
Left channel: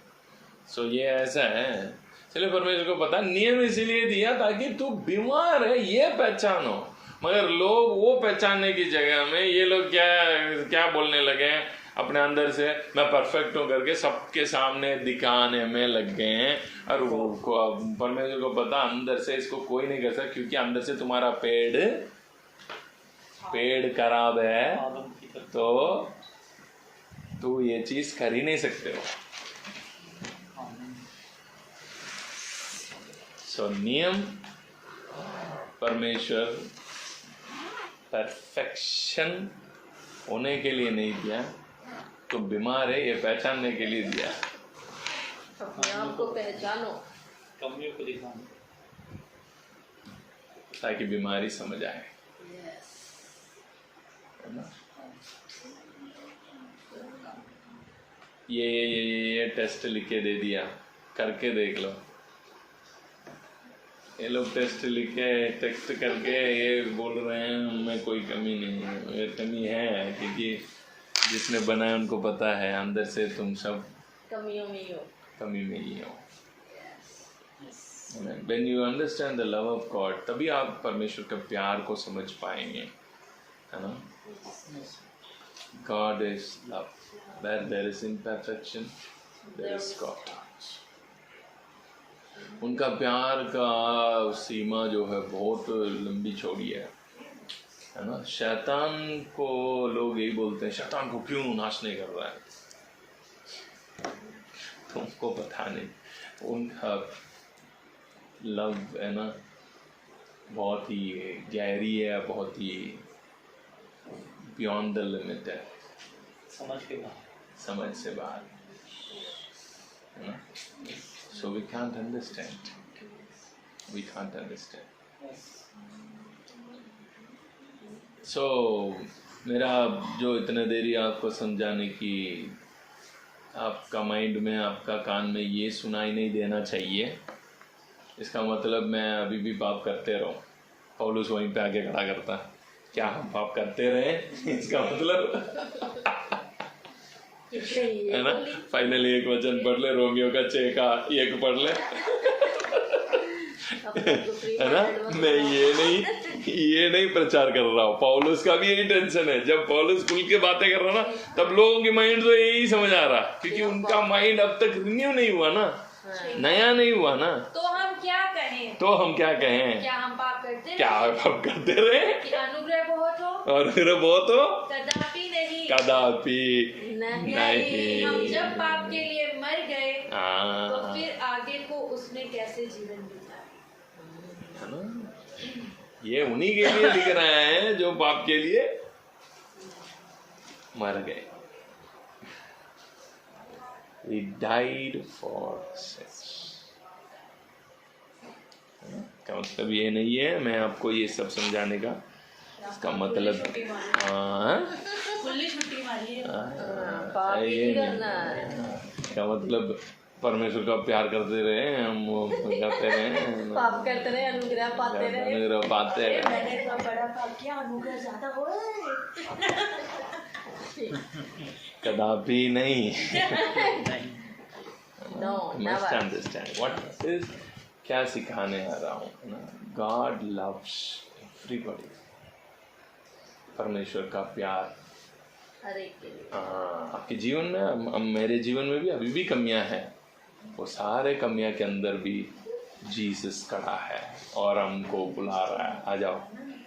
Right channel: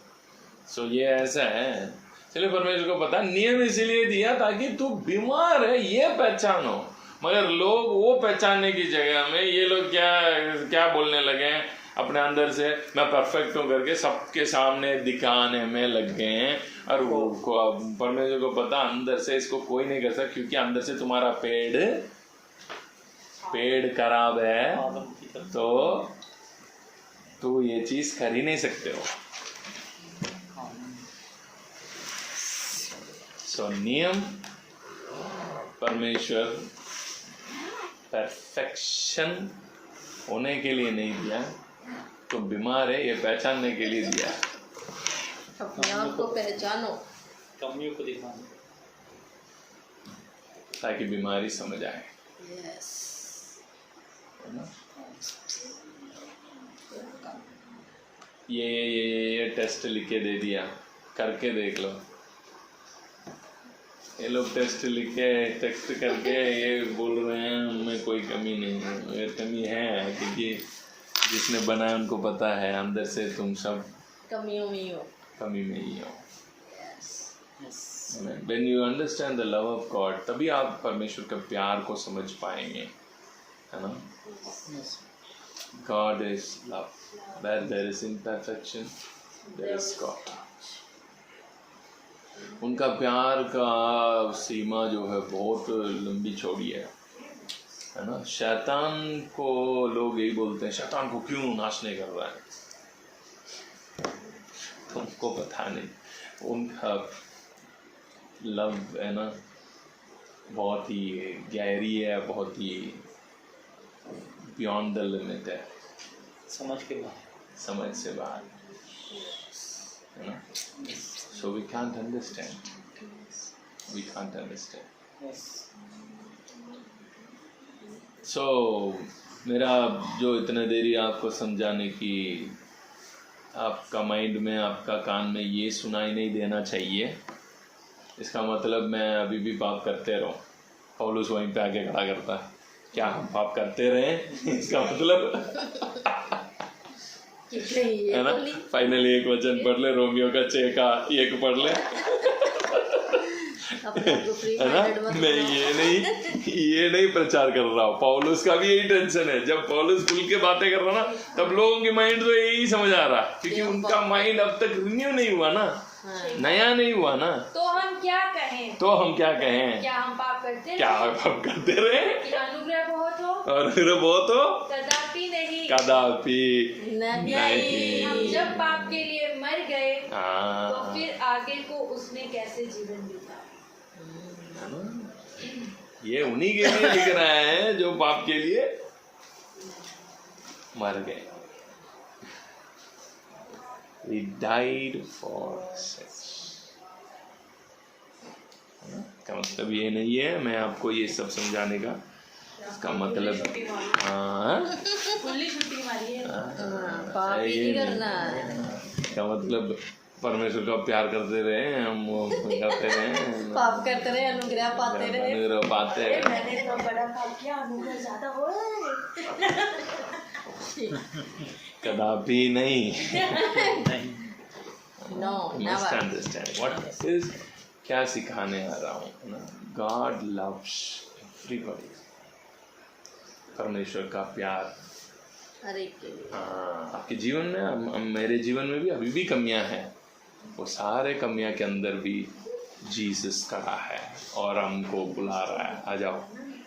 सो ये ऐसा है। चलिए, परमेश्वर को पता नियम इसीलिए दिया ताकि तू बीमार है ये पहचानो, मगर लोग वो पहचानने की जगह में ये लोग क्या बोलने लगे हैं अपने अंदर से, मैं परफेक्ट हूँ करके सबके सामने दिखाने में लग गए हैं। और वो परमेश्वर को पता अंदर से इसको कोई नहीं कर सकता, क्योंकि अंदर से तुम्हारा पेड़ खराब है तो तू ये चीज कर ही नहीं सकते हो। सो नियम परमेश्वर परफेक्शन होने के लिए नहीं दिया, तो बीमार है ये पहचानने के लिए दिया। अपने आप को पहचानो, कमियों को दिखाना, ताकि बीमारी समझ आए, है ना। ये टेस्ट लिख के दे दिया, करके देख लो। ये लोग टेस्ट लिख के टेस्ट करके ये बोल रहे हैं उनमें कोई कमी नहीं है। ये कमी है क्योंकि जिसने बनाया उनको पता है अंदर से तुम सब कमी में ही हो। When you understand the love of God, तभी आप परमेश्वर के प्यार को समझ पाएंगे, है ना। God is love. Where there is imperfection, there is God. उनका प्यार का सीमा जो है बहुत लंबी चौड़ी है ना। शैतान को लोग यही बोलते हैं, शैतान को क्यों नाश नहीं कर रहा है, तुमको पता नहीं। उनका लव है ना बहुत ही गहरी है, बहुत ही बियॉन्ड द लिमिट है, समझ से बाहर है ना। So we can't understand. So मेरा जो इतना देरी आपको समझाने की, आपका माइंड में, आपका कान में ये सुनाई नहीं देना चाहिए, इसका मतलब मैं अभी भी पाप करते रहूं। पौलुस वहीं पे आगे खड़ा करता, क्या हम पाप करते रहे इसका मतलब है ना। फाइनली एक वचन पढ़ ले, रोमियो का 6 का 1 पढ़ ले, है ना। मैं ये नहीं प्रचार कर रहा हूँ, पौलुस का भी यही टेंशन है। जब पौलुस खुल के बातें कर रहा ना, तब लोगों के माइंड तो यही समझ आ रहा, क्योंकि उनका माइंड अब तक रिन्यू नहीं हुआ ना, नया नहीं हुआ ना। तो हम क्या कहें, क्या हम पाप करते रहे, अनुग्रह बहुत हो, कदापि नहीं। हम जब पाप के लिए मर गए तो फिर आगे को उसने कैसे जीवन दिया। ये उन्हीं के लिए लिख रहा है जो पाप के लिए मर गए। He died for such. का मतलब ये नहीं है मैं आपको ये सब समझाने का, इसका मतलब का मतलब परमेश्वर का प्यार करते रहे, हम वो करते रहे, पाप करते रहे, अनुग्रह पाते रहे। मैंने इतना बड़ा पाप किया, अनुग्रह ज्यादा हो कदापि नहीं। No, must understand what is, क्या सिखाने आ रहा हूँ ना। God loves everybody. परमेश्वर का प्यार आपके जीवन में, मेरे जीवन में भी अभी भी कमियां हैं, वो सारे कमियां के अंदर भी जीसस खड़ा है और हमको बुला रहा है, आ जाओ।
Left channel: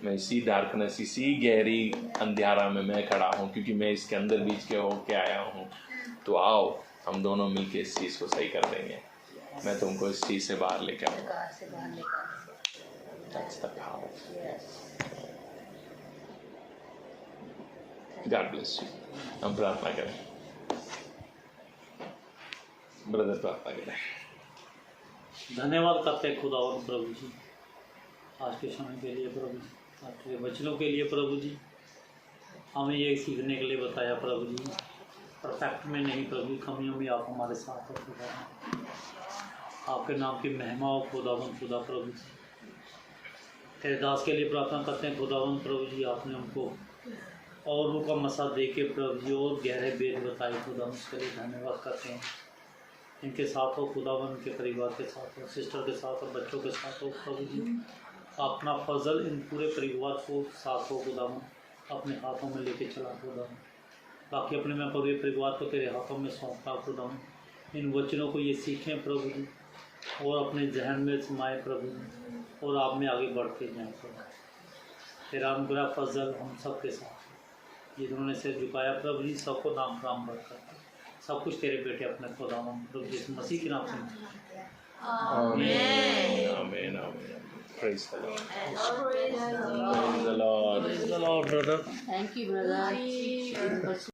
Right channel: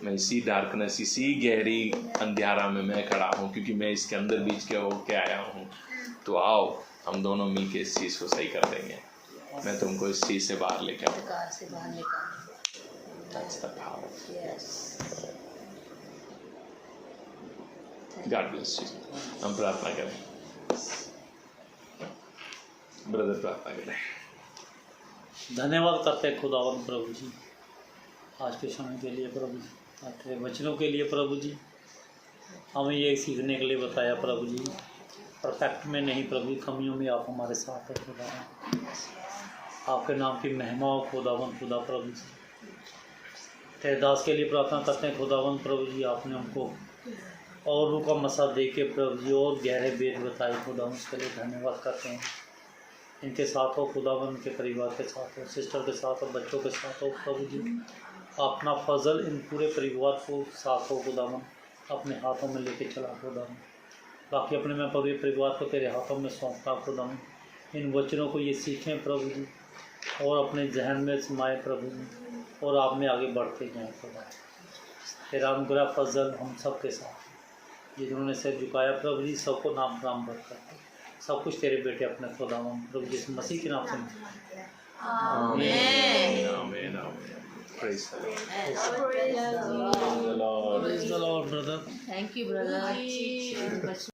मैं इसी डार्कनेस, इसी गहरी अंधियारा में मैं खड़ा हूँ, क्योंकि मैं इसके अंदर बीच के होके आया हूँ। तो आओ हम दोनों मिलके इस चीज़ को सही कर देंगे। मैं तुमको इस चीज़ से बाहर लेकर गॉड ब्लेस यू। हम प्रार्थना करें, ब्रदर प्रार्थना करें। धन्यवाद करते हैं खुदावंद प्रभु जी आज के समय के लिए प्रभु जी, आपके वचनों के लिए प्रभु जी। हमें ये सीखने के लिए बताया प्रभु जी, परफेक्ट में नहीं प्रभु जी, कमियों में आप हमारे साथ हैं खुदा। आपके नाम की महिमा हो खुदावंद खुदा प्रभु जी। तेरे दास के लिए प्रार्थना करते हैं खुदावंद प्रभु जी, आपने हमको और रूह का मसा दे के प्रभु जी और गहरे वेद बताए खुदा, उसके लिए धन्यवाद करते हैं। इनके साथ हो खुदावंद, के परिवार के साथ हो, सिस्टर के साथ हो, बच्चों के साथ हो प्रभु जी। अपना फजल इन पूरे परिवार को साथ हो खुदावंद, अपने हाथों में लेके चला खुदावंद। बाकी अपने मैं पूरे परिवार को तेरे हाथों में सौंपता खुदावंद। इन वचनों को ये सीखें प्रभु जी और अपने जहन में समाए प्रभु जी, और आप में आगे बढ़ते जाएँ खुदा। तेरा अनुग्रह फजल हम सब के साथ, जिन्होंने सिर झुकाया प्रभु जी, सबको नाम काम बढ़ता है। सब कुछ तेरे बेटे अपने खुदावंद प्रभु यीशु मसीह के नाम से। आमीन आमीन आमीन। Praise the Lord. Praise the Lord. Praise the Lord, brother. Thank you, brother.